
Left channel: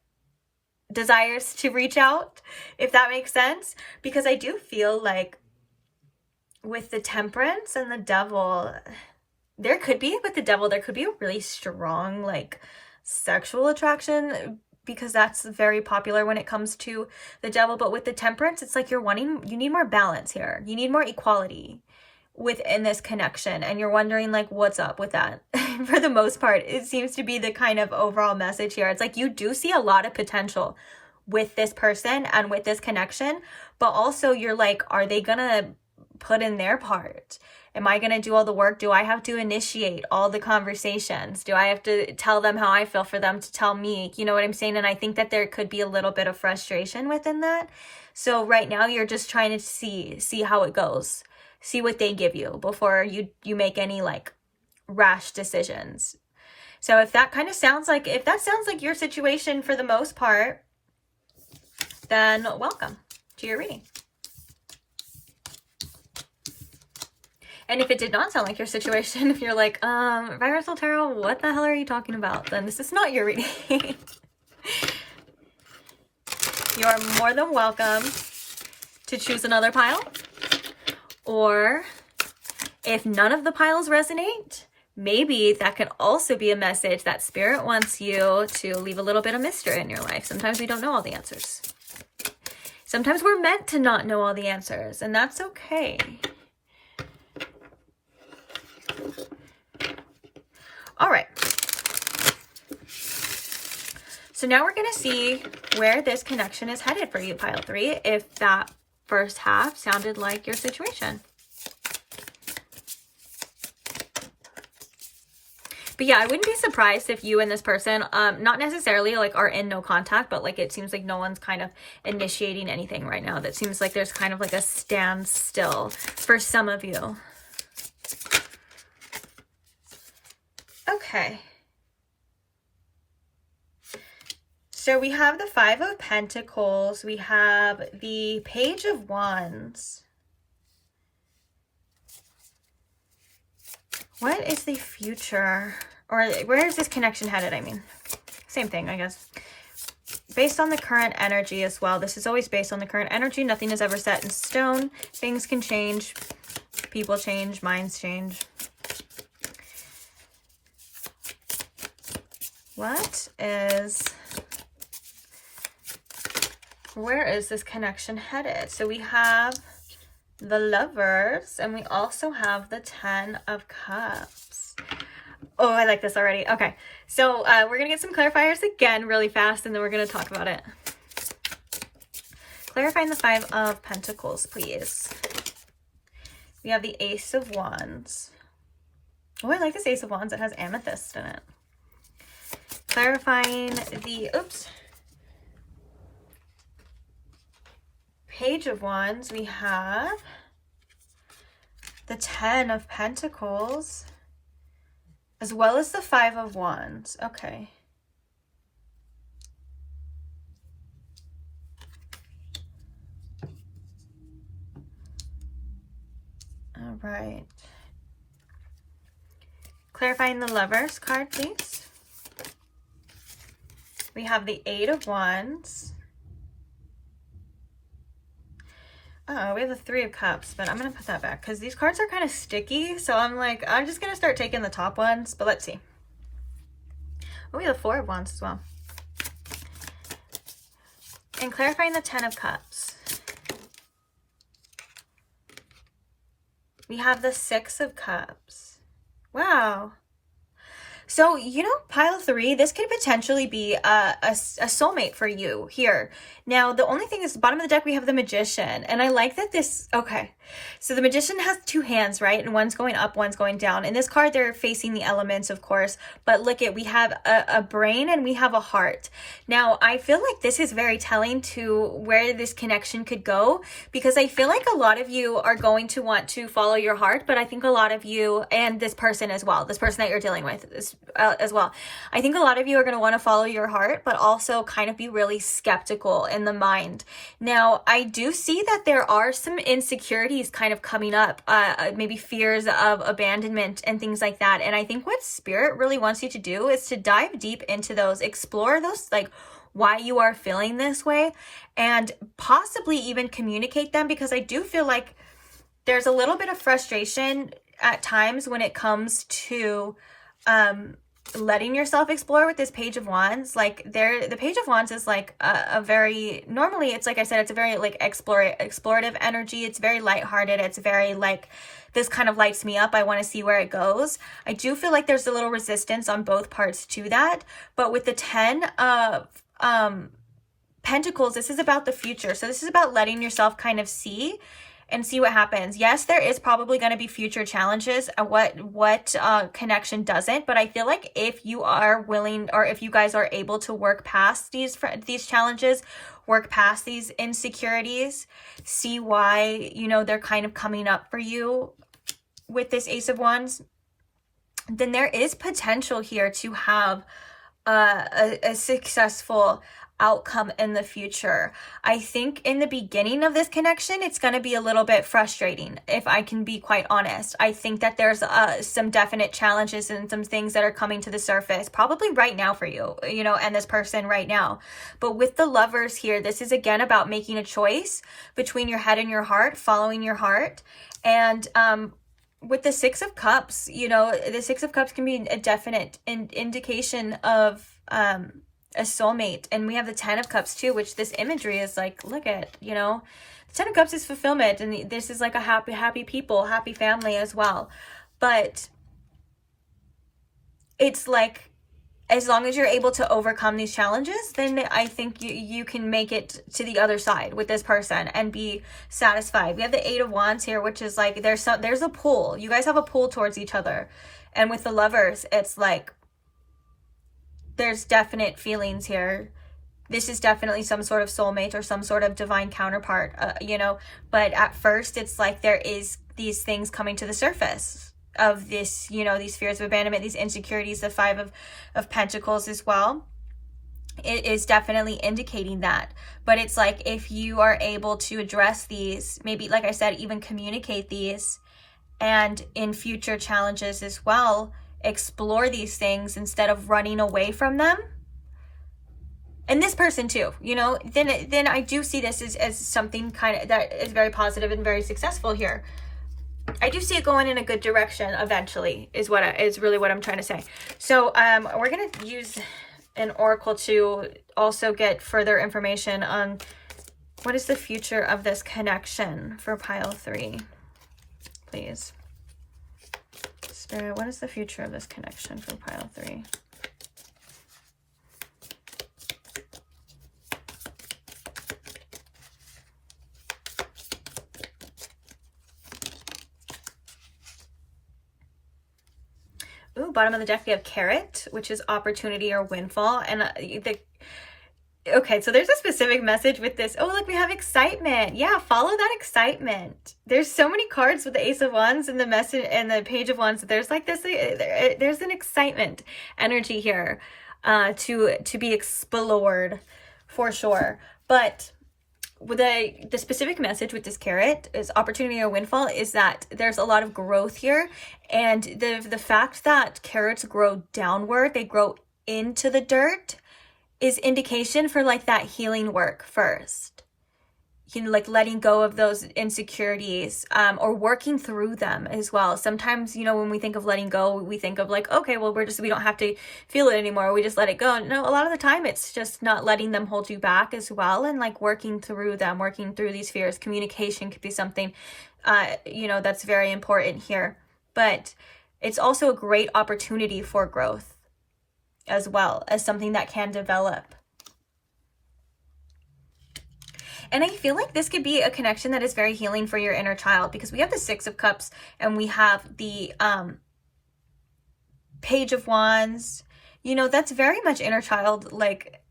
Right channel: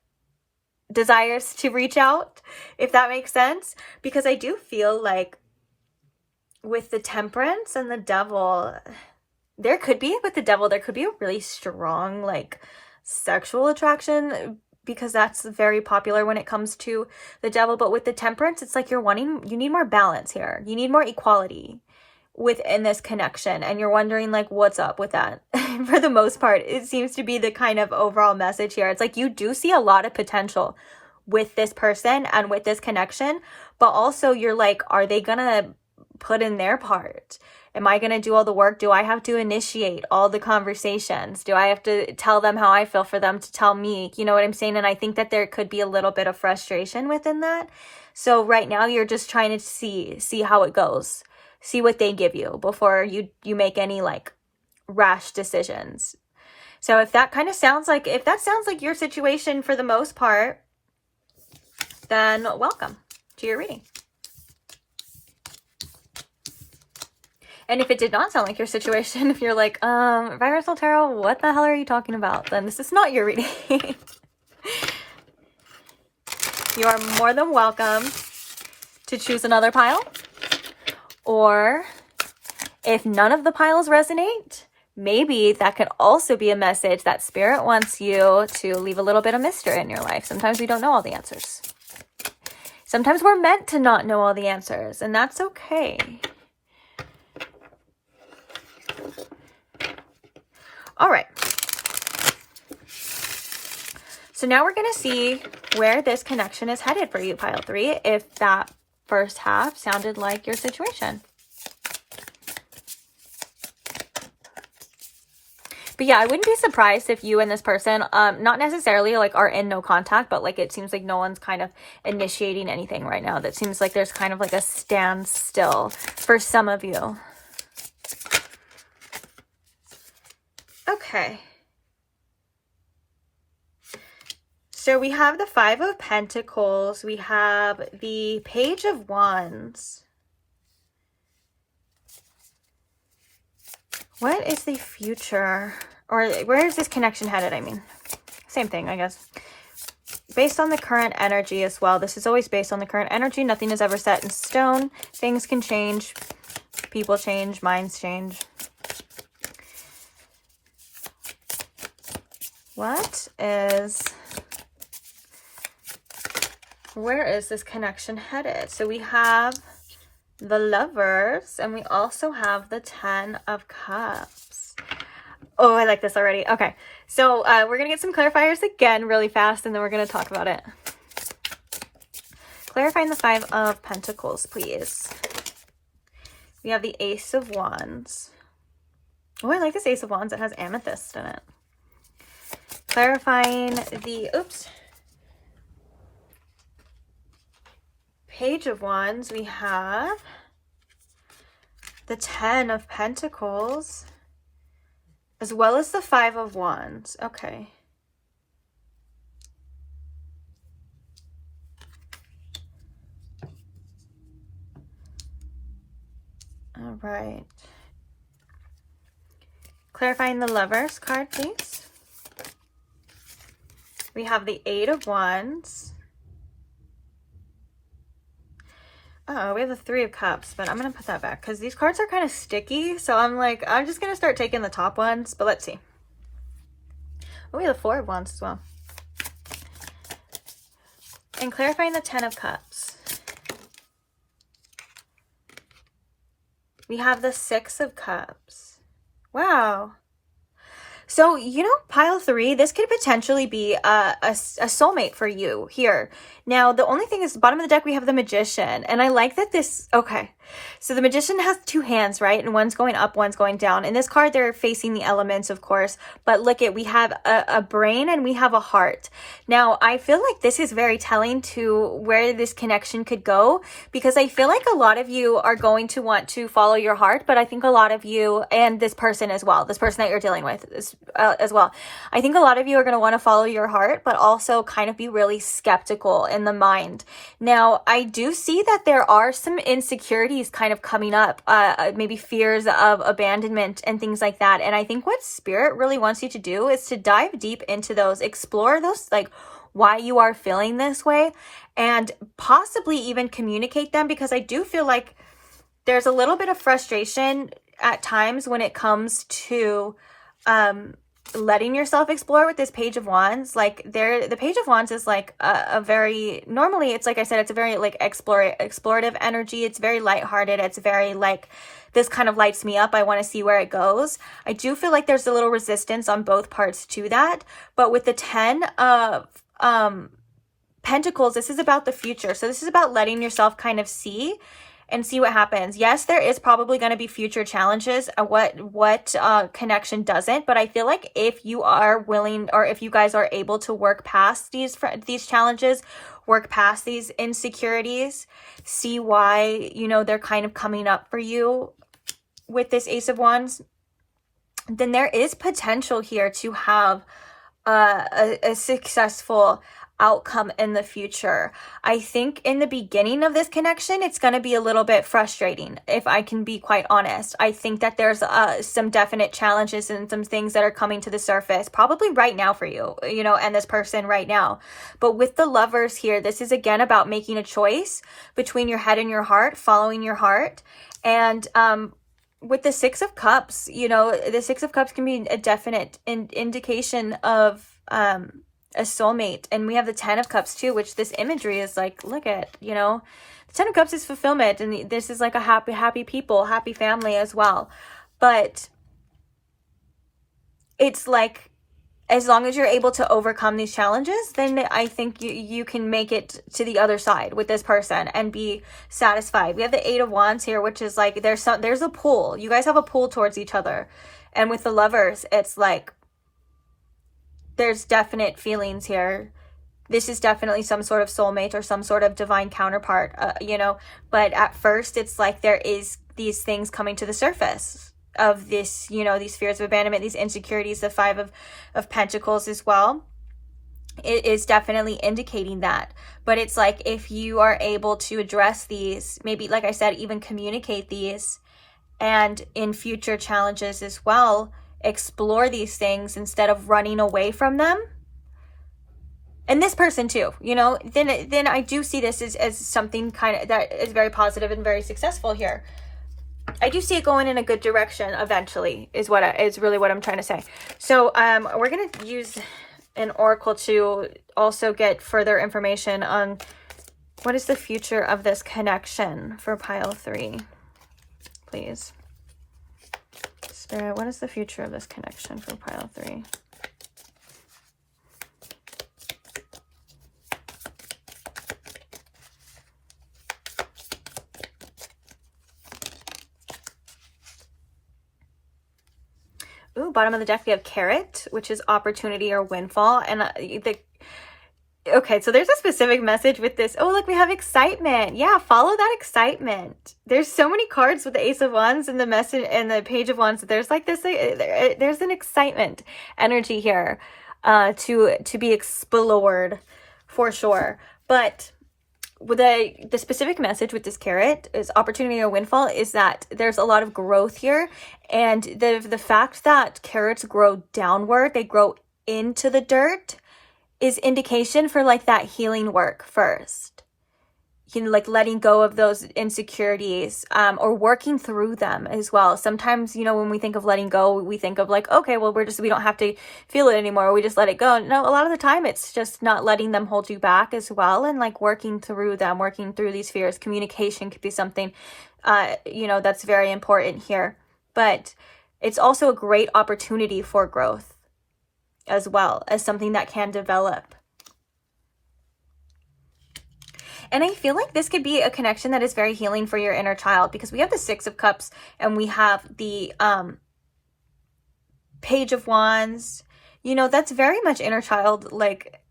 desires to reach out, if that makes sense. Because I do feel like with the Temperance and the Devil, there could be a really strong like sexual attraction, because that's very popular when it comes to the Devil. But with the Temperance, it's like you need more balance here. You need more equality within this connection, and you're wondering like, what's up with that? For the most part, it seems to be the kind of overall message here. It's like you do see a lot of potential with this person and with this connection, but also you're like, are they gonna put in their part? Am I going to do all the work? Do I have to initiate all the conversations? Do I have to tell them how I feel for them to tell me? You know what I'm saying? And I think that there could be a little bit of frustration within that. So right now you're just trying to see how it goes. See what they give you before you make any like rash decisions. So if that sounds like your situation for the most part, then welcome to your reading. And if it did not sound like your situation, if you're like, Vibrant Tarot, what the hell are you talking about? Then this is not your reading. You are more than welcome to choose another pile. Or if none of the piles resonate, maybe that could also be a message that Spirit wants you to leave a little bit of mystery in your life. Sometimes we don't know all the answers. Sometimes we're meant to not know all the answers, and that's okay. All right. So now we're going to see where this connection is headed for you, pile 3, if that first half sounded like your situation. But yeah, I wouldn't be surprised if you and this person, not necessarily like are in no contact, but like it seems like no one's kind of initiating anything right now. That seems like there's kind of like a standstill for some of you. Okay. So we have the 5 of Pentacles. We have the Page of Wands. What is the future? Or where is this connection headed? I mean, same thing, I guess. Based on the current energy as well. This is always based on the current energy. Nothing is ever set in stone. Things can change. People change. Minds change. Where is this connection headed? So we have the Lovers, and we also have the 10 of Cups. Oh, I like this already. Okay, so we're gonna get some clarifiers again really fast, and then we're gonna talk about it. Clarifying the 5 of Pentacles, please. We have the Ace of Wands. Oh, I like this Ace of Wands. It has amethyst in it. Clarifying the, Page of Wands, we have the 10 of Pentacles, as well as the 5 of Wands. Okay. All right. Clarifying the Lovers card, please. We have the 8 of Wands. Oh, we have the 3 of Cups, but I'm going to put that back because these cards are kind of sticky. So I'm like, I'm just going to start taking the top ones, but let's see. Oh, we have the 4 of Wands as well. And clarifying the 10 of Cups. We have the 6 of Cups. Wow. So, you know, pile 3, this could potentially be a soulmate for you here. Now, the only thing is, the bottom of the deck, we have the Magician. And I like that this, okay. So the Magician has 2 hands, right? And one's going up, one's going down. In this card, they're facing the elements, of course. But look at, we have a brain and we have a heart. Now, I feel like this is very telling to where this connection could go. Because I feel like a lot of you are going to want to follow your heart. But I think a lot of you, and this person as well, this person that you're dealing with as well. I think a lot of you are going to want to follow your heart, but also kind of be really skeptical in the mind. Now, I do see that there are some insecurities kind of coming up, maybe fears of abandonment and things like that. And I think what Spirit really wants you to do is to dive deep into those, explore those, like why you are feeling this way, and possibly even communicate them, because I do feel like there's a little bit of frustration at times when it comes to letting yourself explore with this Page of Wands. Like the Page of Wands is like a very, normally it's like I said, it's a very like explorative energy. It's very lighthearted. It's very like, this kind of lights me up. I want to see where it goes. I do feel like there's a little resistance on both parts to that. But with the 10 of Pentacles, this is about the future. So this is about letting yourself kind of see and see what happens. Yes, there is probably going to be future challenges. What connection doesn't? But I feel like if you are willing, or if you guys are able to work past these challenges, work past these insecurities, see why, you know, they're kind of coming up for you with this Ace of Wands, then there is potential here to have a successful outcome in the future. I think in the beginning of this connection, it's going to be a little bit frustrating, if I can be quite honest. I think that there's some definite challenges and some things that are coming to the surface, probably right now for you, you know, and this person right now. But with the Lovers here, this is again about making a choice between your head and your heart, following your heart. And with the 6 of Cups, you know, the 6 of Cups can be a definite indication of a soulmate. And we have the 10 of Cups too, which this imagery is like, look at, you know, the 10 of Cups is fulfillment, and this is like a happy people, happy family as well. But it's like as long as you're able to overcome these challenges, then I think you can make it to the other side with this person and be satisfied. We have the 8 of Wands here, which is like there's a pull. You guys have a pull towards each other. And with the Lovers, it's like there's definite feelings here. This is definitely some sort of soulmate or some sort of divine counterpart, you know. But at first, it's like there is these things coming to the surface of this, you know, these fears of abandonment, these insecurities, the 5 of Pentacles as well. It is definitely indicating that. But it's like if you are able to address these, maybe, like I said, even communicate these, and in future challenges as well, explore these things instead of running away from them. And this person too, you know, then I do see this as something kind of that is very positive and very successful here. I do see it going in a good direction eventually, is really what I'm trying to say. So we're going to use an oracle to also get further information on what is the future of this connection for pile 3. Please. Spirit, what is the future of this connection for pile 3? Ooh, bottom of the deck, we have Carrot, which is opportunity or windfall. And okay, so there's a specific message with this. Oh, look, we have excitement. Yeah, follow that excitement. There's so many cards with the Ace of Wands and the message and the Page of Wands. There's like this, there's an excitement energy here to be explored for sure. But with the specific message with this Carrot is opportunity or windfall is that there's a lot of growth here. And the fact that carrots grow downward, they grow into the dirt, is indication for like that healing work first. You know, like letting go of those insecurities, or working through them as well. Sometimes, you know, when we think of letting go, we think of like, okay, well, we don't have to feel it anymore. We just let it go. No, a lot of the time it's just not letting them hold you back as well. And like working through them, working through these fears. Communication could be something, you know, that's very important here. But it's also a great opportunity for growth as well as something that can develop. And I feel like this could be a connection that is very healing for your inner child, because we have the 6 of Cups and we have the Page of Wands. You know, that's very much inner child like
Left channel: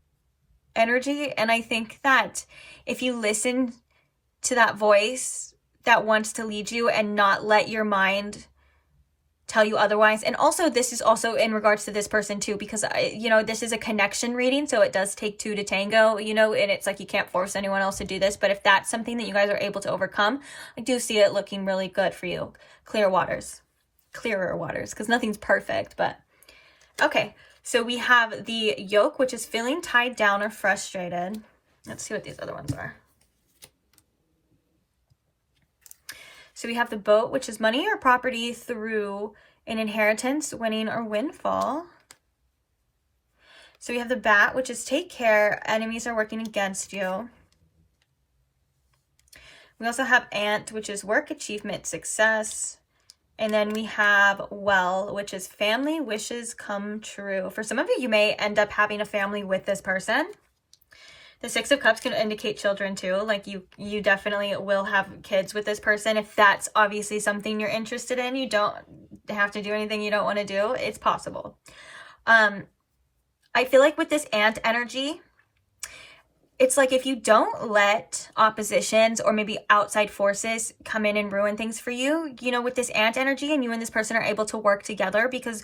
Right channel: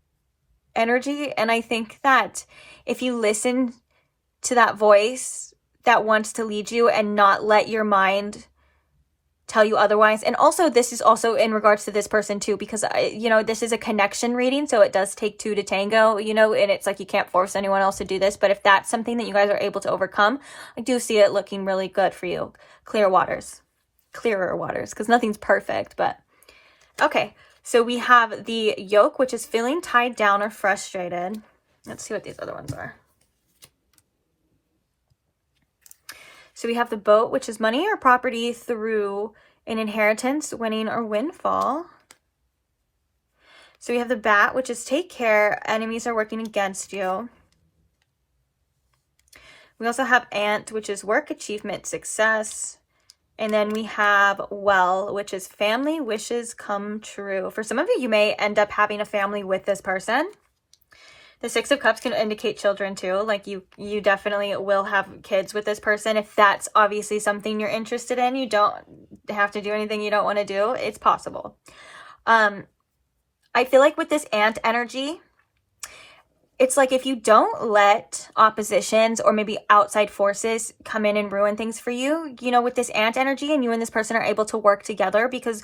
energy. And I think that if you listen to that voice that wants to lead you and not let your mind tell you otherwise. And also, this is also in regards to this person too, because you know, this is a connection reading, so it does take 2 to tango, you know, and it's like you can't force anyone else to do this. But if that's something that you guys are able to overcome, I do see it looking really good for you. Clearer waters, because nothing's perfect. But okay, so we have the Yoke, which is feeling tied down or frustrated. Let's see what these other ones are. So we have the Boat, which is money or property through an inheritance, winning or windfall. So we have the Bat, which is take care, enemies are working against you. We also have Ant, which is work, achievement, success. And then we have Well, which is family wishes come true. For some of you, you may end up having a family with this person. The 6 of Cups can indicate children too. Like you definitely will have kids with this person. If that's obviously something you're interested in, you don't have to do anything you don't want to do. It's possible. I feel like with this Ant energy, it's like if you don't let oppositions or maybe outside forces come in and ruin things for you, you know, with this Ant energy, and you and this person are able to work together, because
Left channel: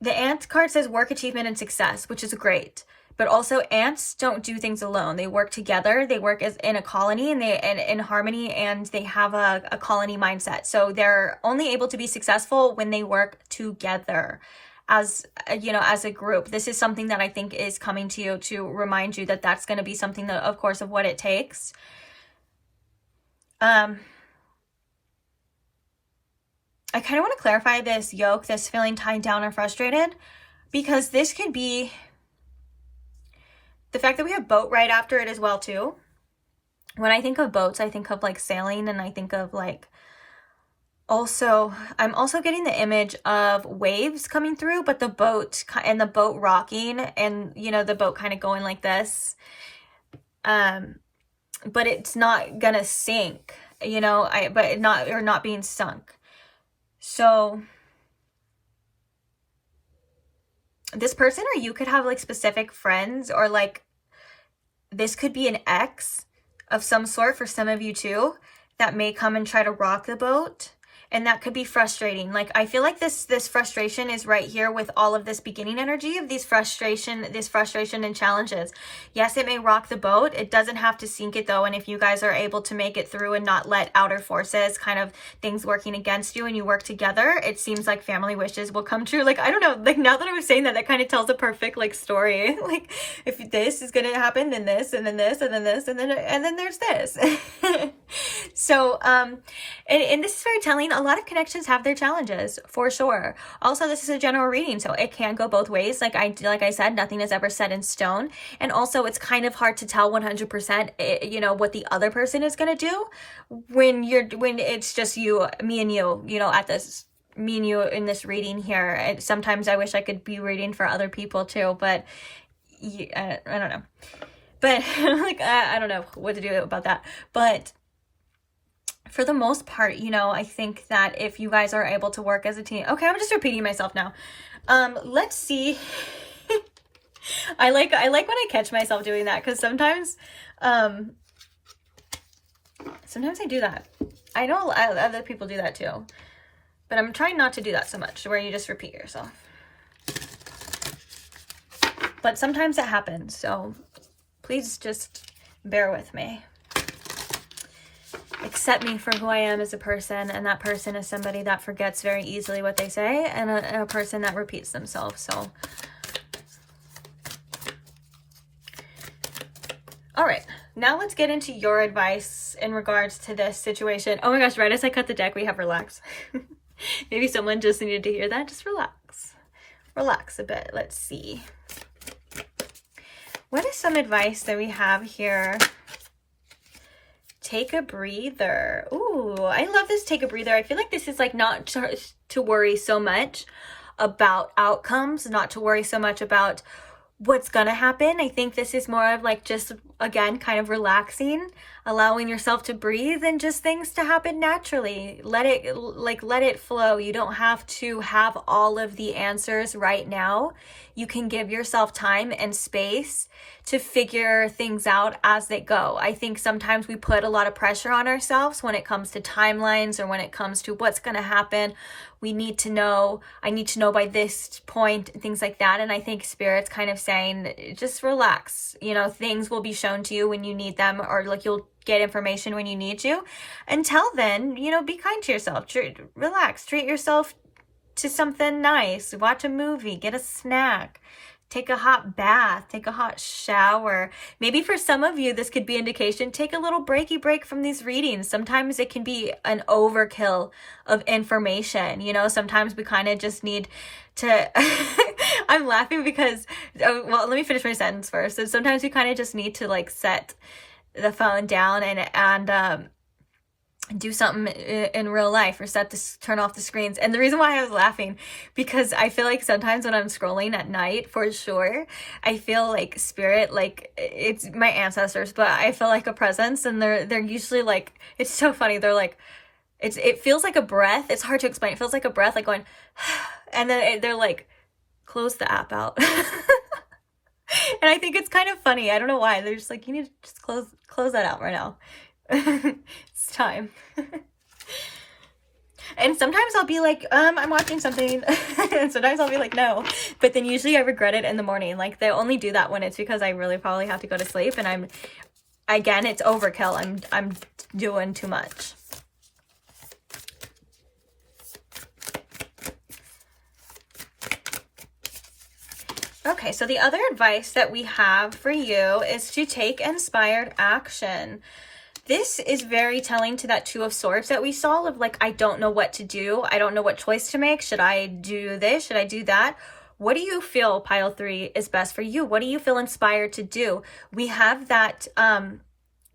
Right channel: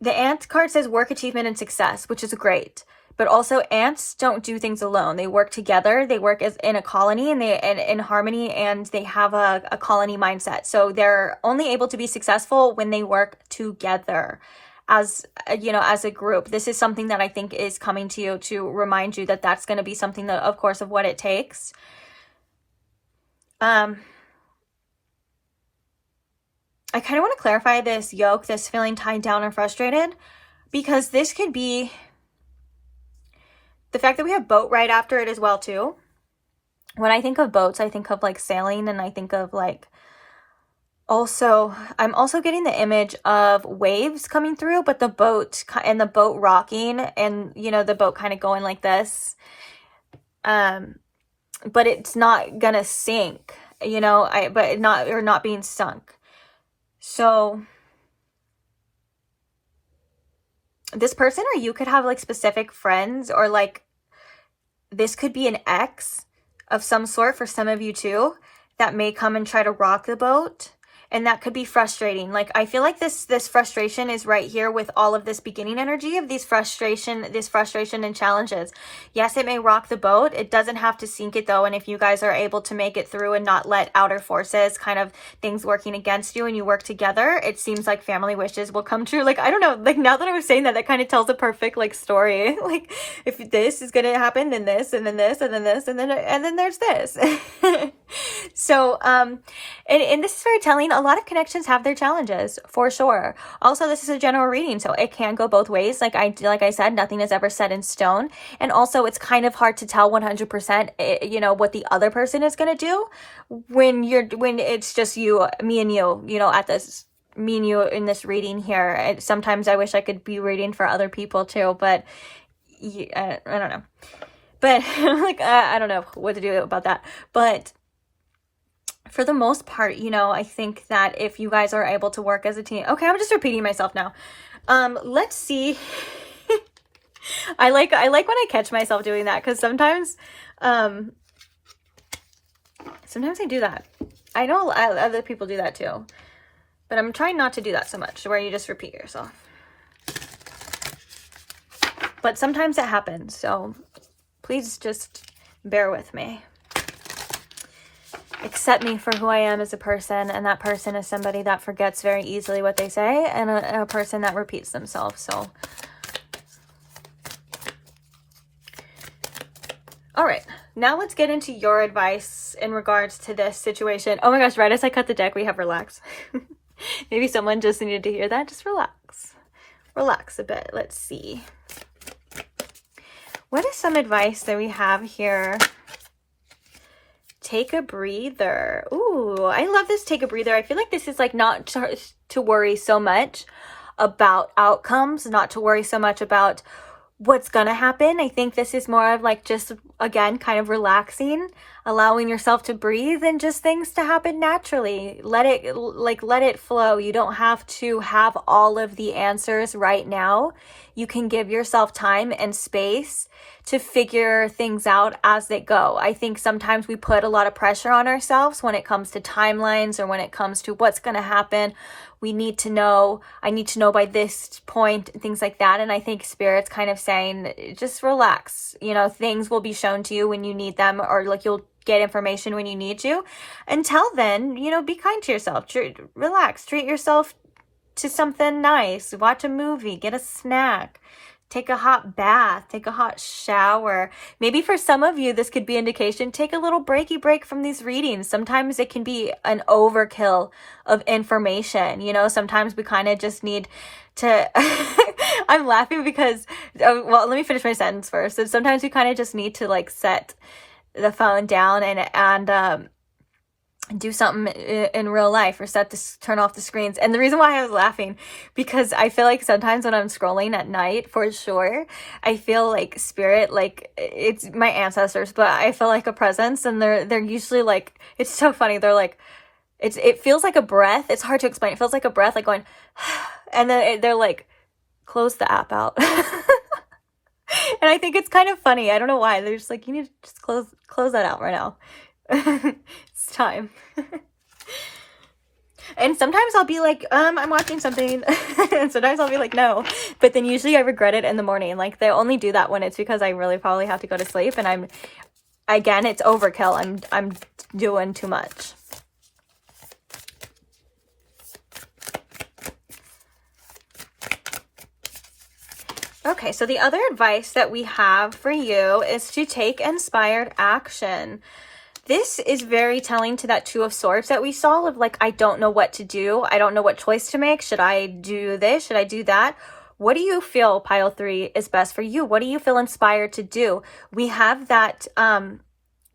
the Ant card says work, achievement, and success, which is great. But also, ants don't do things alone. They work together. They work as in a colony, and in harmony, and they have a colony mindset. So they're only able to be successful when they work together as, you know, as a group. This is something that I think is coming to you to remind you that that's going to be something that, of course, of what it takes. I kind of want to clarify this Yoke, this feeling tied down or frustrated, because this could be the fact that we have Boat right after it as well too. When I think of boats, I think of like sailing, and I think of like Also, I'm also getting the image of waves coming through, but the boat and the boat rocking, and you know, the boat kind of going like this. But it's not gonna sink, you know, but not being sunk. So this person or you could have like specific friends, or like this could be an ex of some sort for some of you too, that may come and try to rock the boat. And that could be frustrating. Like, I feel like this frustration is right here with all of this beginning energy of this frustration and challenges. Yes, it may rock the boat. It doesn't have to sink it though. And if you guys are able to make it through and not let outer forces, kind of things working against you, and you work together, it seems like family wishes will come true. Like, I don't know, like now that I was saying that, that kind of tells a perfect like story. Like, if this is going to happen, then this, and then this, and then this, and then there's this. So, and this is very telling. A lot of connections have their challenges, for sure. Also, this is a general reading, so it can go both ways. Like I said, nothing is ever set in stone. And also, it's kind of hard to tell 100%, you know, what the other person is going to do when it's just me and you know, at this, me and you in this reading here. And sometimes I wish I could be reading for other people too, but I don't know. But like, I don't know what to do about that. But for the most part, you know, I think that if you guys are able to work as a team. Okay, I'm just repeating myself now. Let's see. I like when I catch myself doing that, because sometimes I do that. I know other people do that too, but I'm trying not to do that so much, where you just repeat yourself. But sometimes it happens, so please just bear with me. Accept me for who I am as a person, and that person is somebody that forgets very easily what they say, and a person that repeats themselves. So, all right, now let's get into your advice in regards to this situation. Oh my gosh, right as I cut the deck, we have relax. Maybe someone just needed to hear that. Just relax a bit. Let's see. What is some advice that we have here? Take a breather. Ooh, I love this take a breather. I feel like this is like not to worry so much about outcomes, not to worry so much about what's gonna happen. I think this is more of like just, again, kind of relaxing, allowing yourself to breathe and just things to happen naturally. Let it flow. You don't have to have all of the answers right now. You can give yourself time and space to figure things out as they go. I think sometimes we put a lot of pressure on ourselves when it comes to timelines, or when it comes to what's going to happen. I need to know by this point, things like that. And I think Spirit's kind of saying, just relax. You know, things will be shown to you when you need them, or like you'll get information when you need to. Until then, you know, be kind to yourself. Relax. Treat yourself to something nice. Watch a movie. Get a snack. Take a hot bath, take a hot shower. Maybe for some of you, this could be indication. Take a little break from these readings. Sometimes it can be an overkill of information. You know, sometimes we kind of just need to, I'm laughing because, well, let me finish my sentence first. So sometimes we kind of just need to like set the phone down and do something in real life, or turn off the screens. And the reason why I was laughing, because I feel like sometimes when I'm scrolling at night, for sure, I feel like Spirit, like it's my ancestors, but I feel like a presence, and they're usually like, it's so funny. They're like, it feels like a breath. It's hard to explain. It feels like a breath, like going, and then they're like, close the app out. And I think it's kind of funny. I don't know why. They're just like, you need to just close that out right now. It's time. And sometimes I'll be like, I'm watching something. And sometimes I'll be like, no. But then usually I regret it in the morning. Like, they only do that when it's because I really probably have to go to sleep, and again, it's overkill. I'm doing too much. Okay, so the other advice that we have for you is to take inspired action. This is very telling to that Two of Swords that we saw of like, I don't know what to do. I don't know what choice to make. Should I do this? Should I do that? What do you feel, pile 3, is best for you? What do you feel inspired to do? We have that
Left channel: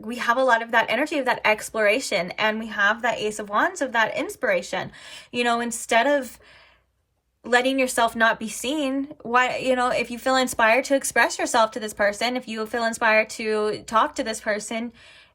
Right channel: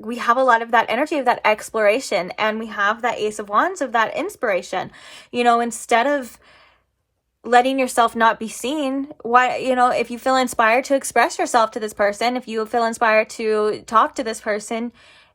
we have a lot of that energy of that exploration, and we have that Ace of Wands of that inspiration. You know, instead of letting yourself not be seen, why, you know, if you feel inspired to express yourself to this person, if you feel inspired to talk to this person,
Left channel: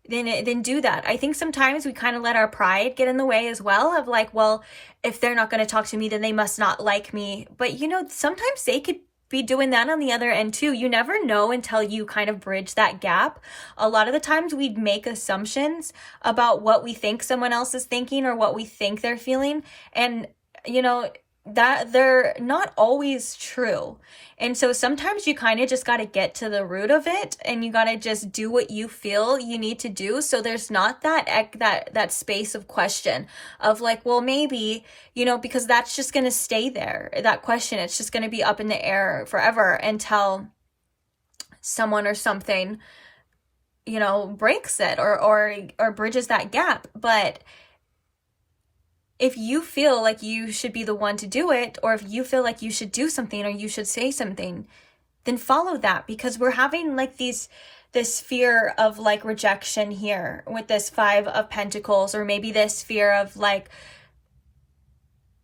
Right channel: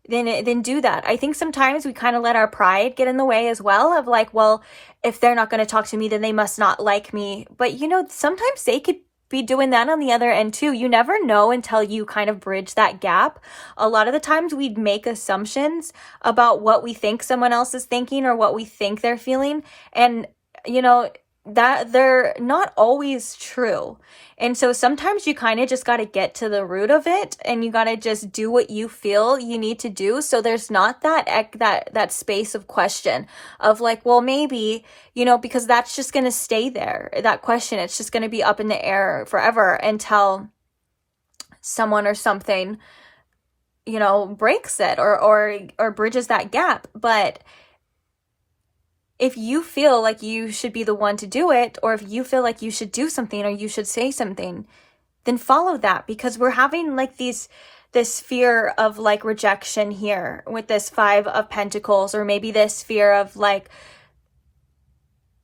then do that. I think sometimes we kind of let our pride get in the way as well, of like, well, if they're not going to talk to me, then they must not like me. But, you know, sometimes they could be doing that on the other end too. You never know until you kind of bridge that gap. A lot of the times we make assumptions about what we think someone else is thinking or what we think they're feeling. And, you know, that they're not always true. And so sometimes you kind of just got to get to the root of it, and you got to just do what you feel you need to do. So there's not that space of question of like, well, maybe, you know, because that's just going to stay there. That question, it's just going to be up in the air forever until someone or something, you know, breaks it or bridges that gap. But if you feel like you should be the one to do it, or if you feel like you should do something or you should say something, then follow that, because we're having like this fear of like rejection here with this 5 of Pentacles, or maybe this fear of like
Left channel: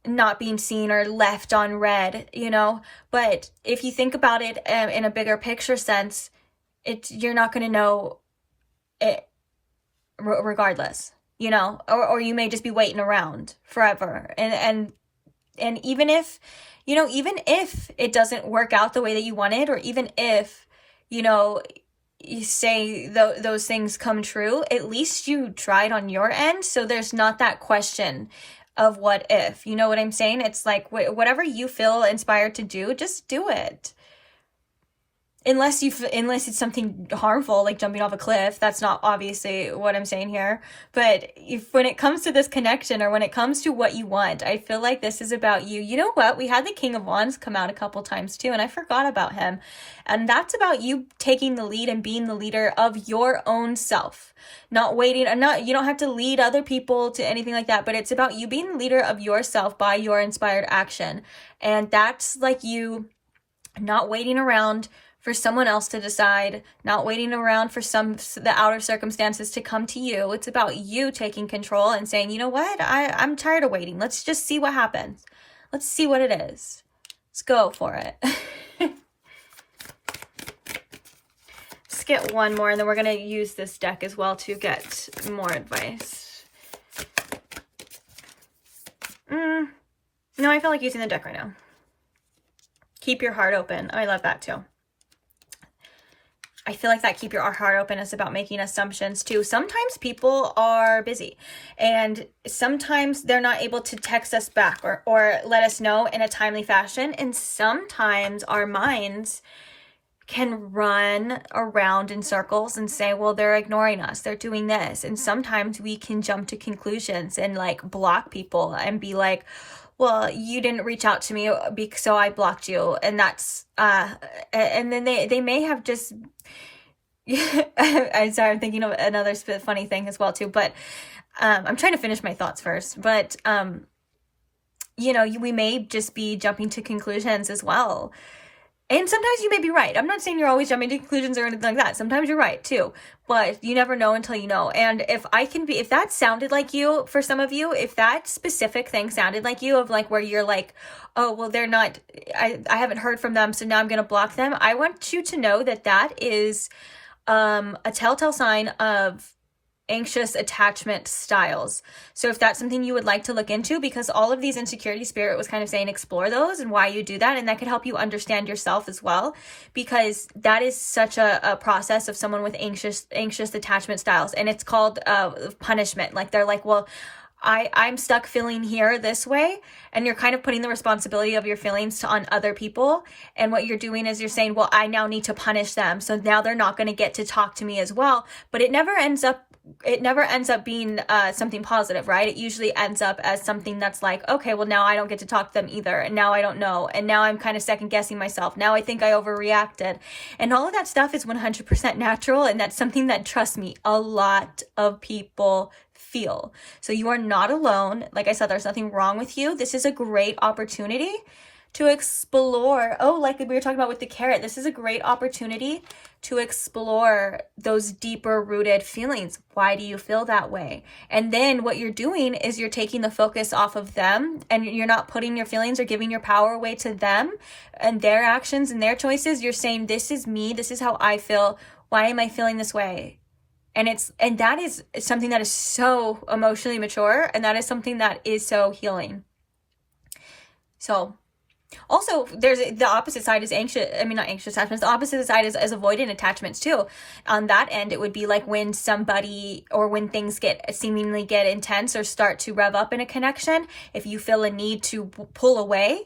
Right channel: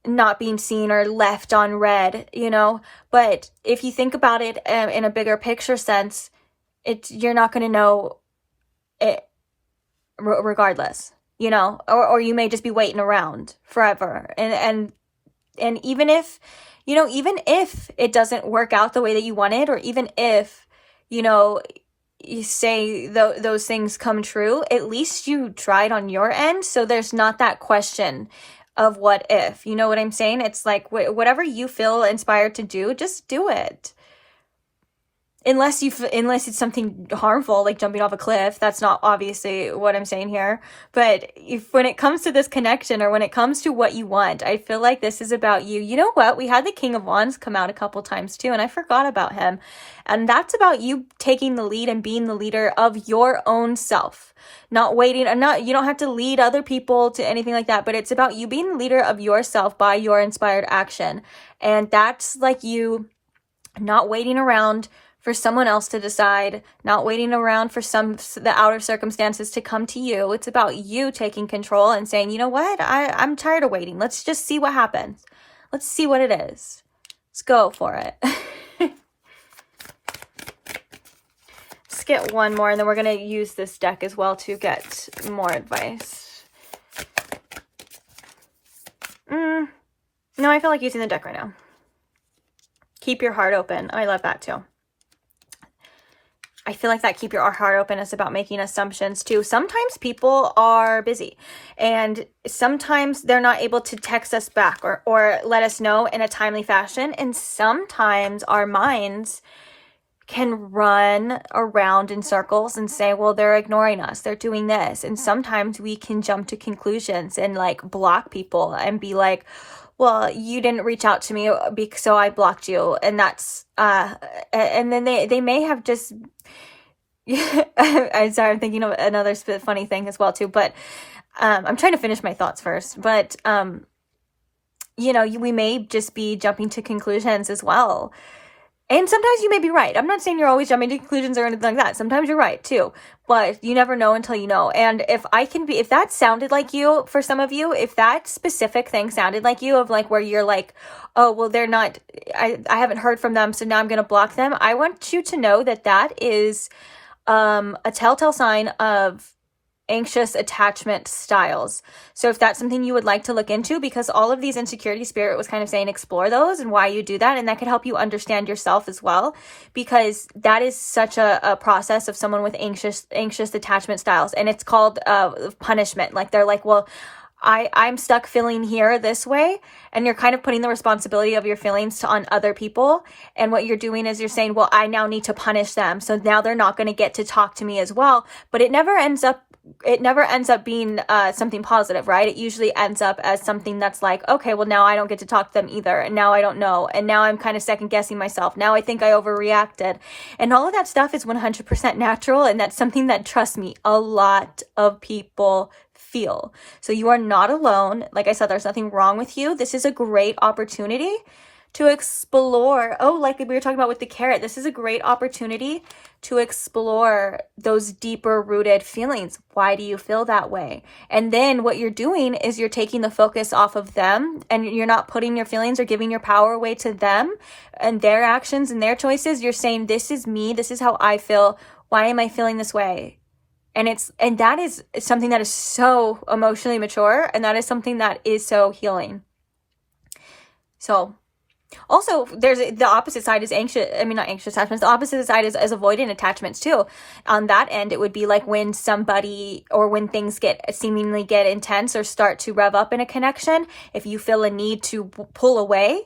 not being seen or left on red, you know. But if you think about it in a bigger picture sense, you're not going to know it regardless. You know, or you may just be waiting around forever. And even if, you know, even if it doesn't work out the way that you wanted, or even if, you know, you say those things come true, at least you tried on your end. So there's not that question of what if, you know what I'm saying? It's like, whatever you feel inspired to do, just do it. Unless it's something harmful, like jumping off a cliff. That's not obviously what I'm saying here. But when it comes to this connection, or when it comes to what you want, I feel like this is about you. You know what? We had the King of Wands come out a couple times too, and I forgot about him. And that's about you taking the lead and being the leader of your own self. Not waiting, you don't have to lead other people to anything like that, but it's about you being the leader of yourself by your inspired action. And that's like you not waiting around for someone else to decide, not waiting around for the outer circumstances to come to you. It's about you taking control and saying, you know what, I'm tired of waiting. Let's just see what happens. Let's see what it is. Let's go for it. Let's get one more, and then we're going to use this deck as well to get more advice. No, I feel like using the deck right now. Keep your heart open. I love that too. I feel like that keep your heart open is about making assumptions too. Sometimes people are busy, and sometimes they're not able to text us back or let us know in a timely fashion. And sometimes our minds can run around in circles and say, well, they're ignoring us, they're doing this. And sometimes we can jump to conclusions and like block people and be like, well, you didn't reach out to me, so I blocked you. And that's, and then they may have just, I'm sorry, I'm thinking of another funny thing as well too, but I'm trying to finish my thoughts first. But, you know, we may just be jumping to conclusions as well. And sometimes you may be right. I'm not saying you're always jumping to conclusions or anything like that. Sometimes you're right too, but you never know until you know. And if that sounded like you, for some of you, if that specific thing sounded like you, of like where you're like, oh, well, they're not, I haven't heard from them, so now I'm going to block them. I want you to know that is a telltale sign of anxious attachment styles. So if that's something you would like to look into, because all of these insecurity, Spirit was kind of saying explore those and why you do that, and that could help you understand yourself as well, because that is such a process of someone with anxious attachment styles. And it's called punishment. Like they're like, well, I'm stuck feeling here this way, and you're kind of putting the responsibility of your feelings on other people. And what you're doing is you're saying, well, I now need to punish them, so now they're not going to get to talk to me as well. But it never ends up being something positive, right? It usually ends up as something that's like, okay, well, now I don't get to talk to them either, and now I don't know, and now I'm kind of second guessing myself. Now I think I overreacted, and all of that stuff is 100% natural, and that's something that, trust me, a lot of people feel. So you are not alone. Like I said, there's nothing wrong with you. This is a great opportunity to explore. Oh, like we were talking about with the carrot, this is a great opportunity to explore those deeper rooted feelings. Why do you feel that way? And then what you're doing is you're taking the focus off of them, and you're not putting your feelings or giving your power away to them and their actions and their choices. You're saying, this is me. This is how I feel. Why am I feeling this way? And that is something that is so emotionally mature, and that is something that is so healing. So also, there's the opposite side is not anxious attachments. The opposite side is avoidant attachments too. On that end, it would be like when somebody or when things seemingly get intense or start to rev up in a connection. If you feel a need to pull away,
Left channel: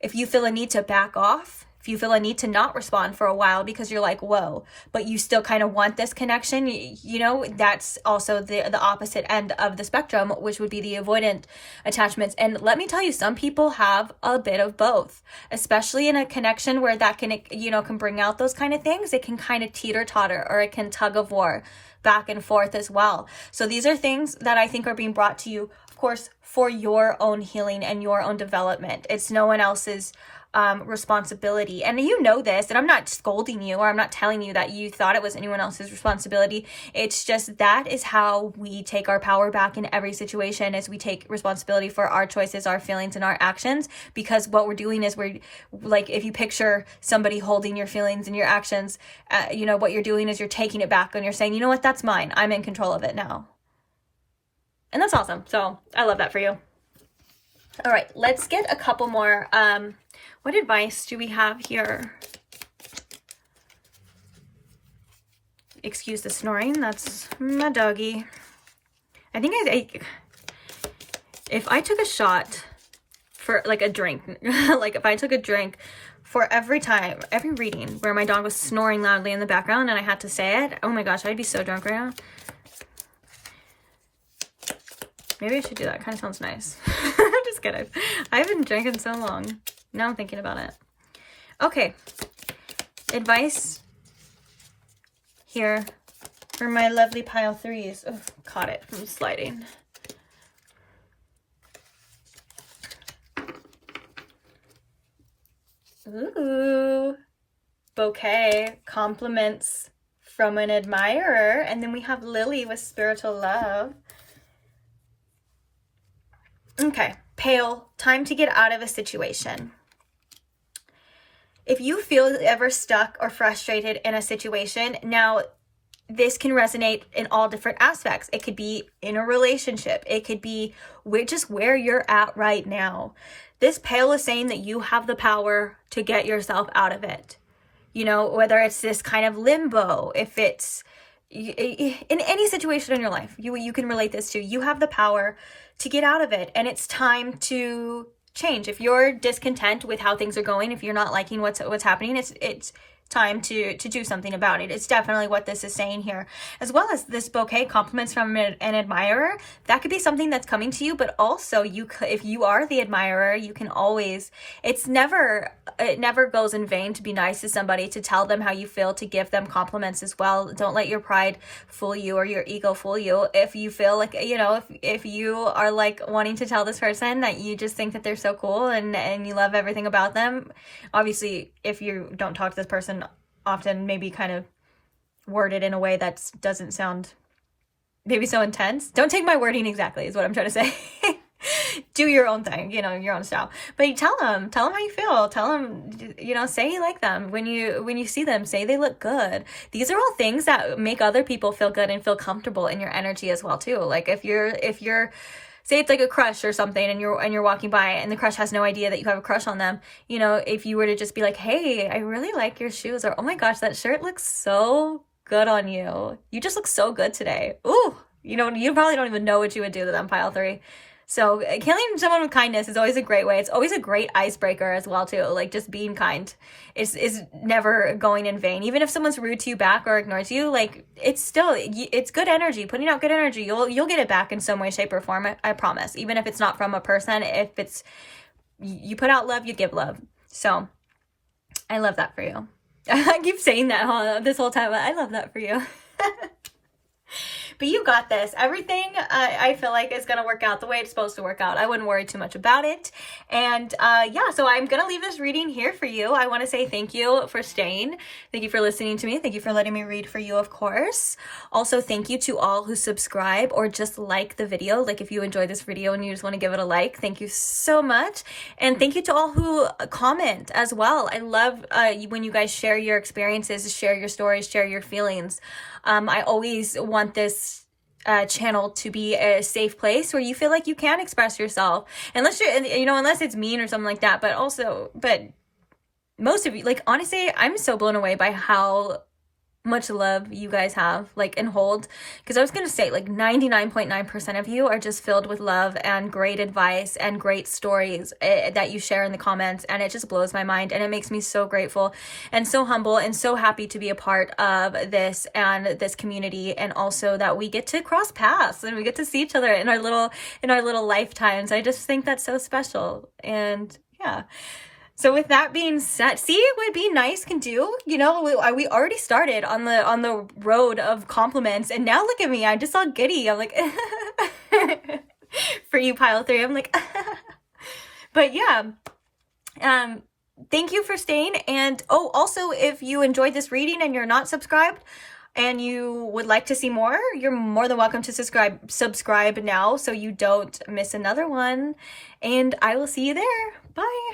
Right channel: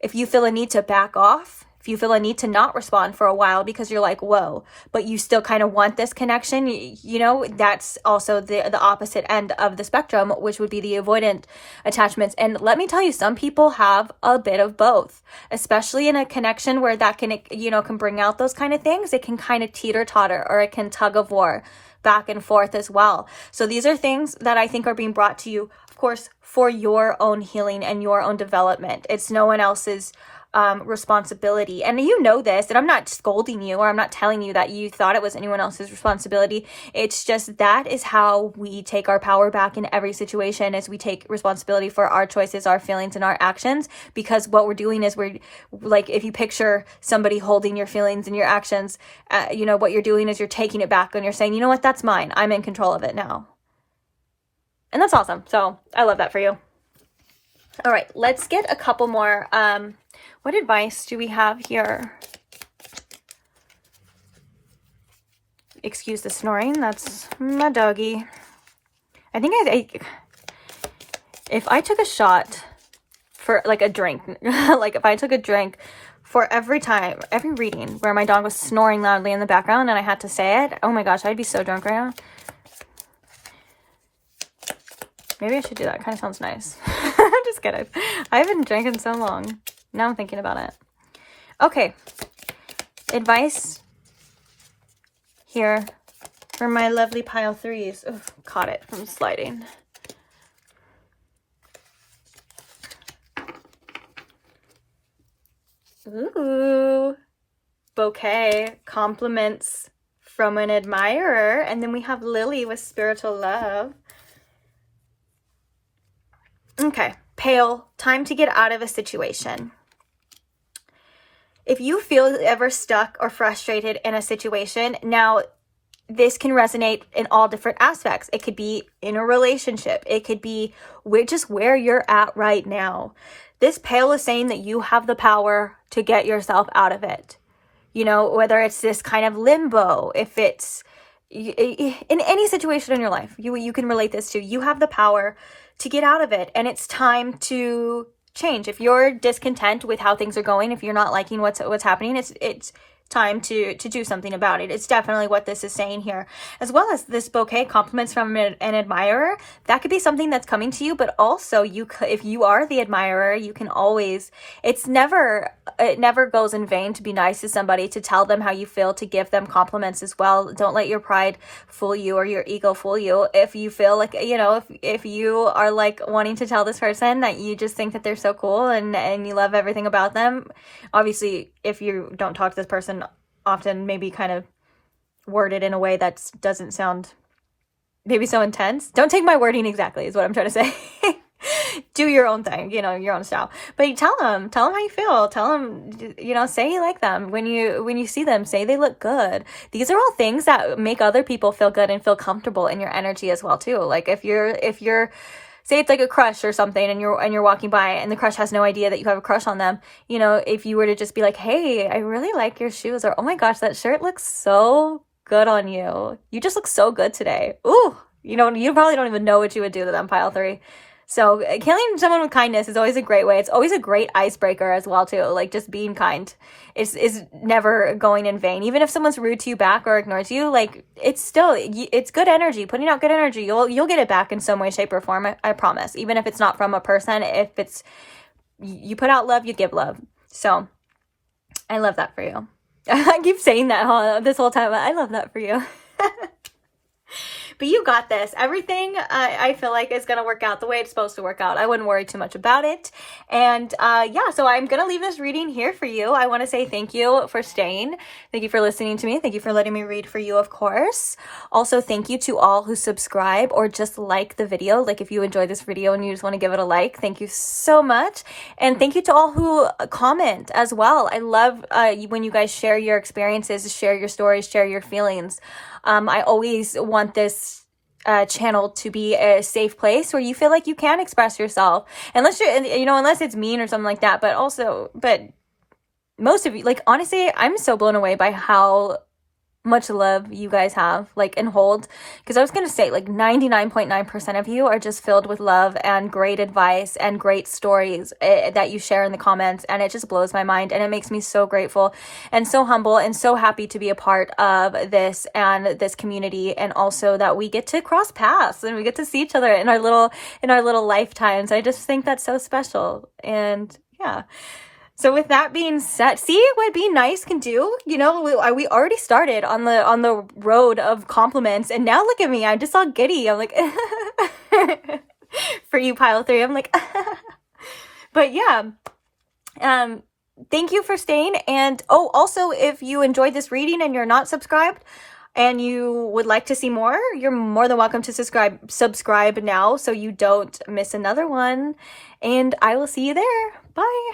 if you feel a need to back off, if you feel a need to not respond for a while because you're like, whoa, but you still kind of want this connection, you know, that's also the opposite end of the spectrum, which would be the avoidant attachments. And let me tell you, some people have a bit of both, especially in a connection where that can, you know, can bring out those kind of things. It can kind of teeter-totter, or it can tug of war back and forth as well. So these are things that I think are being brought to you, of course, for your own healing and your own development. It's no one else's responsibility. And you know this, and I'm not scolding you, or I'm not telling you that you thought it was anyone else's responsibility. It's just that is how we take our power back in every situation, as we take responsibility for our choices, our feelings, and our actions. Because what we're doing is we're like, if you picture somebody holding your feelings and your actions, you know, what you're doing is you're taking it back, and you're saying, you know what, that's mine. I'm in control of it now. And that's awesome. So I love that for you. All right, let's get a couple more. What advice do we have here? Excuse the snoring. That's my doggy. I think if I took a shot for like a drink, like if I took a drink for every reading where my dog was snoring loudly in the background and I had to say it, oh my gosh, I'd be so drunk right now. Maybe I should do that. Kind of sounds nice. Just kidding. I haven't drank in so long. Now I'm thinking about it. Okay. Advice here for my lovely pile threes. Oh, caught it from sliding. Ooh. Bouquet. Compliments from an admirer. And then we have Lily with spiritual love. Okay. Pale. Time to get out of a situation. If you feel ever stuck or frustrated in a situation, now this can resonate in all different aspects. It could be in a relationship. It could be just where you're at right now. This pale is saying that you have the power to get yourself out of it. You know, whether it's this kind of limbo, if it's in any situation in your life, you can relate this to. You have the power to get out of it, and it's time to change. If you're discontent with how things are going, if you're not liking what's happening, it's time to do something about it. It's definitely what this is saying here. As well as this bouquet, compliments from an admirer, that could be something that's coming to you, but also if you are the admirer, you can always, it never goes in vain to be nice to somebody, to tell them how you feel, to give them compliments as well. Don't let your pride fool you or your ego fool you. If you feel like, you know, if you are like wanting to tell this person that you just think that they're so cool and you love everything about them, obviously if you don't talk to this person often, maybe kind of word it in a way that doesn't sound maybe so intense. Don't take my wording exactly is what I'm trying to say. Do your own thing, you know, your own style. But tell them how you feel. Tell them, you know, say you like them. When you see them, say they look good. These are all things that make other people feel good and feel comfortable in your energy as well too. Like if you're say it's like a crush or something, and you're walking by and the crush has no idea that you have a crush on them. You know, if you were to just be like, hey, I really like your shoes, or oh my gosh, that shirt looks so good on you. You just look so good today. Ooh, you know, you probably don't even know what you would do to them, pile three. So killing someone with kindness is always a great way. It's always a great icebreaker as well too. Like just being kind is never going in vain. Even if someone's rude to you back or ignores you, like it's good energy. Putting out good energy, you'll get it back in some way, shape, or form. I promise. Even if it's not from a person, if it's you put out love, you give love. So I love that for you. I keep saying that this whole time. I love that for you. But you got this. Everything I feel like is going to work out the way it's supposed to work out. I wouldn't worry too much about it. And yeah, so I'm going to leave this reading here for you. I want to say thank you for staying. Thank you for listening to me. Thank you for letting me read for you, of course. Also, thank you to all who subscribe or just like the video. Like if you enjoyed this video and you just want to give it a like, thank you so much. And thank you to all who comment as well. I love when you guys share your experiences, share your stories, share your feelings. I always want this channel to be a safe place where you feel like you can express yourself, unless unless it's mean or something like that. But most of you, like, honestly, I'm so blown away by how much love you guys have, like, and hold, because I was gonna say, like, 99.9% of you are just filled with love and great advice and great stories that you share in the comments, and it just blows my mind, and it makes me so grateful and so humble and so happy to be a part of this and this community, and also that we get to cross paths and we get to see each other in our little lifetimes. I just think that's so special. And yeah. So with that being said, see what being nice can do? You know, we already started on the road of compliments, and now look at me. I'm just all giddy. I'm like, for you, pile 3, I'm like, but yeah. Thank you for staying. And oh, also, if you enjoyed this reading and you're not subscribed and you would like to see more, you're more than welcome to subscribe now so you don't miss another one. And I will see you there. Bye.